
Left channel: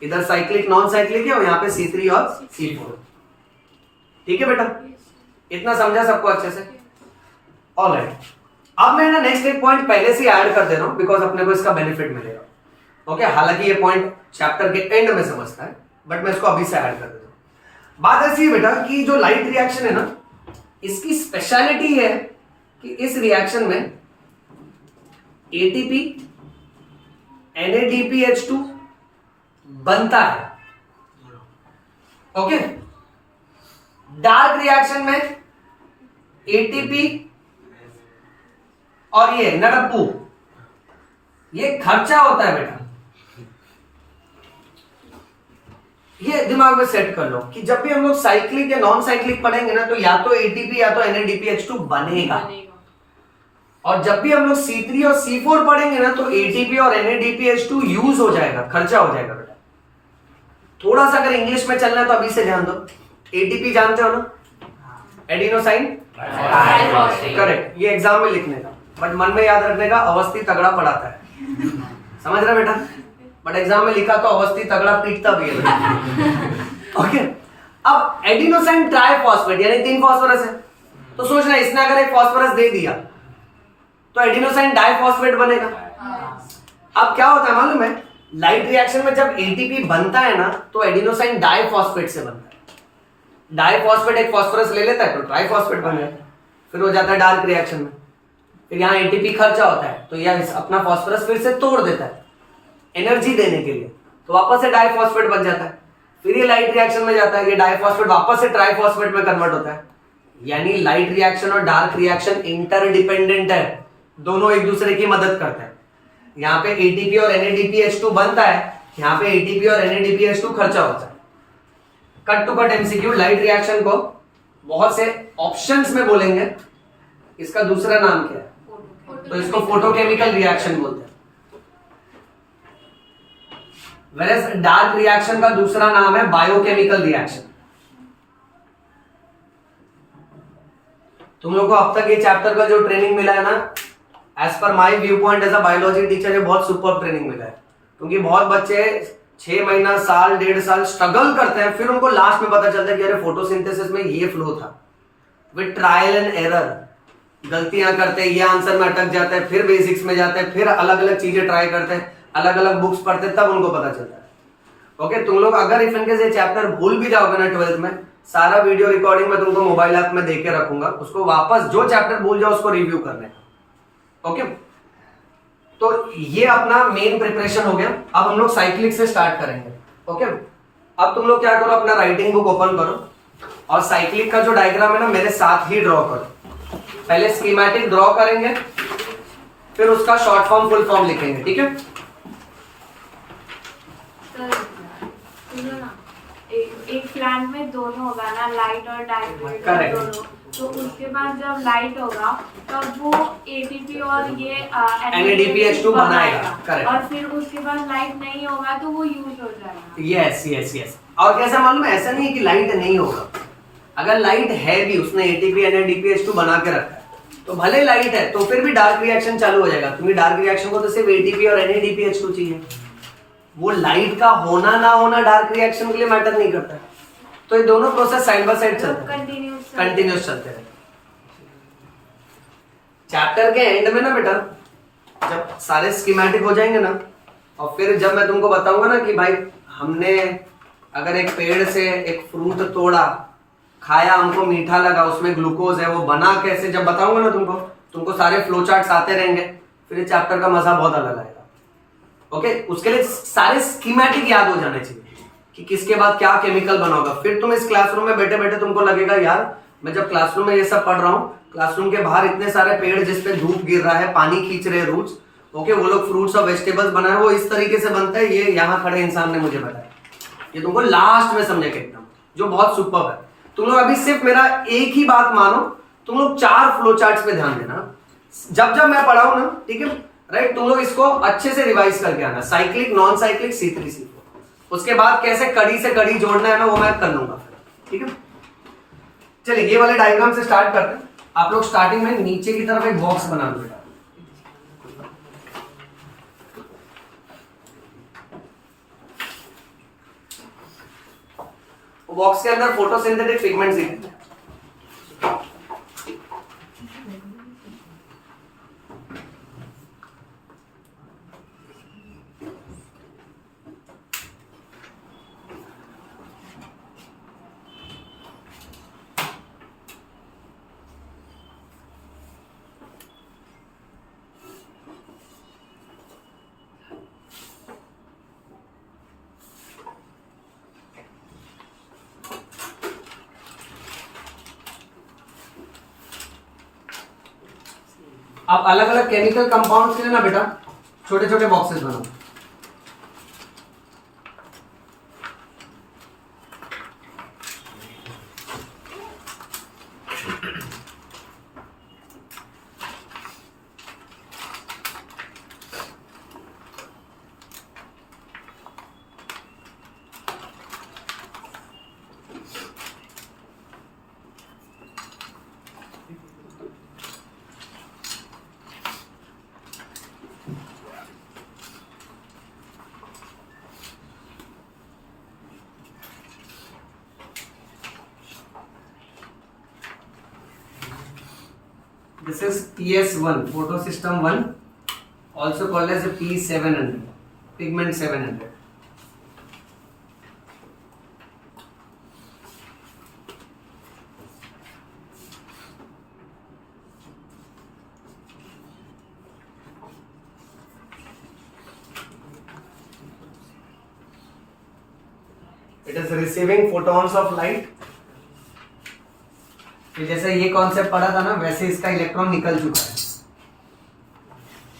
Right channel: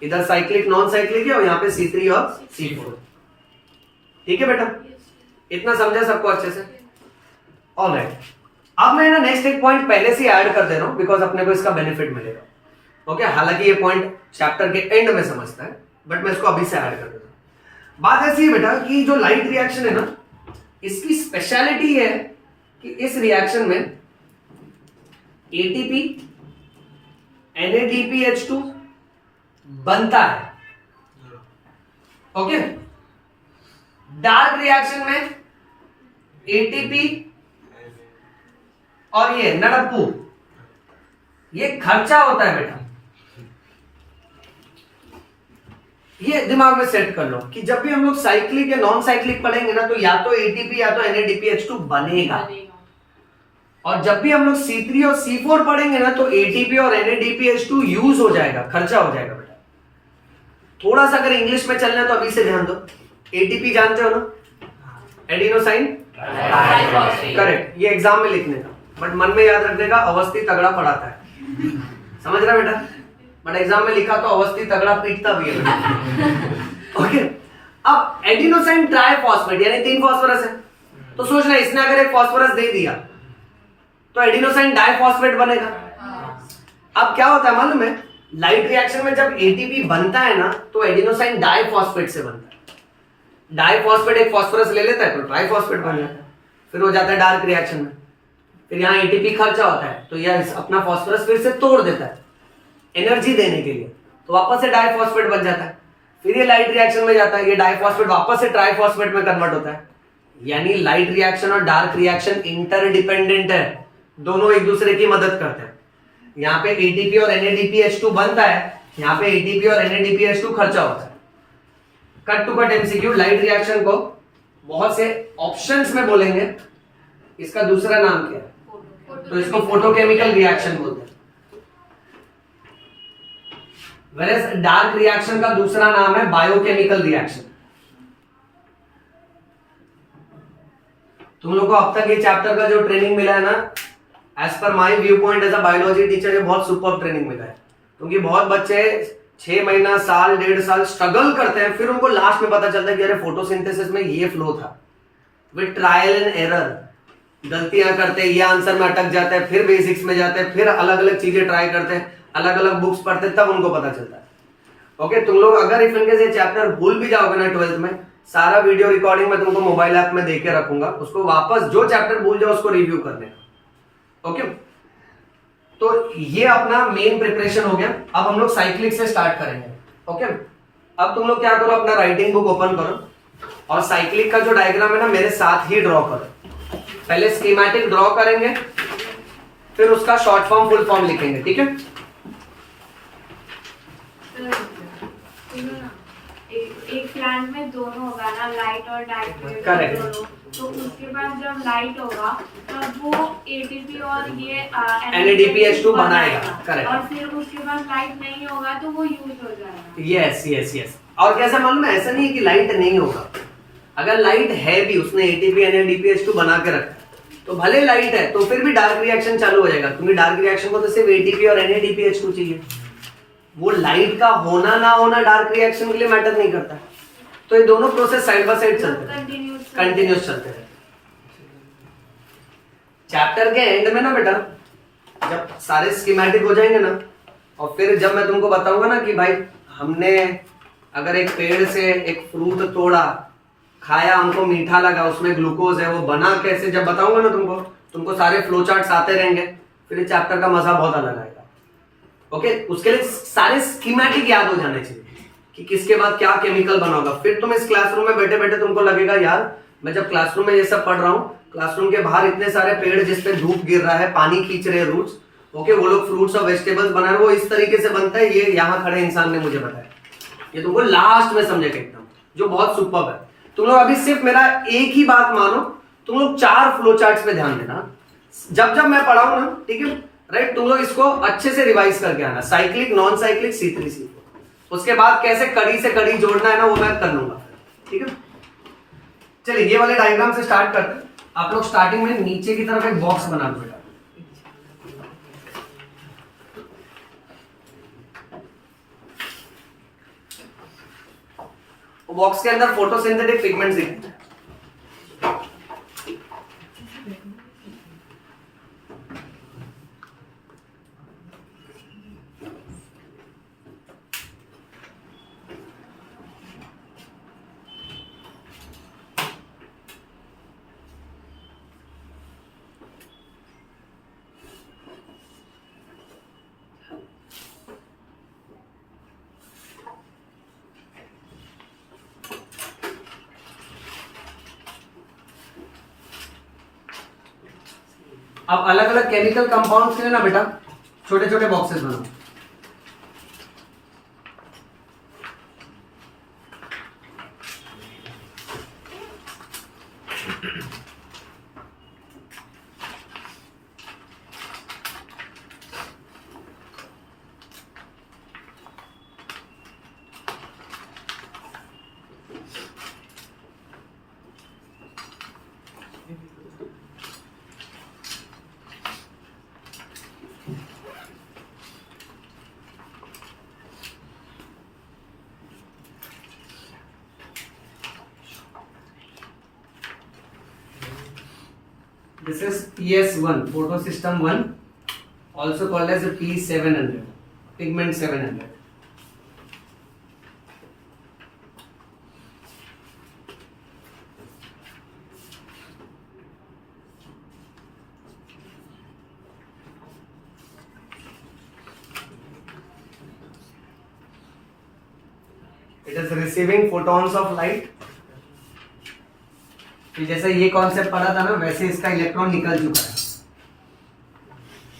इधर साइक्लिक नॉन साइक्लिक है और यहाँ पे C3 और C4। ठीक है बेटा, इतना समझा सबको अच्छे से? ऑलराइट, अब मैं ना नेक्स्ट एक पॉइंट पहले से ऐड कर दे रहा हूं, बिकॉज अपने को इसका बेनिफिट मिलेगा। ओके, हालांकि ये पॉइंट चैप्टर के एंड में समझता है, बट मैं इसको अभी से ऐड कर देता हूं। बात ऐसी है बेटा कि जो लाइट रिएक्शन है ना, इसकी स्पेशलिटी है कि इस रिएक्शन में ATP NADPH2 बनता है। ओके, डार्क रिएक्शन में ATP और ये नड़प्पू, ये खर्चा होता है बेटा। ये दिमाग में सेट कर लो कि जब भी हम लोग साइक्लिक या नॉन साइक्लिक पढ़ेंगे ना, तो या तो ATP या तो NADPH2 बनेगा। और जब भी हम लोग C3 और C4 पढ़ेंगे ना, तो ATP और NADPH2 यूज हो जाएगा, खर्चा हो जाएगा बेटा। थोड़ा सा अगर इंग्लिश में चलना है तो अभी से ध्यान दो। ATP जानते हो ना, एडिनोसाइन, करेक्ट, ये एग्जाम में लिखने का, बट मन में याद रखने का, अवस्थी तगड़ा पढ़ाता है, समझ रहा बेटा? बट एग्जाम में लिखा तो अवस्थी तगड़ा पीटता भी है बेटा। ओके, अब एडिनोसाइन ट्राइफॉस्फेट यानी 3 फास्फोरस है, तो सोचना इसने अगर एक फास्फोरस दे दिया तो एडिनोसाइन डाइफॉस्फेट बनेगा। अब क्या होता है मालूम है, लाइट रिएक्शन में जब ATP बनता है ना, तो एडिनोसाइन डाइफॉस्फेट से बनता है। डाइफॉस्फेट एक फास्फोरस ले लेता है तो ट्राइफॉस्फेट बन जाता है, फिर हो जाता है डार्क रिएक्शन में। फिर यहाँ ATP खर्चा होता है, तो यह अपना फास्फोरस फिर से तोड़ देता है एनर्जी देने के लिए, तो वापस से डाइफॉस्फेट बन जाता है। फिर ये लाइट रिएक्शन में जाता है, ये डाइफॉस्फेट वापस से ट्राइफॉस्फेट में कन्वर्ट होता है। यानी लाइट रिएक्शन और डार्क रिएक्शन इंटरडिपेंडेंट है, दोनों एक दूसरे की मदद करते हैं। यहाँ पे ATP और NADPH2 बनता है, यहाँ पे ATP और NADPH2 खर्चा होता है। Cut to cut MCQ, light reaction को बहुत से ऑप्शंस में बोलेंगे, इसका दूसरा नाम क्या है, तो इसको फोटोकेमिकल रिएक्शन बोलते हैं। वेरएज डार्क रिएक्शन का दूसरा नाम है बायोकेमिकल रिएक्शन। तुम लोग को अब तक ये चैप्टर का जो ट्रेनिंग मिला है ना, as per my viewpoint as a biology teacher, ये बहुत सुपर ट्रेनिंग मिला है। क्योंकि बहुत बच्चे 6 महीना, साल, 1.5 साल स्ट्रगल करते हैं, फिर उनको लास्ट में पता चलता है कि अरे फोटोसिंथेसिस में ये फ्लो था। विद ट्रायल एंड एरर गलतियां करते हैं, ये आंसर में अटक जाते हैं, फिर बेसिक्स में जाते हैं, फिर अलग अलग चीजें ट्राई करते हैं, अलग अलग बुक्स पढ़ते हैं, तब उनको पता चलता है। ओके, तुम लोग अगर इफ इनकेस ये चैप्टर भूल भी जाओगे ना 12th में, सारा वीडियो रिकॉर्डिंग मैं तुमको मोबाइल ऐप में दे के रखूंगा, उसको वापस जो चैप्टर भूल जाओ उसको रिव्यू करने का। ओके, तो ये अपना मेन प्रिपरेशन हो गया। अब हम लोग साइक्लिक से स्टार्ट करेंगे। ओके, अब तुम लोग क्या करो, अपना राइटिंग बुक ओपन करो और साइक्लिक का जो डायग्राम है ना, मेरे साथ ही ड्रॉ करो। पहले स्कीमेटिक ड्रॉ करेंगे, फिर उसका शॉर्ट फॉर्म फुल फॉर्म लिखेंगे, ठीक है? एक प्लांट में दोनों होगा ना, लाइट और डार्क, Correct. दोनों, तो उसके बाद जब लाइट होगा तब वो ATP और ये NADPH2 बनाएगा। Correct. और फिर उसके बाद लाइट नहीं होगा तो वो यूज हो जाएगा। Yes yes yes. और कैसा मालूम है, ऐसा नहीं है कि लाइट नहीं होगा, अगर लाइट है भी, उसने एटीपी NADPH2 बना के रखा है, तो भले लाइट है तो फिर भी डार्क रिएक्शन चालू हो जाएगा, क्योंकि डार्क रिएक्शन को तो सिर्फ एटीपी और NADPH2 चाहिए। वो लाइट का होना ना होना डार्क रिएक्शन के लिए मैटर नहीं करता है। तो ये दोनों प्रोसेस साइड बाय साइड चलते हैं, कंटिन्यूस चलते हैं। चैप्टर के एंड में ना बेटा, जब सारे स्कीमेटिक हो जाएंगे ना, और फिर जब मैं तुमको बताऊंगा ना कि भाई हमने अगर एक पेड़ से एक फ्रूट तोड़ा, खाया, हमको मीठा लगा, उसमें ग्लूकोज है, वो बना कैसे, जब बताऊंगा ना तुमको सारे फ्लो चार्ट्स आते रहेंगे, फिर ये चैप्टर का मजा बहुत अलग आएगा। ओके, उसके लिए सारे स्कीमेटिक याद हो जाने चाहिए कि किसके बाद क्या केमिकल बना होगा। फिर तुम इस क्लासरूम में बैठे बैठे तुमको लगेगा यार मैं जब क्लासरूम में ये सब पढ़ रहा हूँ, क्लासरूम के बाहर इतने सारे पेड़ जिसपे धूप गिर रहा है, पानी खींच रहे हैं रूट्स, ओके, वो लोग फ्रूट्स और वेजिटेबल्स बना रहे हैं, वो इस तरीके से बनता है, ये यहाँ खड़े इंसान ने मुझे बताया। ये तुमको लास्ट में समझेगा एकदम, जो बहुत सुपर्ब है। तुम लोग अभी सिर्फ मेरा एक ही बात मानो, तुम लोग 4 फ्लो चार्ट्स पे ध्यान देना, जब जब मैं पढ़ाऊं ना, ठीक है, राइट, तुम लोग इसको अच्छे से रिवाइज करके आना, cyclic, non cyclic, C3 C4। उसके बाद कैसे कड़ी से कड़ी जोड़ना है ना, वो मैं कर लूंगा, ठीक है। चलिए ये वाले डायग्राम से स्टार्ट करते हैं। आप लोग स्टार्टिंग में नीचे की तरफ एक बॉक्स बना दो बेटा, वो बॉक्स के अंदर फोटोसिंथेटिक पिगमेंट्स दिखते हैं। अब अलग अलग केमिकल कंपाउंड्स के लिए ना बेटा छोटे छोटे बॉक्सेस बनाओ। This is PS1, photo system 1, also called as a P700, pigment 700. It is receiving photons of light. तो जैसे ये कॉन्सेप्ट पढ़ा था ना, वैसे इसका इलेक्ट्रॉन निकल चुका है,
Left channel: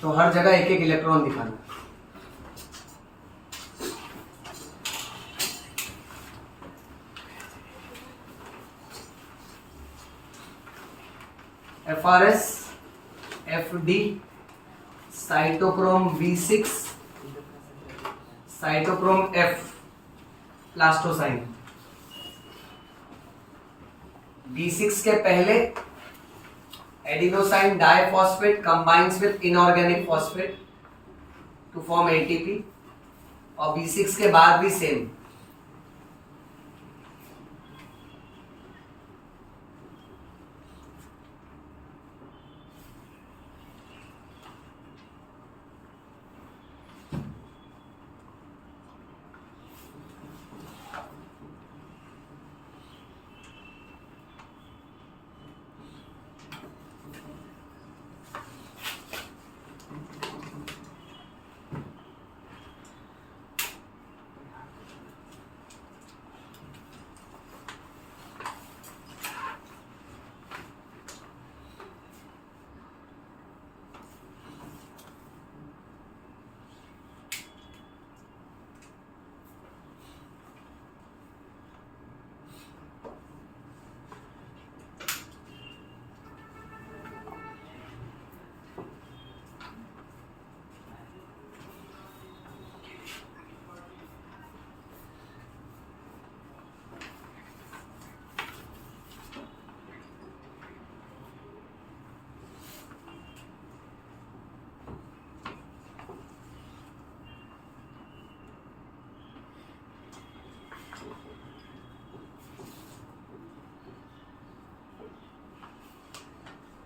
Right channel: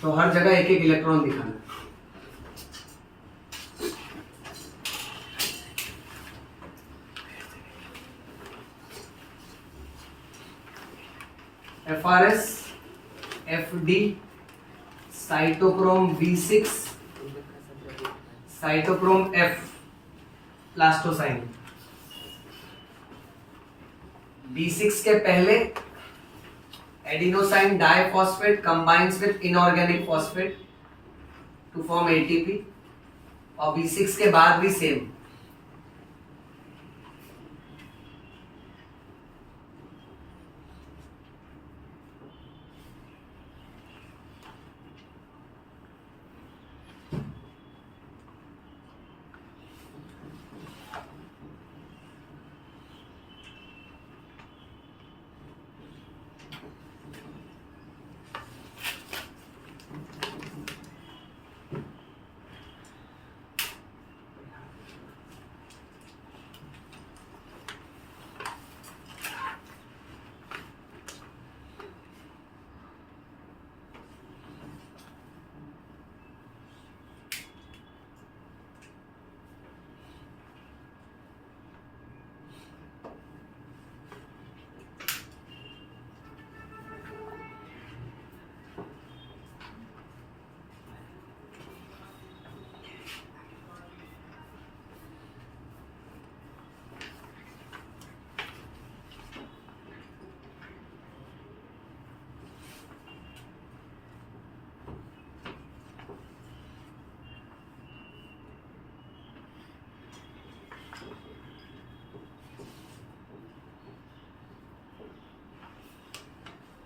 तो हर जगह एक एक इलेक्ट्रॉन दिखाना। FRS, FD, cytochrome V6, cytochrome F, plastocyanin. B6 के पहले adenosine diphosphate combines with inorganic phosphate to form ATP, और B6 के बाद भी सेम।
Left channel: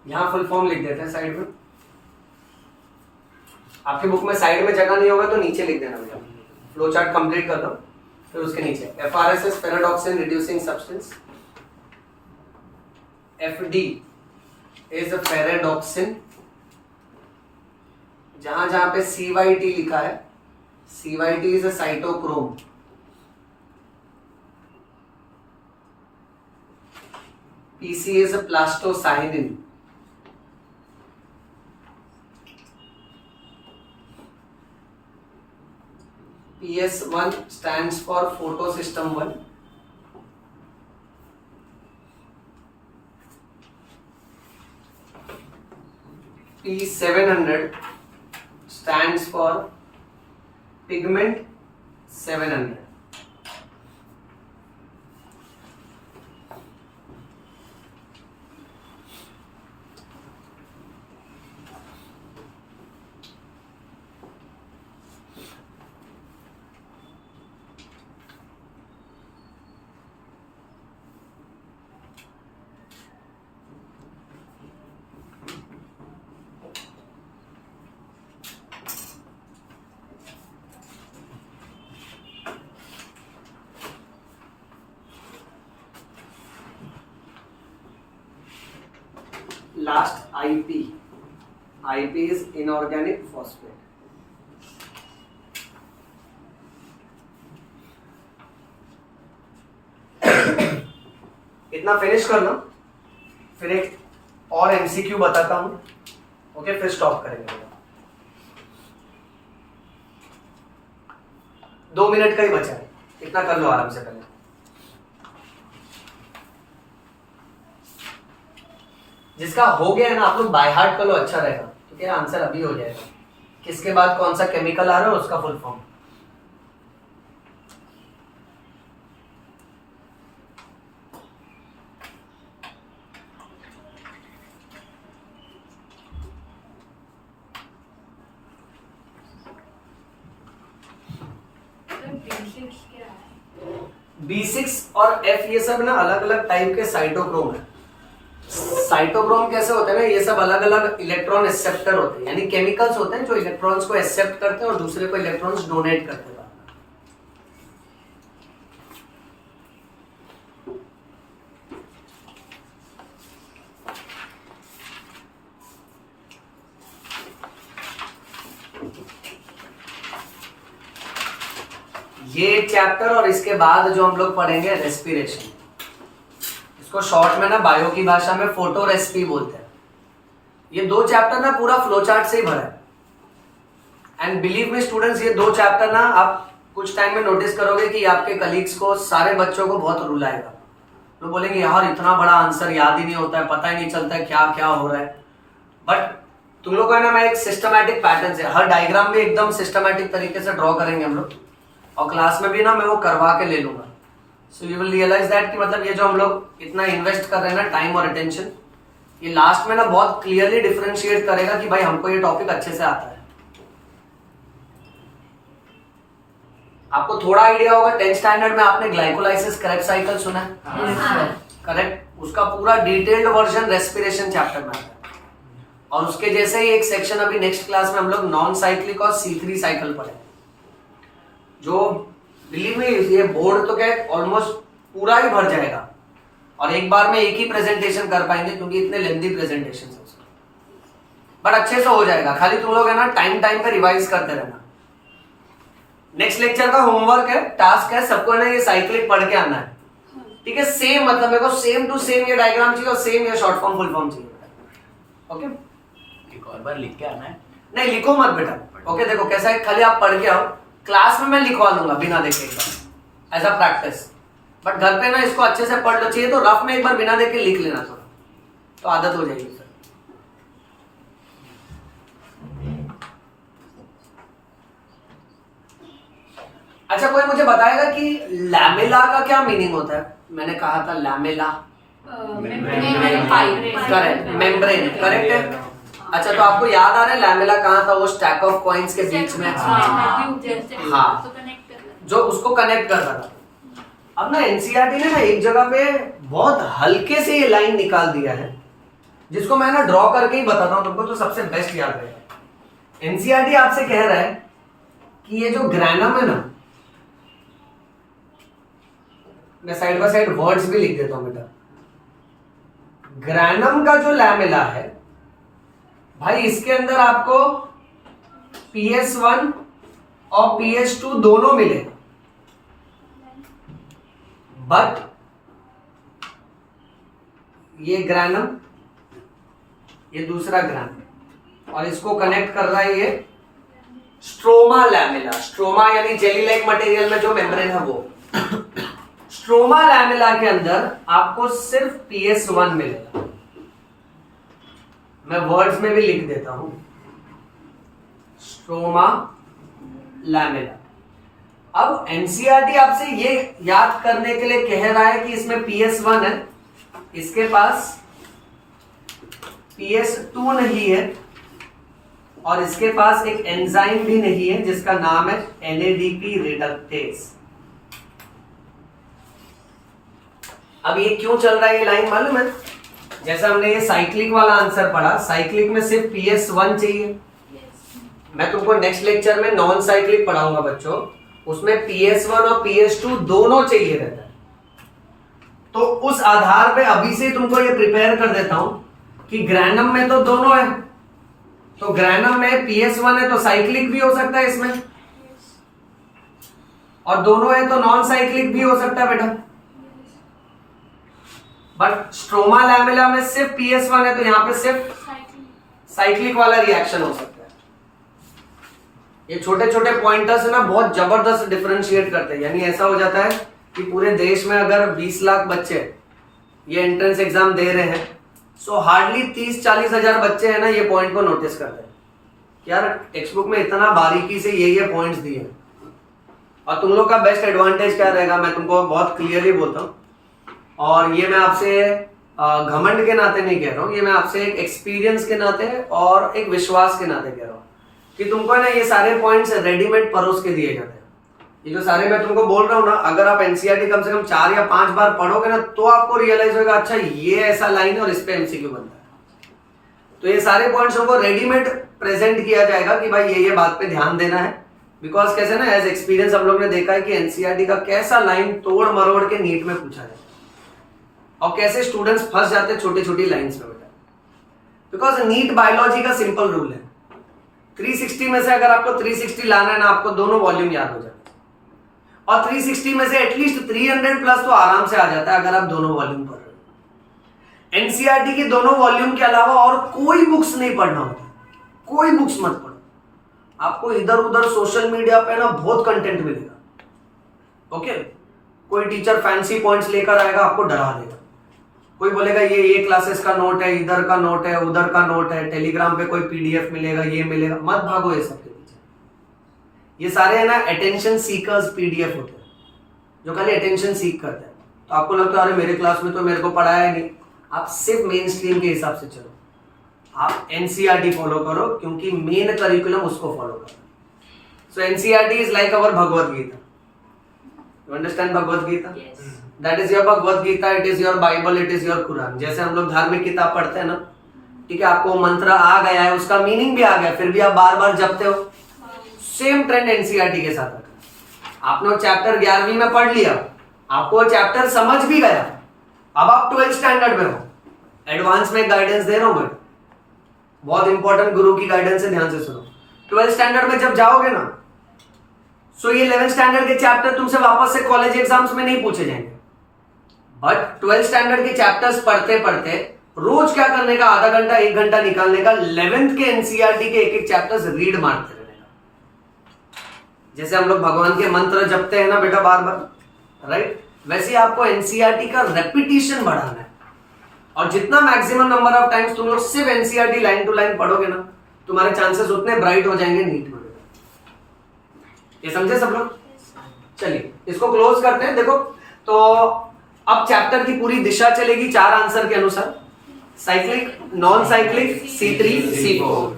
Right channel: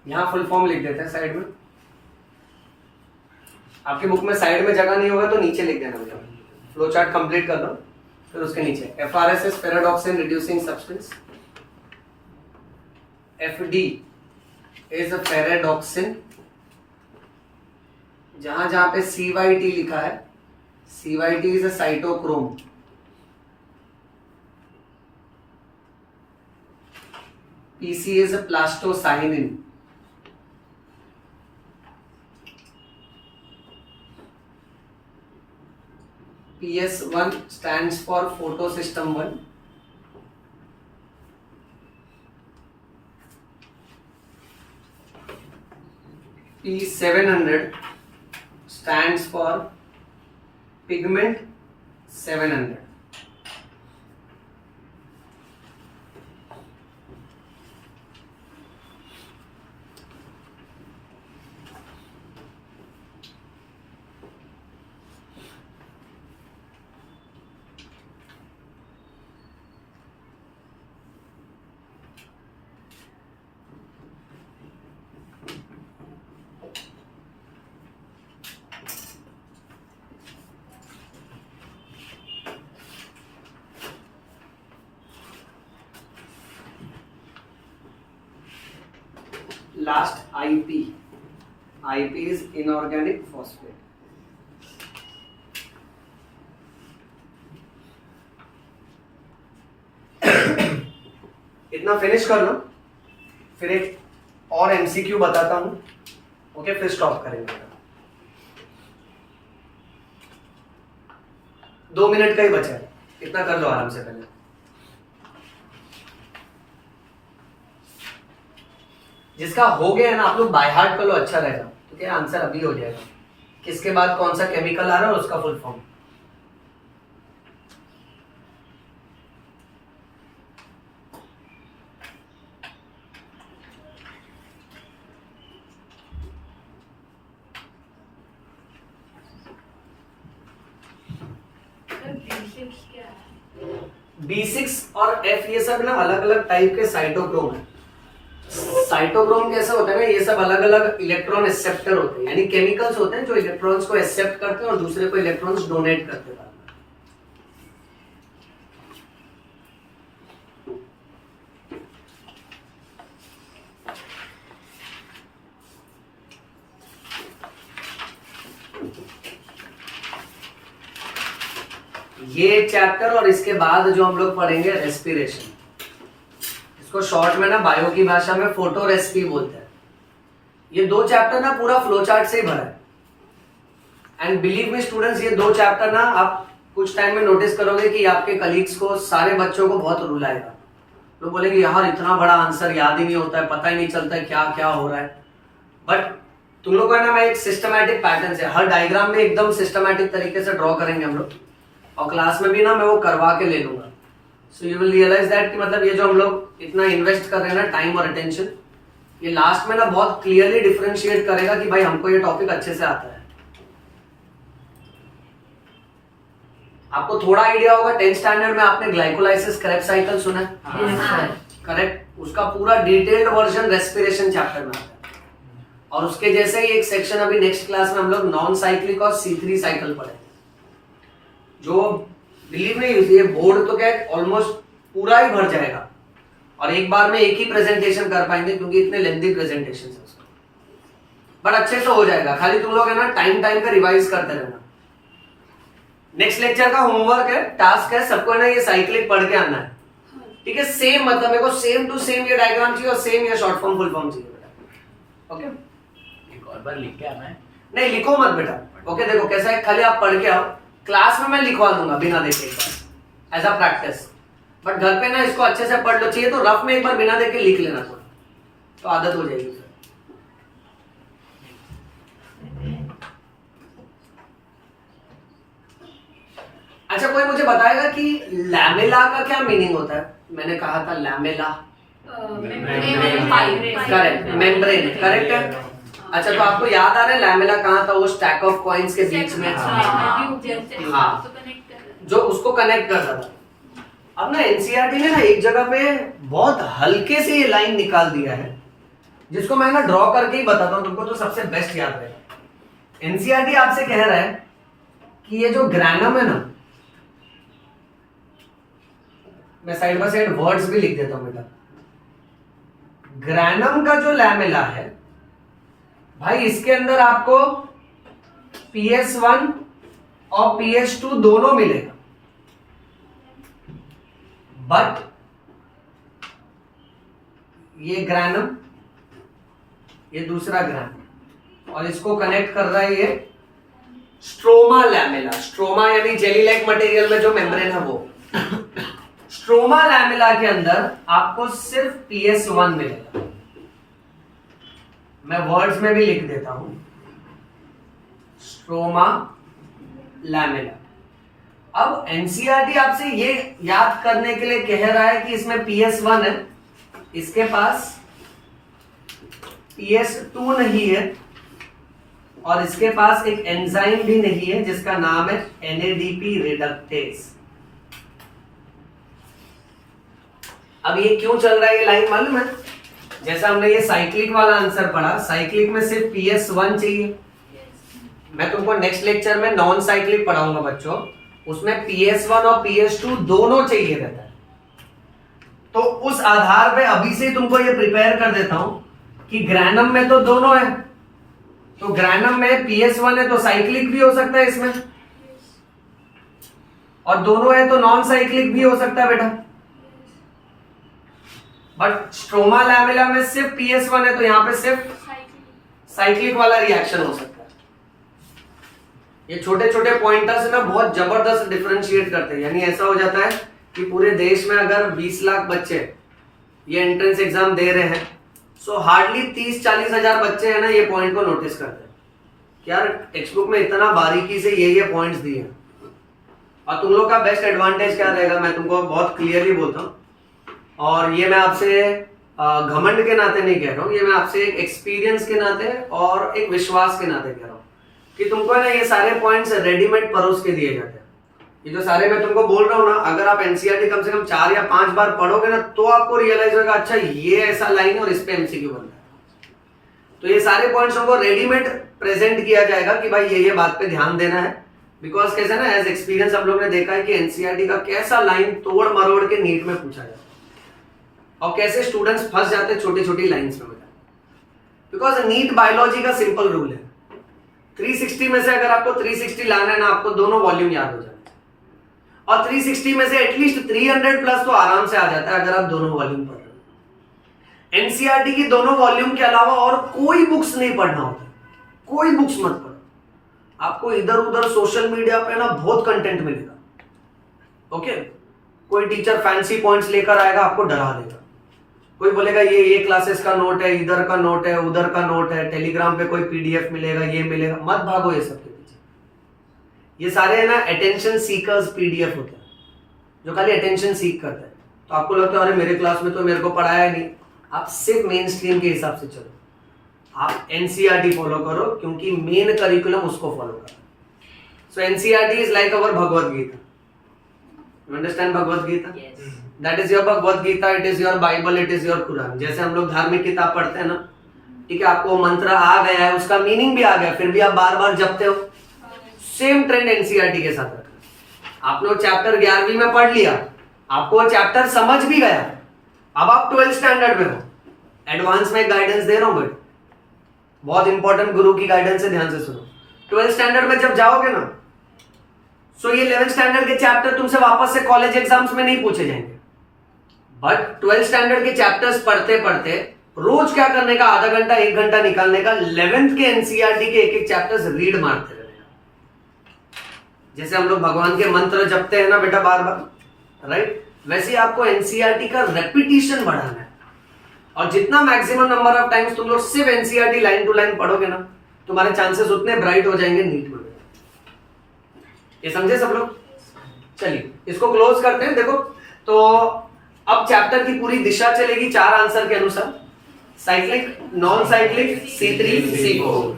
यहाँ फुल फॉर्म लिख देते हैं साइड में। आपकी बुक में साइड में जगह नहीं होगा तो नीचे लिख देना भैया। फ्लो चार्ट कंप्लीट कर दो, फिर उसके नीचे FRSS ferredoxin reducing substance, FD is a ferredoxin. जहां जहां पे CYT लिखा है, CYT is a cytochrome. PC is a plastocyanin. PS1 stands for photosystem 1. P700 stands for pigment 700. Last IP is inorganic phosphate. इतना फिनिश कर लो, फिर एक और MCQ बताता हूं, ओके, फिर स्टॉप करेंगे। 2 मिनट का ही बचा है, इतना कर लो आराम से पहले। जिसका हो गया है ना, आप लोग बाय हार्ट कर लो, अच्छा रहेगा, क्योंकि आंसर अभी हो जाएगा। किसके बाद कौन सा केमिकल आ रहा है उसका फुल फॉर्म। B6 और F ये सब ना अलग अलग टाइप के साइटोक्रोम है। साइटोक्रोम कैसे होते हैं ना, ये सब अलग अलग इलेक्ट्रॉन एक्सेप्टर होते हैं, यानी केमिकल्स होते हैं जो इलेक्ट्रॉन्स को एक्सेप्ट करते हैं और दूसरे को इलेक्ट्रॉन्स डोनेट करते हैं। ये चैप्टर और इसके बाद जो हम लोग पढ़ेंगे रेस्पिरेशन, इसको शॉर्ट में ना बायो की भाषा में फोटो रेसिपी बोलते हैं। ये 2 चैप्टर ना पूरा फ्लो चार्ट से ही भरा है। एंड बिलीव मी स्टूडेंट्स, ये 2 चैप्टर ना आप कुछ टाइम में नोटिस करोगे कि आपके कलीग्स को, सारे बच्चों को बहुत रुलाएगा। तो बोलेंगे यार इतना बड़ा आंसर याद ही नहीं होता है, पता ही नहीं चलता है क्या क्या हो रहा है। बट तुम लोग को है ना, मैं एक सिस्टमैटिक पैटर्न से हर डायग्राम में एकदम सिस्टमैटिक तरीके से ड्रॉ करेंगे हम लोग, और क्लास में भी ना मैं वो करवा के ले लूंगा। So you will realise that कि मतलब ये जो हम लोग इतना इन्वेस्ट कर रहे हैं ना, टाइम और अटेंशन, ये लास्ट में ना बहुत क्लियरली डिफरेंशिएट करेगा कि भाई हमको ये टॉपिक अच्छे से आता है। आपको थोड़ा आइडिया होगा, 10th स्टैंडर्ड में आपने ग्लाइकोलाइसिस क्रेब्स साइकिल सुना है? करेक्ट। उसका पूरा डिटेल्ड वर्जन रेस्पिरेशन चैप्टर में आता है। और उसके जैसे ही एक सेक्शन अभी नेक्स्ट क्लास में हम लोग नॉन साइक्लिक और C3 साइकिल पढ़े, जो बिलीव में ये बोर्ड तो क्या ऑलमोस्ट पूरा ही भर जाएगा, और एक बार में एक ही प्रेजेंटेशन कर पाएंगे क्योंकि इतने लेंथी प्रेजेंटेशन है उसका। बट अच्छे से हो जाएगा, खाली तुम लोग है ना टाइम पे रिवाइज करते रहना। नेक्स्ट लेक्चर का होमवर्क है, टास्क है, सबको है ना ये साइक्लिक पढ़ के आना है, ठीक है? सेम मतलब मेरे को सेम टू सेम ये डायग्राम चाहिए और सेम ये शॉर्ट फॉर्म फुल फॉर्म चाहिए। ओके, एक और बार लिख के आना है? नहीं लिखो मत बेटा। ओके देखो कैसा है, खाली आप पढ़ के आओ, क्लास में मैं लिखवा दूंगा बिना देखे एक बार, एज अ प्रैक्टिस। बट घर पे ना इसको अच्छे से पढ़ लो, चाहिए तो रफ में एक बार बिना देखे लिख लेना थोड़ा, तो आदत हो जाएगी सर। अच्छा, कोई मुझे बताएगा कि लैमेला का क्या मीनिंग होता है? मैंने कहा था लैमेला, करेक्ट, मेम्ब्रेन, करेक्ट है। अच्छा, तो आपको याद आ रहा है लैमेला कहाँ था? वो स्टैक ऑफ कॉइन्स के बीच में, हाँ, जो उसको कनेक्ट करता था। अब ना एनसीईआरटी ने ना एक जगह पे बहुत हल्के से ये लाइन निकाल दिया है जिसको मैं ना ड्रॉ करके ही बताता हूं तुमको तो सबसे बेस्ट याद रहेगा। एनसीईआरटी आपसे कह रहा है कि ये जो ग्रैनम है ना, मैं साइड बाय साइड वर्ड्स भी लिख देता हूं बेटा। ग्रैनम का जो लैमेला है भाई, इसके अंदर आपको PS1 और PS2 दोनों मिलेगा, बट ये ग्रैनम, ये दूसरा ग्रैनम, और इसको कनेक्ट कर रहा है ये स्ट्रोमा लैमेला। स्ट्रोमा यानी जेली लाइक मटेरियल में जो मेम्ब्रेन है वो। स्ट्रोमा लैमेला के अंदर आपको सिर्फ PS1 मिलेगा। मैं वर्ड्स में भी लिख देता हूं, स्ट्रोमा लैमेला। अब एनसीईआरटी आपसे ये याद करने के लिए कह रहा है कि इसमें PS1 है, इसके पास PS2 नहीं है, और इसके पास एक एंजाइम भी नहीं है जिसका नाम है NADP रिडक्टेज। अब ये क्यों चल रहा है ये लाइन मालूम है? जैसा हमने ये साइक्लिक वाला आंसर पढ़ा, साइक्लिक में सिर्फ PS1 चाहिए। मैं तुमको नेक्स्ट लेक्चर में नॉन साइक्लिक पढ़ाऊंगा बच्चों, उसमें PS1 और PS2 दोनों चाहिए रहता है। तो उस आधार पे अभी से तुमको ये प्रिपेयर कर देता हूं कि ग्रैनम में तो दोनों है, तो ग्रैनम में PS1 है तो साइक्लिक भी हो सकता है इसमें, और दोनों है तो नॉन साइक्लिक भी हो सकता है बेटा। बट स्ट्रोमा लैमेला में सिर्फ PS1 है तो यहां पे सिर्फ साइक्लिक वाला रिएक्शन हो सकता है। ये छोटे छोटे पॉइंटर्स है ना, बहुत जबरदस्त डिफरेंशिएट करते हैं। यानी ऐसा हो जाता है कि पूरे देश में अगर 20 लाख बच्चे ये एंट्रेंस एग्जाम दे रहे हैं, सो हार्डली 30-40 हजार बच्चे हैं ना ये पॉइंट को नोटिस करते हैं कि यार टेक्स्ट बुक में इतना बारीकी से ये पॉइंट्स दिए हैं। और तुम लोग का बेस्ट एडवांटेज क्या रहेगा, मैं तुमको बहुत क्लियरली बोलता हूँ, और ये मैं आपसे घमंड के नाते नहीं कह रहा हूँ, ये मैं आपसे एक एक्सपीरियंस के नाते और एक विश्वास के नाते कह रहा हूँ कि तुमको ना ये सारे पॉइंट्स रेडीमेड परोस के दिए जाते हैं। ये जो सारे मैं तुमको बोल रहा हूँ ना, अगर आप एनसीईआरटी कम से कम 4 या 5 बार पढ़ोगे ना तो आपको रियलाइज होगा अच्छा ये ऐसा लाइन और इस पे एमसीक्यू बनता है। तो ये सारे पॉइंट्स हमको रेडीमेड प्रेजेंट किया जाएगा कि भाई ये बात पे ध्यान देना है। बिकॉज कैसे ना, एज एक्सपीरियंस हम लोग ने देखा है कि एनसीईआरटी का कैसा लाइन तोड़ मरोड़ के नीट में पूछा जाता है और कैसे स्टूडेंट्स फंस जाते हैं छोटी छोटी लाइंस में बेटा। बिकॉज नीट बायोलॉजी का सिंपल रूल है, 360 में से अगर आपको 360 लाना है ना, आपको दोनों वॉल्यूम याद हो जाते हैं, और 360 में से एटलीस्ट 300 प्लस तो आराम से आ जाता है अगर आप दोनों वॉल्यूम पढ़ रहे हो। एनसीईआरटी की दोनों वॉल्यूम के अलावा और कोई बुक्स नहीं पढ़ना होता, कोई बुक्स मत पढ़ो। आपको इधर उधर सोशल मीडिया पे ना बहुत कंटेंट मिलेगा। ओके, कोई टीचर फैंसी पॉइंट्स लेकर आएगा, आपको डरा देगा। कोई बोलेगा ये क्लासेस का नोट है, इधर का नोट है, उधर का नोट है, टेलीग्राम पे कोई पीडीएफ मिलेगा, ये मिलेगा। मत भागो ये सब के पीछे। ये सारे है ना अटेंशन सीकर्स पीडीएफ होते हैं जो खाली अटेंशन सीक करते हैं। तो आपको लगता है अरे मेरे क्लास में तो मेरे को पढ़ाया नहीं। आप सिर्फ मेन स्ट्रीम के हिसाब से चलो, आप एनसीईआरटी फॉलो करो क्योंकि मेन करिकुलम उसको फॉलो करो। So NCERT is like our Bhagavad Gita. You understand Bhagavad Gita? That is your Bhagavad Gita, it is your Bible, it is your Quran. जैसे हम लोग धार्मिक किताब पढ़ते हैं ना, ठीक है, आपको मंत्र आ गया है, उसका मीनिंग भी आ गया, फिर भी आप बार बार जपते हो। सेम ट्रेंड एनसीईआरटी के साथ आता है। आपने चैप्टर 11वीं में पढ़ लिया, आपको चैप्टर समझ भी गया, अब आप 12th स्टैंडर्ड में हो। एडवांस में गाइडेंस दे रहा हूं मैं, बहुत इंपॉर्टेंट गुरु की गाइडेंस है, ध्यान से सुनो। 12th स्टैंडर्ड में जब जाओगे ना, सो ये 11th स्टैंडर्ड के चैप्टर तुमसे वापस से कॉलेज एग्जाम्स में नहीं पूछे जाएंगे। बट 12th स्टैंडर्ड के चैप्टर्स पढ़ते पढ़ते रोज क्या करने का, आधा घंटा 1 घंटा निकालने का 11th के एनसीईआरटी के एक चैप्टर्स रीड मारते रहने का। जैसे हम लोग भगवान के मंत्र जपते हैं ना बेटा बार बार, राइट, वैसे आपको एनसीईआरटी का रेपिटेशन बढ़ाना है। और जितना मैक्सिमम नंबर ऑफ टाइम्स तुम लोग सिर्फ एनसीईआरटी लाइन टू लाइन पढ़ोगे ना, तुम्हारे चांसेस उतने ब्राइट हो जाएंगे नीट में। ये समझे सब लोग? चलिए इसको क्लोज करते हैं। देखो तो अब चैप्टर की पूरी दिशा चलेगी 4 आंसर के अनुसार, cyclic, non cyclic, C3, C4,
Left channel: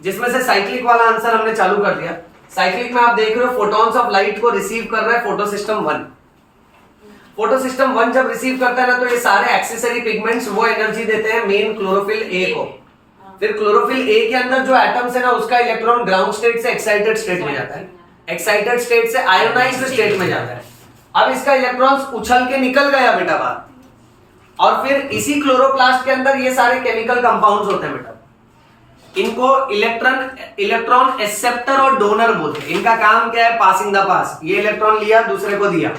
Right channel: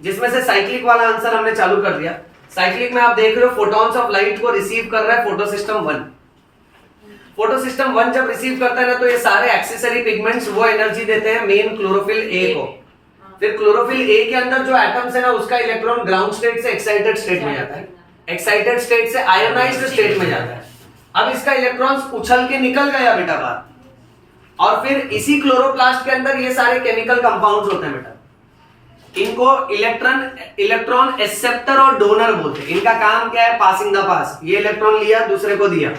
जिसमें से साइक्लिक वाला आंसर हमने चालू कर दिया। साइक्लिक में आप देख रहे हो फोटॉन्स ऑफ लाइट को रिसीव कर रहा है फोटो सिस्टम 1। फोटो सिस्टम 1 जब रिसीव करता है ना, तो ये सारे एक्सेसरी पिगमेंट्स वो एनर्जी देते हैं मेन क्लोरोफिल ए को। फिर क्लोरोफिल ए के अंदर जो एटम्स है ना, उसका इलेक्ट्रॉन ग्राउंड स्टेट से एक्साइटेड स्टेट में जाता है, एक्साइटेड स्टेट से आयोनाइज्ड स्टेट में जाता है। अब इसका इलेक्ट्रॉन्स उछल के निकल गया बेटा बाहर, और फिर इसी क्लोरोप्लास्ट के अंदर ये सारे केमिकल कंपाउंड्स होते हैं बेटा। इनको इलेक्ट्रॉन एक्सेप्टर और डोनर बोलते हैं। इनका काम क्या है? पासिंग द पास। ये इलेक्ट्रॉन लिया, दूसरे को दिया।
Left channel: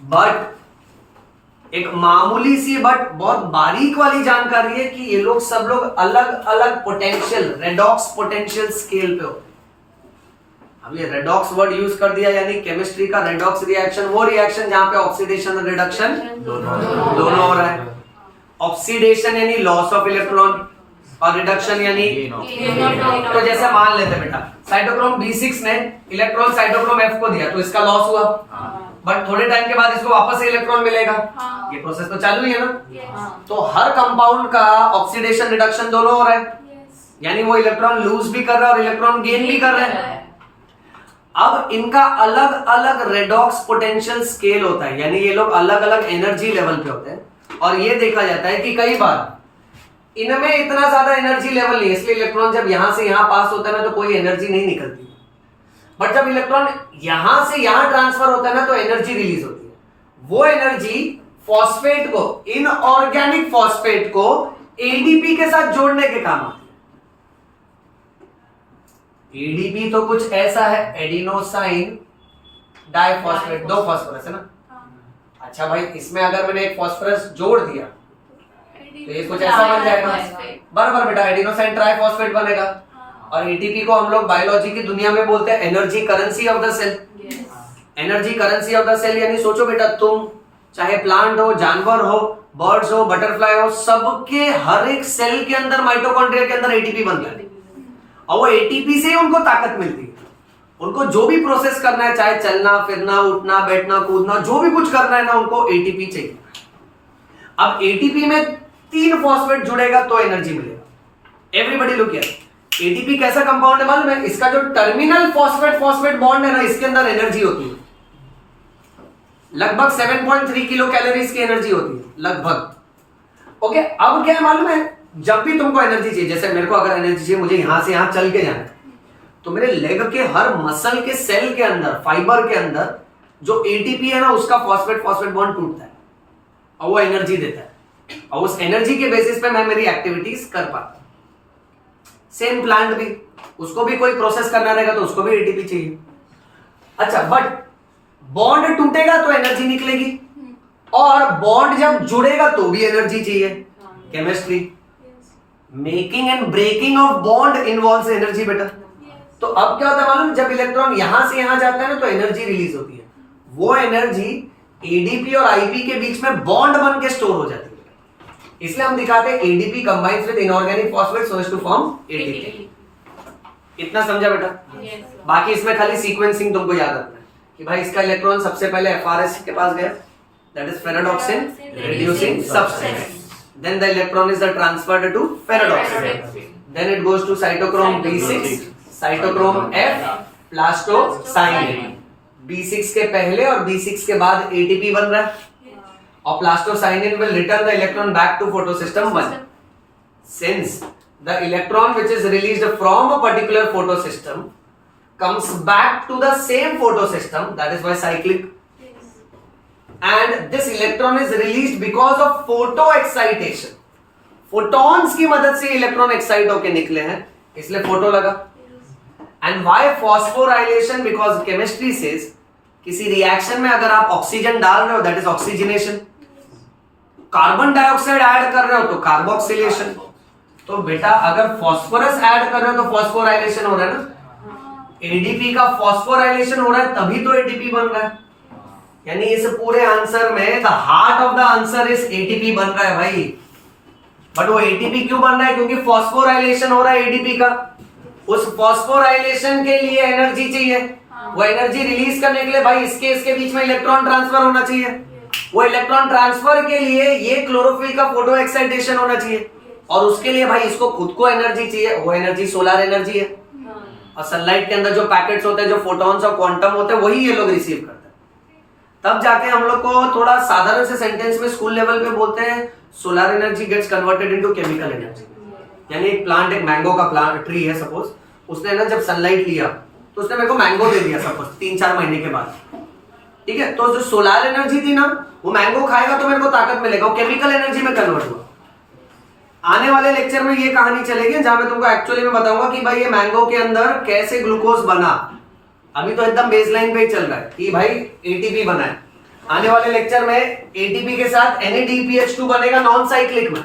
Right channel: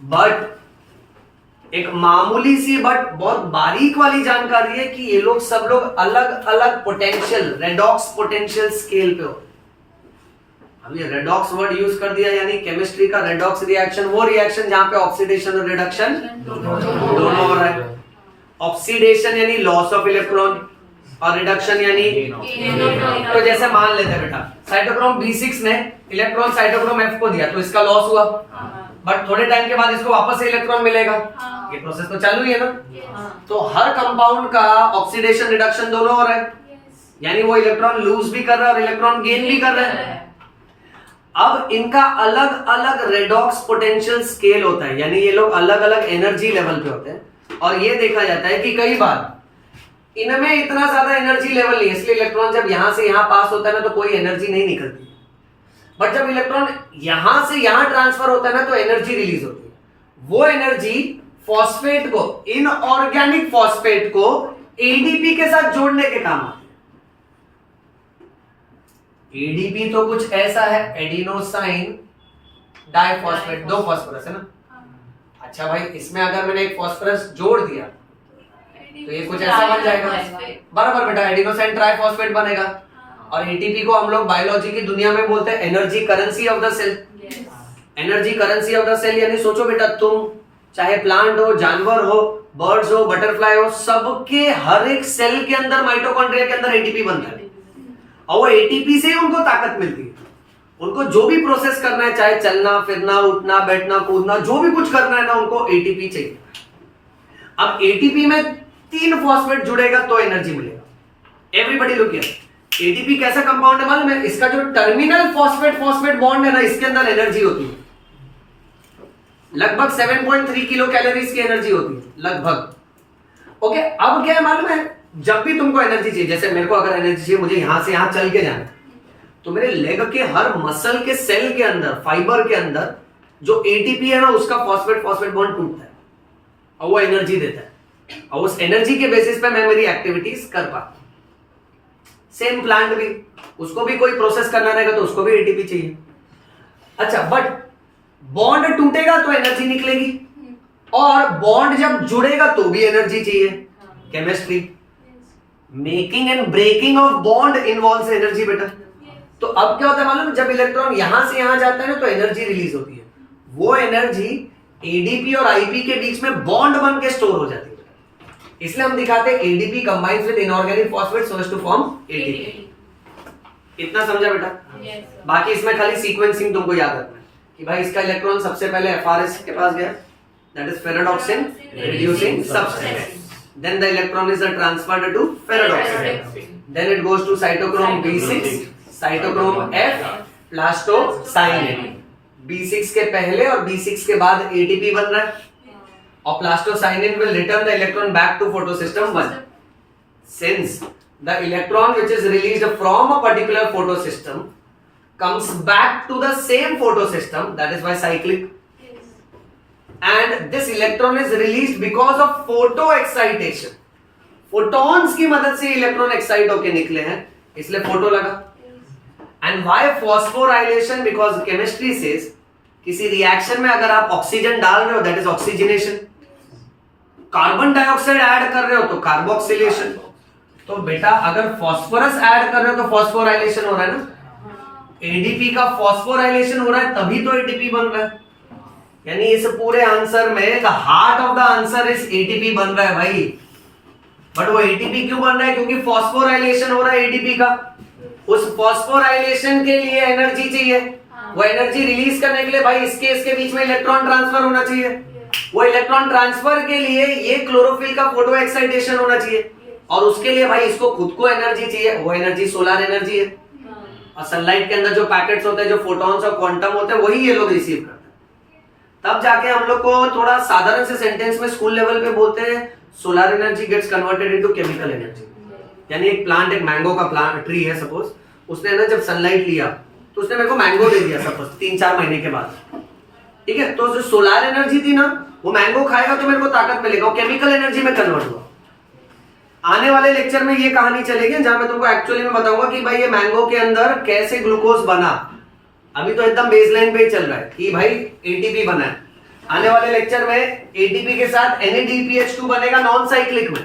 बट एक मामूली सी बट बहुत बारीक वाली जानकारी है कि ये लोग सब लोग अलग अलग पोटेंशियल, रेडॉक्स पोटेंशियल स्केल पे होते हैं। अब ये रेडॉक्स वर्ड यूज कर दिया, यानी केमिस्ट्री का रेडॉक्स रिएक्शन, वो रिएक्शन जहां पे ऑक्सीडेशन और रिडक्शन दोनों हो रहा है। ऑक्सीडेशन यानी लॉस ऑफ इलेक्ट्रॉन, और रिडक्शन यानी तो जैसे मान लेते हैं बेटा, साइटोक्रोम B6 ने इलेक्ट्रॉन साइटोक्रोम F को दिया, तो इसका लॉस हुआ, बट थोड़े टाइम के बाद इसको वापस से इलेक्ट्रॉन मिलेगा। ये प्रोसेस तो चालू ही है ना। तो हर कंपाउंड का ऑक्सीडेशन रिडक्शन दोनों हो रहा है, यानी वो इलेक्ट्रॉन लूज भी कर रहा है और इलेक्ट्रॉन गेन भी कर रहा है। अब इनका अलग अलग रेडॉक्स पोटेंशियल स्केल होता है, यानी ये लोग अलग अलग एनर्जी लेवल पे होते हैं। और ये देखा जाता है कि कई बार इनमें इतना ज्यादा एनर्जी लेवल नहीं है, इसलिए इलेक्ट्रॉन जब यहां से यहां पास होता है ना, तो कोई एनर्जी नहीं निकलती। बट जब इलेक्ट्रॉन यहां से यहां ट्रांसफर होता है ना, तो एनर्जी रिलीज होती है। वो एनर्जी फॉस्फेट को, इनऑर्गेनिक फॉस्फेट को एडीपी के साथ जोड़ने के काम आती है। एडीपी तो कुछ ऐसा है, एडिनोसाइन डाइफॉस्फेट, 2 फॉस्फोरस है ना। अच्छा भाई, इसमें अगर मैंने एक फॉस्फोरस जोड़ दिया तो ये कुछ ऐसा बन जाएगा, बराबर बेटा, एडिनोसाइन ट्राइफॉस्फेट बनेगा। और एटीपी को हम लोग बायोलॉजी की दुनिया में बोलते हैं energy currency of the cell. Energy currency of the cell यानी सोचो बेटा, तुम चाहे प्लांट हो, जानवर हो, बर्ड्स हो, बटरफ्लाई हो, सबके हर एक सेल के अंदर, माइटोकॉन्ड्रिया के अंदर एटीपी बनता है, और वो एटीपी से उनको ताकत मिलती है। उनको जो भी प्रोसेस करना है, चाहे चलना फिरना, उठना बैठना कूदना, जो भी कुछ करना है ना, उनको एटीपी चाहिए। अब एटीपी में 3 फॉस्फेट जुड़ेगा तो एनर्जी मिलेगा। एवरीबॉडी लुक हियर, एटीपी कैसा कंपाउंड है मालूम है? इसका जो टर्मिनल फॉस्फेट बॉन्ड है ना, इसके अंदर एनर्जी होती है, लगभग 7.3 किलो कैलोरीज की एनर्जी होती है लगभग। ओके, अब क्या है मालूम है? जब भी तुमको एनर्जी चाहिए, जैसे मेरे को अगर एनर्जी चाहिए, मुझे यहां से यहां चल के जाना है, तो मेरे लेग के हर मसल के सेल के अंदर, फाइबर के अंदर जो एटीपी है ना, उसका फॉस्फेट बॉन्ड टूटता है और वो एनर्जी देता है, और उस एनर्जी के बेसिस पे मैं मेरी एक्टिविटीज कर पाता हूं। सेम प्लांट भी, उसको भी कोई प्रोसेस करना रहेगा तो उसको भी एटीपी चाहिए। अच्छा, बट बॉन्ड टूटेगा तो एनर्जी निकलेगी, और बॉन्ड जब जुड़ेगा तो भी एनर्जी चाहिए। Chemistry, making and breaking of bond involves energy बेटा। तो अब क्या होता है मालूम? जब इलेक्ट्रॉन यहां से यहां जाता है ना, तो एनर्जी रिलीज होती है। वो एनर्जी एडीपी और आईपी के बीच में बॉन्ड बन के स्टोर हो जाती है। इसलिए हम दिखाते हैं ADP combines with inorganic phosphate so as to form ATP. इतना समझा बेटा? बाकी इसमें खाली सीक्वेंसिंग तुमको याद रखना है कि भाई इसका इलेक्ट्रॉन सबसे पहले एफआरएस के पास गया, that is ferredoxin reducing substance, then the electron is transferred to ferredoxin, then it goes to cytochrome B6, cytochrome F, plastocyanin. B6 के पहले और B6 के बाद एटीपी बन रहा है, और plastocyanin will return the electron back to photosystem 1. Since the electron which is released from a particular photosystem comes back to the same photosystem, that is why cyclic, and this electron is released because of photo excitation. photons की मदद से electron excite होके निकले हैं, इसलिए photo लगा। And why phosphorylation? Because chemistry says किसी reaction में अगर आप ऑक्सीजन डाल रहे हो, that is oxygenation, carbon dioxide add कर रहे हो तो कार्बोक्सिलेशन। तो बेटा अगर फास्फोरस ऐड कर रहे हो तो फॉस्फोराइलेशन हो रहा है ना, एडीपी का फॉस्फोराइलेशन हो रहा है तभी तो एटीपी बन रहा है। यानी इस पूरे आंसर में the heart of the answer is ATP बन रहा है भाई। बट वो एटीपी क्यों बन रहा है? क्योंकि फॉस्फोराइलेशन हो रहा है एडीपी का। उस फॉस्फोराइलेशन के लिए एनर्जी चाहिए, वो एनर्जी रिलीज करने के लिए भाई इसके बीच में इलेक्ट्रॉन ट्रांसफर होना चाहिए। वो इलेक्ट्रॉन ट्रांसफर के लिए ये क्लोरोफिल का फोटो एक्साइटेशन होना चाहिए, और उसके लिए भाई इसको खुद को एनर्जी चाहिए। वो एनर्जी सोलर एनर्जी है, और सनलाइट के अंदर जो पैकेट्स होते हैं, जो फोटॉन्स और क्वांटम होते हैं, वही ये लोग रिसीव करते हैं। तब जाके हम लोग को थोड़ा साधारण से सेंटेंस में स्कूल लेवल पे बोलते हैं solar energy gets converted into chemical energy. यानी एक प्लांट, एक मैंगो का प्लांट ट्री है सपोज, उसने ना जब सनलाइट लिया तो उसने मेरे को मैंगो दे दिया सपोज 3-4 महीने के बाद, ठीक है। तो जो सोलर एनर्जी थी ना, वो मैंगो खाएगा तो मेरे को ताकत मिलेगा, वो केमिकल एनर्जी में कन्वर्ट हुआ। आने वाले लेक्चर में ये कहानी चलेगी जहां मैं तुमको एक्चुअली में बताऊंगा कि भाई ये मैंगो के अंदर कैसे ग्लूकोज बना। अभी तो एकदम बेसलाइन पे ही चल रहा है कि भाई एटीपी बना है। आने वाले लेक्चर में एटीपी के साथ NADPH2 बनेगा नॉन साइक्लिक में,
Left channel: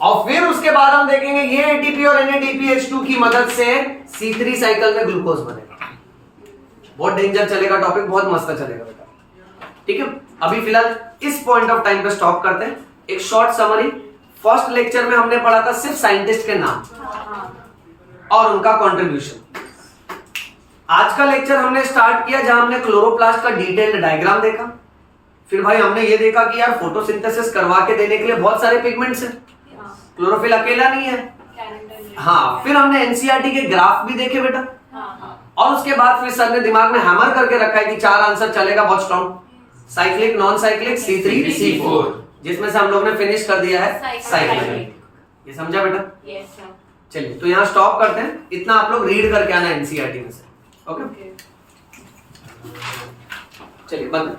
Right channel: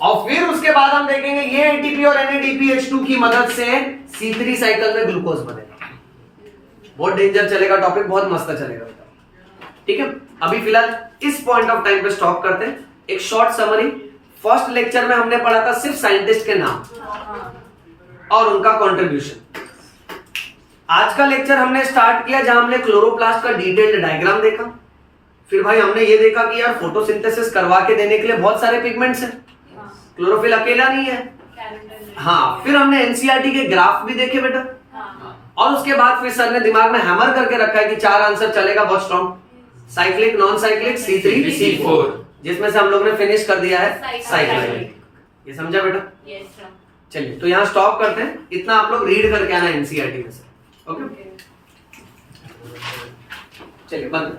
और फिर उसके बाद हम देखेंगे ये एटीपी और NADPH2 की मदद से C3 साइकिल में ग्लूकोज बनेगा। बहुत डेंजर चलेगा टॉपिक, बहुत मस्त चलेगा बेटा, ठीक है। अभी फिलहाल इस पॉइंट ऑफ टाइम पे स्टॉप करते हैं। एक शॉर्ट समरी, फर्स्ट लेक्चर में हमने पढ़ा था सिर्फ साइंटिस्ट के नाम और उनका कंट्रीब्यूशन। आज का लेक्चर हमने स्टार्ट किया जहां हमने क्लोरोप्लास्ट का डिटेल्ड डायग्राम देखा। फिर भाई हमने ये देखा कि यार फोटोसिंथेसिस करवा के देने के लिए बहुत सारे पिगमेंट्स हैं, क्लोरोफिल अकेला नहीं है। हाँ, फिर हमने एनसीईआरटी के ग्राफ भी देखे बेटा, और उसके बाद फिर सर ने दिमाग में हैमर करके रखा है कि 4 आंसर चलेगा बहुत strong, cyclic, non cyclic, C3, C4, जिसमें से हम लोग ने फिनिश कर दिया है साइक्लिक। ये समझा बेटा? Yes sir. चलिए तो यहाँ स्टॉप करते हैं, इतना आप लोग रीड करके आना एनसीईआरटी में से, ओके। चलिए बंद।